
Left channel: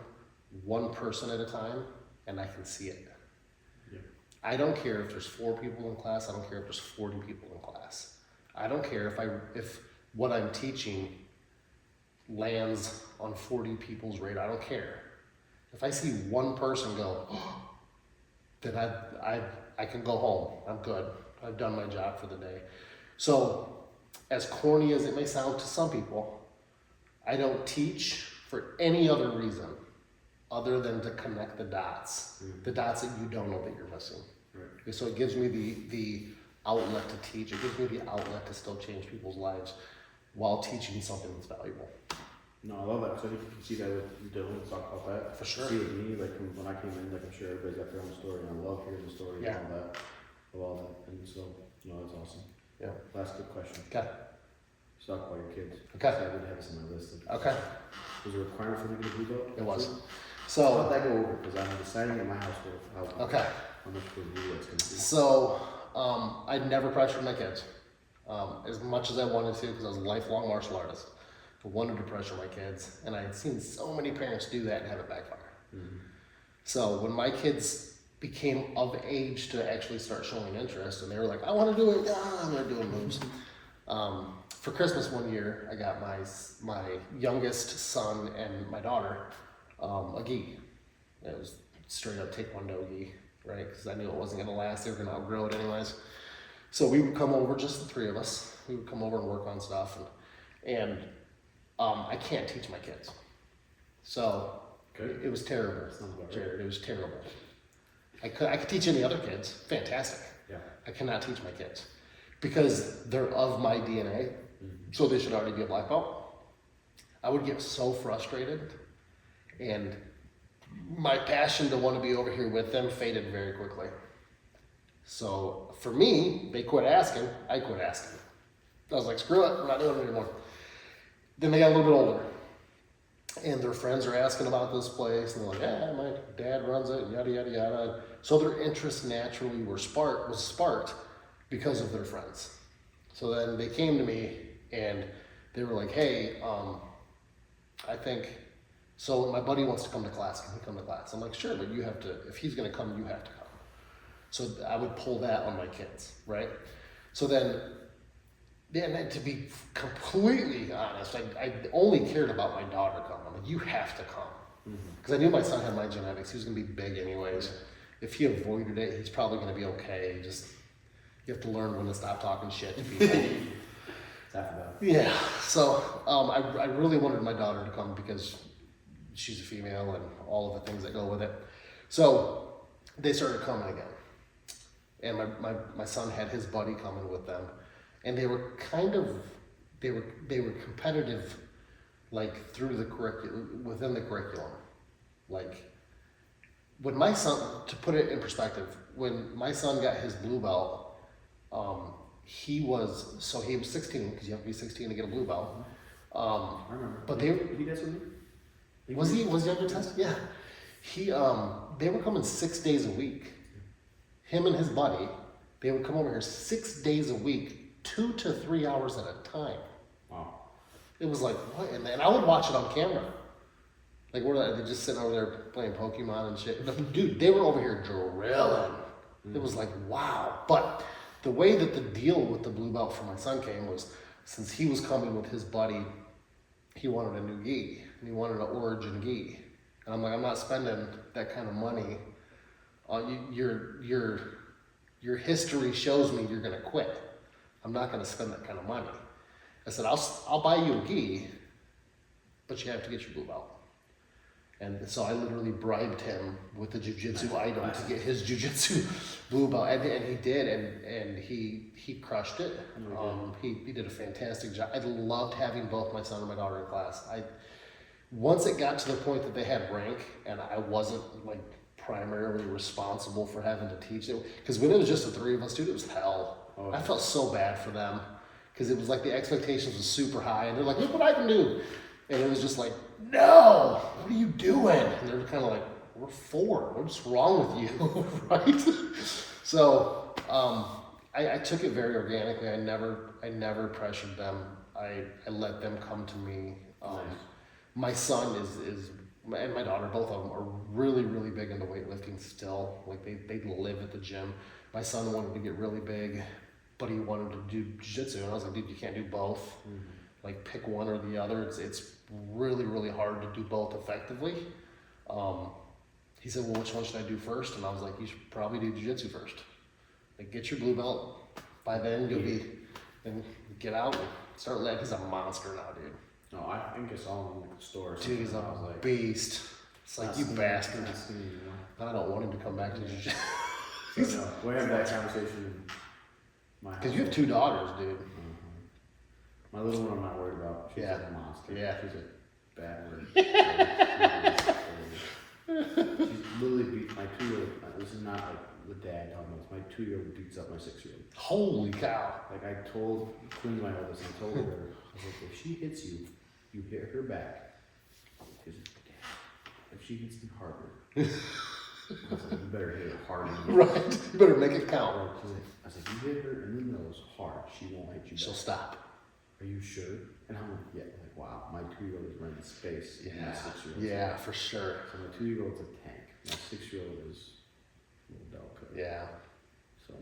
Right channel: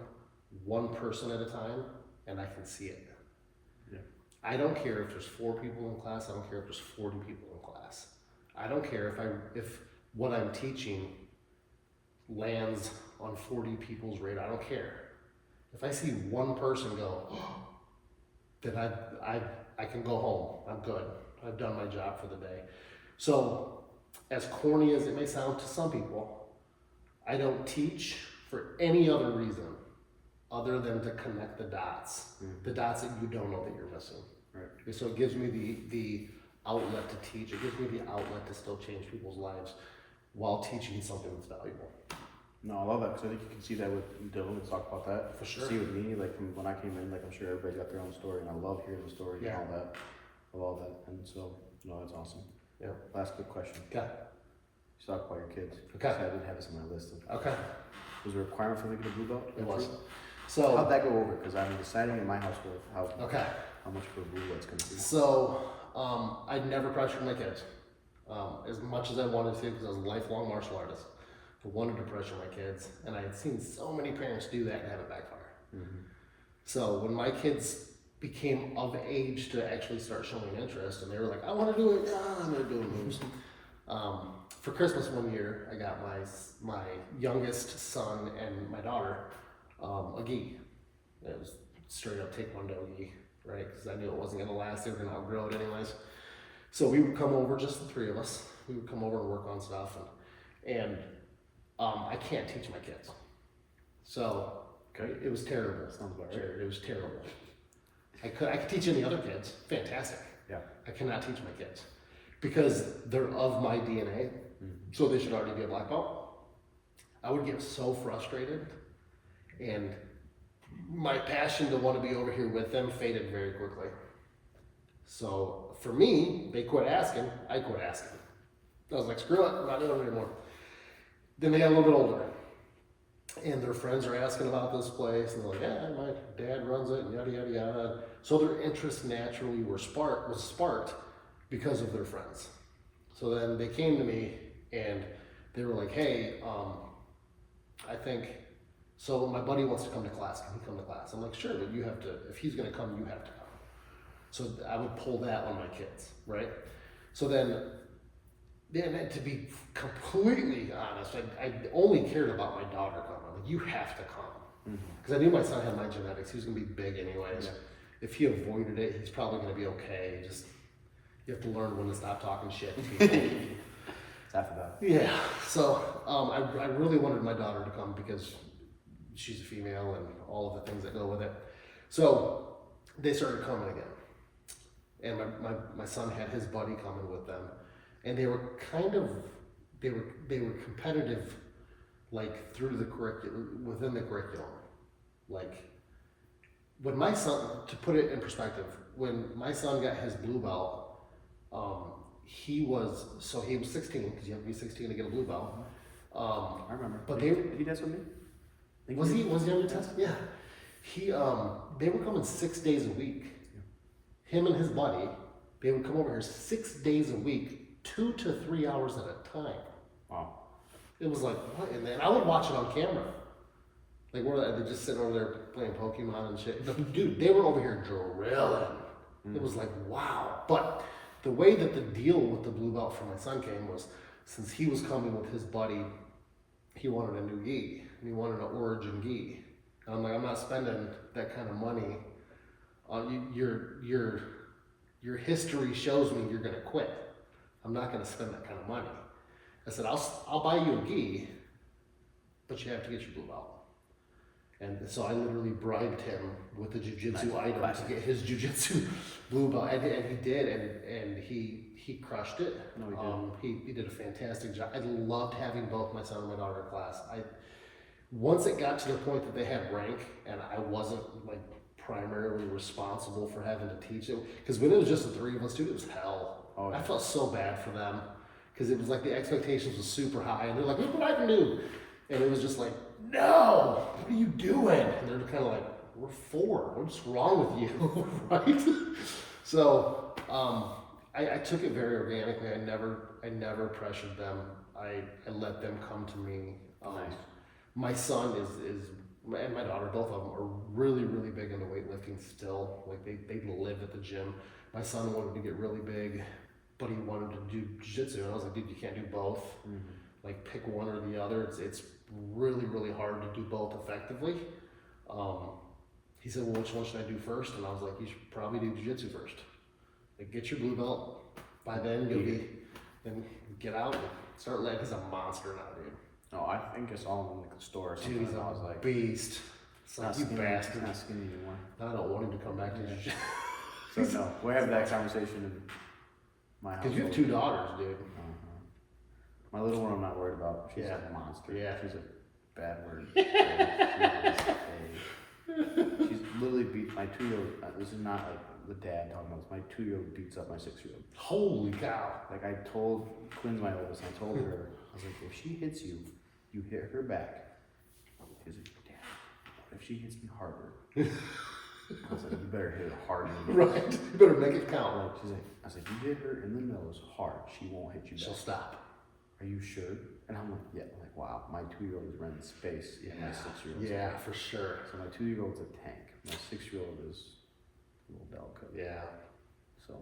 one person at a time, and I can see it. Yeah. I don't care if there's 4 people in class, I don't care if there's 40 people in class. I don't care if what I'm teaching lands on 40 people's radar, I don't care. If I see one person go, then I can go home. I'm good. I've done my job for the day. So, as corny as it may sound to some people, I don't teach for any other reason other than to connect the dots, the dots that you don't know that you're missing. Right. So it gives me the outlet to teach. It gives me the outlet to still change people's lives while teaching something that's valuable. No, I love that because I think you can see that with Dylan. Let's talk about that. For sure. See with me, like from when I came in, like I'm sure everybody's got their own story, and I love hearing the story and all that, of all that. And so, that's awesome. Yeah. Last good question. Okay. Let's talk about your kids. Okay. I didn't have this on my list. Okay. Was there a requirement for them to get a blue belt? It was. So how'd that go over? Because I'm deciding in my household how much for a blue belt's going to be. So I'd never pressured my kids as much as I wanted to because I was a lifelong martial artist. I wanted to pressure my kids, and I had seen so many parents do that and have it backfire. So when my kids became of age to actually start showing interest, and they were like, I want to do it, and they're doing moves. For Christmas one year, I got my youngest son and my daughter a gi. It was straight up Taekwondo gi, right? Because I knew it wasn't going to last. They were going to outgrow it anyways. So we would come over, just the 3 of us. We would come over and work on stuff, and I can't teach my kids. So it was terrible. Sounds about right. It was terrible. I could teach any other kids, fantastic. Yeah. I cannot teach my kids because they're of my DNA, so they should already be a black belt. I would get so frustrated, and my passion to want to be over here with them faded very quickly. So for me, they quit asking, I quit asking. I was like, screw it, I'm not doing it anymore. Then they got a little bit older, and their friends are asking about this place, and they're like, yeah, my dad runs it, and yada, yada, yada. So their interest naturally was sparked because of their friends. So then they came to me, and they were like, hey, I think, so my buddy wants to come to class, can he come to class? I'm like, sure, but you have to, if he's gonna come, you have to come. So I would pull that on my kids, right? So then, to be completely honest, I only cared about my daughter coming. I'm like, you have to come. Because I knew my son had my genetics. He was going to be big anyways. Yeah. If he avoided it, he's probably going to be okay. You have to learn when to stop talking shit to people. It's after that. Yeah. So I really wanted my daughter to come because she's a female and all of the things that go with it. So they started coming again. And my son had his buddy coming with them. And they were they were competitive, like through the curriculum, within the curriculum. Like when my son, to put it in perspective, when my son got his blue belt, he was 16 because you have to be 16 to get a blue belt. I remember. But did he test with me? Was he on your test? Yeah. They were coming 6 days a week. Him and his buddy, they would come over here 6 days a week. 2 to 3 hours at a time. Wow. It was like, what? And I would watch it on camera. Like, they're just sitting over there playing Pokemon and shit. But dude, they were over here drilling. It was like, wow. But the way that the deal with the blue belt for my son came was, since he was coming with his buddy, he wanted a new gi. And he wanted an origin gi. And I'm like, I'm not spending that kind of money on your history shows me you're gonna quit. I'm not gonna spend that kind of money. I said, I'll buy you a gi, but you have to get your blue belt. And so I literally bribed him with the jiu-jitsu item to get his jiu-jitsu blue belt, and he did, and he crushed it. He did a fantastic job. I loved having both my son and my daughter in class. Once it got to the point that they had rank, and I wasn't like primarily responsible for having to teach it, because when it was just the three of us, dude, it was hell. Oh, yeah. I felt so bad for them, because it was like the expectations was super high, and they're like, look what I can do. And it was just like, no, what are you doing? And they're kind of like, we're 4. What's wrong with you? Right? So I took it very organically. I never pressured them. I let them come to me. Nice. My son is and my daughter, both of them are really, really big into weightlifting still. Like they live at the gym. My son wanted to get really big, but he wanted to do jiu-jitsu. And I was like, dude, you can't do both. Mm-hmm. Like pick one or the other. It's really, really hard to do both effectively. He said, well, which one should I do first? And I was like, you should probably do jiu-jitsu first. Like get your blue belt. By then you'll be, and get out and start letting. He's a monster now, dude. No, I think I saw him in the store or something. Dude, he's a like, beast. It's like, you bastard. Not skinny anymore. I don't want him to come back to jiu-jitsu. So no, we'll have that conversation in my house. Because you have 2 daughters, dude. My little one I'm not worried about. She's Yeah. a monster. Yeah. She's a bad word. She's literally beat my 2-year-old. This is not like the dad talking about this. My 2-year-old beats up my 6-year-old. Holy cow. Like I told Quinn's my oldest, I told her, I was like, if she hits you, you hit her back. She's like, Dad, if she hits me harder. I was like, you better hit her harder. Right. You better make it count. Right. She's like, I was like, you hit her in the nose hard, she won't hit you back. She'll stop. Are you sure? And I'm like, yeah. I'm like, wow, my 2-year-old is running space in my 6-year-old. Yeah, for sure. So my 2-year-old's a tank. My 6-year-old is a little delicate. Yeah. So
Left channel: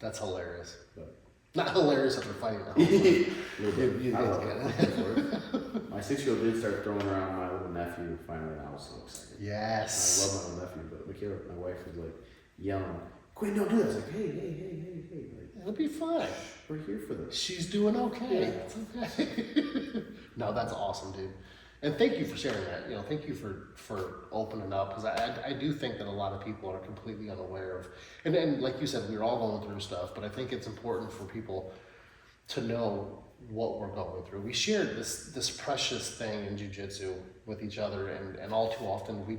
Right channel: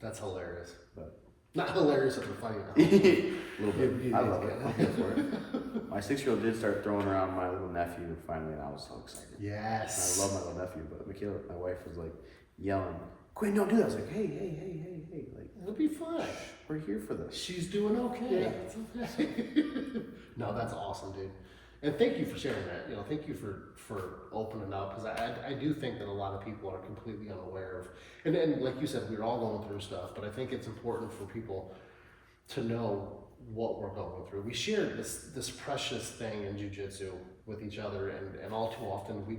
that's hilarious. But not hilarious if they're fighting. A little bit. I love it. My 6-year-old did start throwing around my little nephew finally, and I was so excited. Yes. And I love my little nephew, but Michaela, my wife, was like yelling, Quinn, don't do that. I was like, hey. Like, it'll be fun. We're here for this. She's doing okay. Yeah. It's okay. No, that's awesome, dude. And thank you for sharing that. Thank you for opening up, because I do think that a lot of people are completely unaware of, and like you said, we're all going through stuff, but I think it's important for people to know what we're going through. We share this precious thing in jiu-jitsu with each other, and all too often we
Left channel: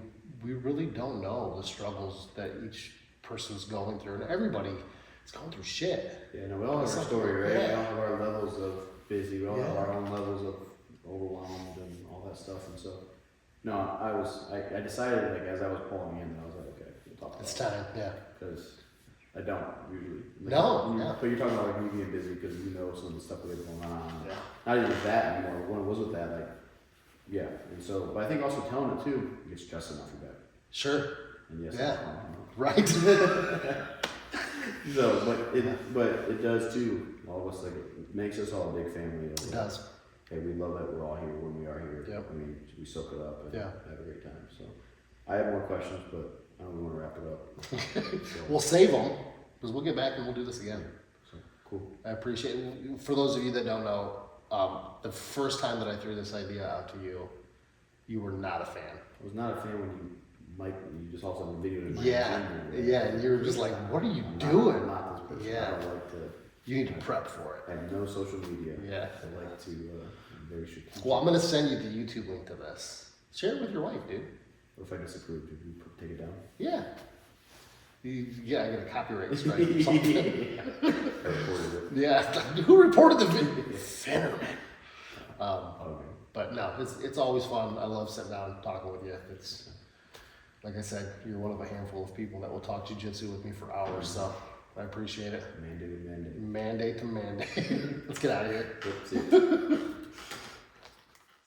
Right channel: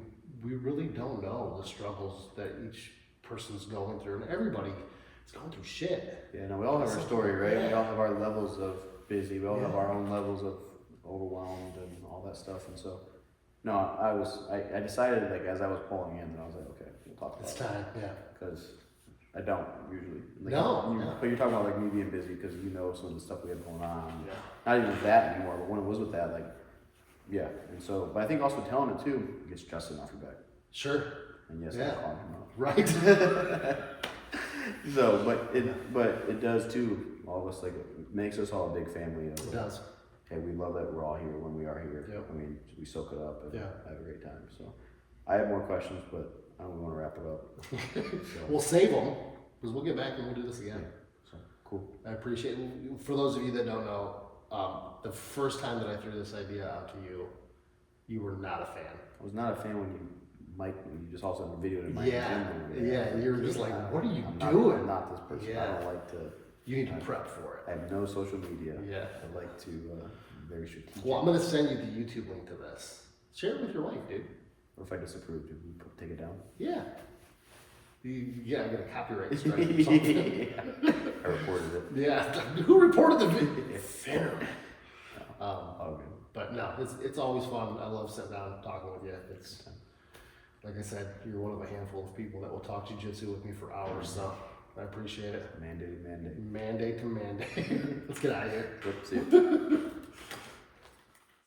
really don't know the struggles that each person's going through, and everybody is going through shit. Yeah, no, we all have our story, right? Yeah. We all have our levels of busy. We all have our own levels of overwhelmed and all that stuff. And so, no, I decided, like, as I was pulling in, I was like, okay, we'll talk about it. It's time, yeah. Because I don't usually. Like, No. But you're talking about, like, me being busy because some of the stuff we have going on. Yeah. Not even with that anymore, but when it was with that, like, yeah. And so, but I think also telling it too gets Justin off your back. Sure. And yes, Yeah. I'm calling him out. Right. So, but it does too. All of us, like, it makes us all a big family. It does. Hey, we love that we're all here when we are here. Yep. I mean, we soak it up and Yeah. have a great time. So, I have more questions, but I don't want to wrap it up. So, We'll save them, because we'll get back and we'll do this again. so cool. I appreciate it. For those of you that don't know, the first time that I threw this idea out to you, you were not a fan. I was not a fan when you just all of a sudden videoed in my Yeah, and you were just like, what are you I'm doing? not this person. Yeah. I don't like to. You need to prep for it. I have no social media. Yeah. I like to be very strategic. Well, I'm going to send you the YouTube link to this. Share it with your wife, dude. What if I disapprove? Do we take it down? Yeah. I get a copyright strike or something. I reported it. Yeah. Who reported the video? Finnerman. Okay. But no, it's always fun. I love sitting down and talking with you. It's, like I said, you're one of a handful of people that will talk jiu-jitsu with me for hours, so I appreciate it. Mandate. Mandate to mandate. Let's get out of here. Yep, see ya.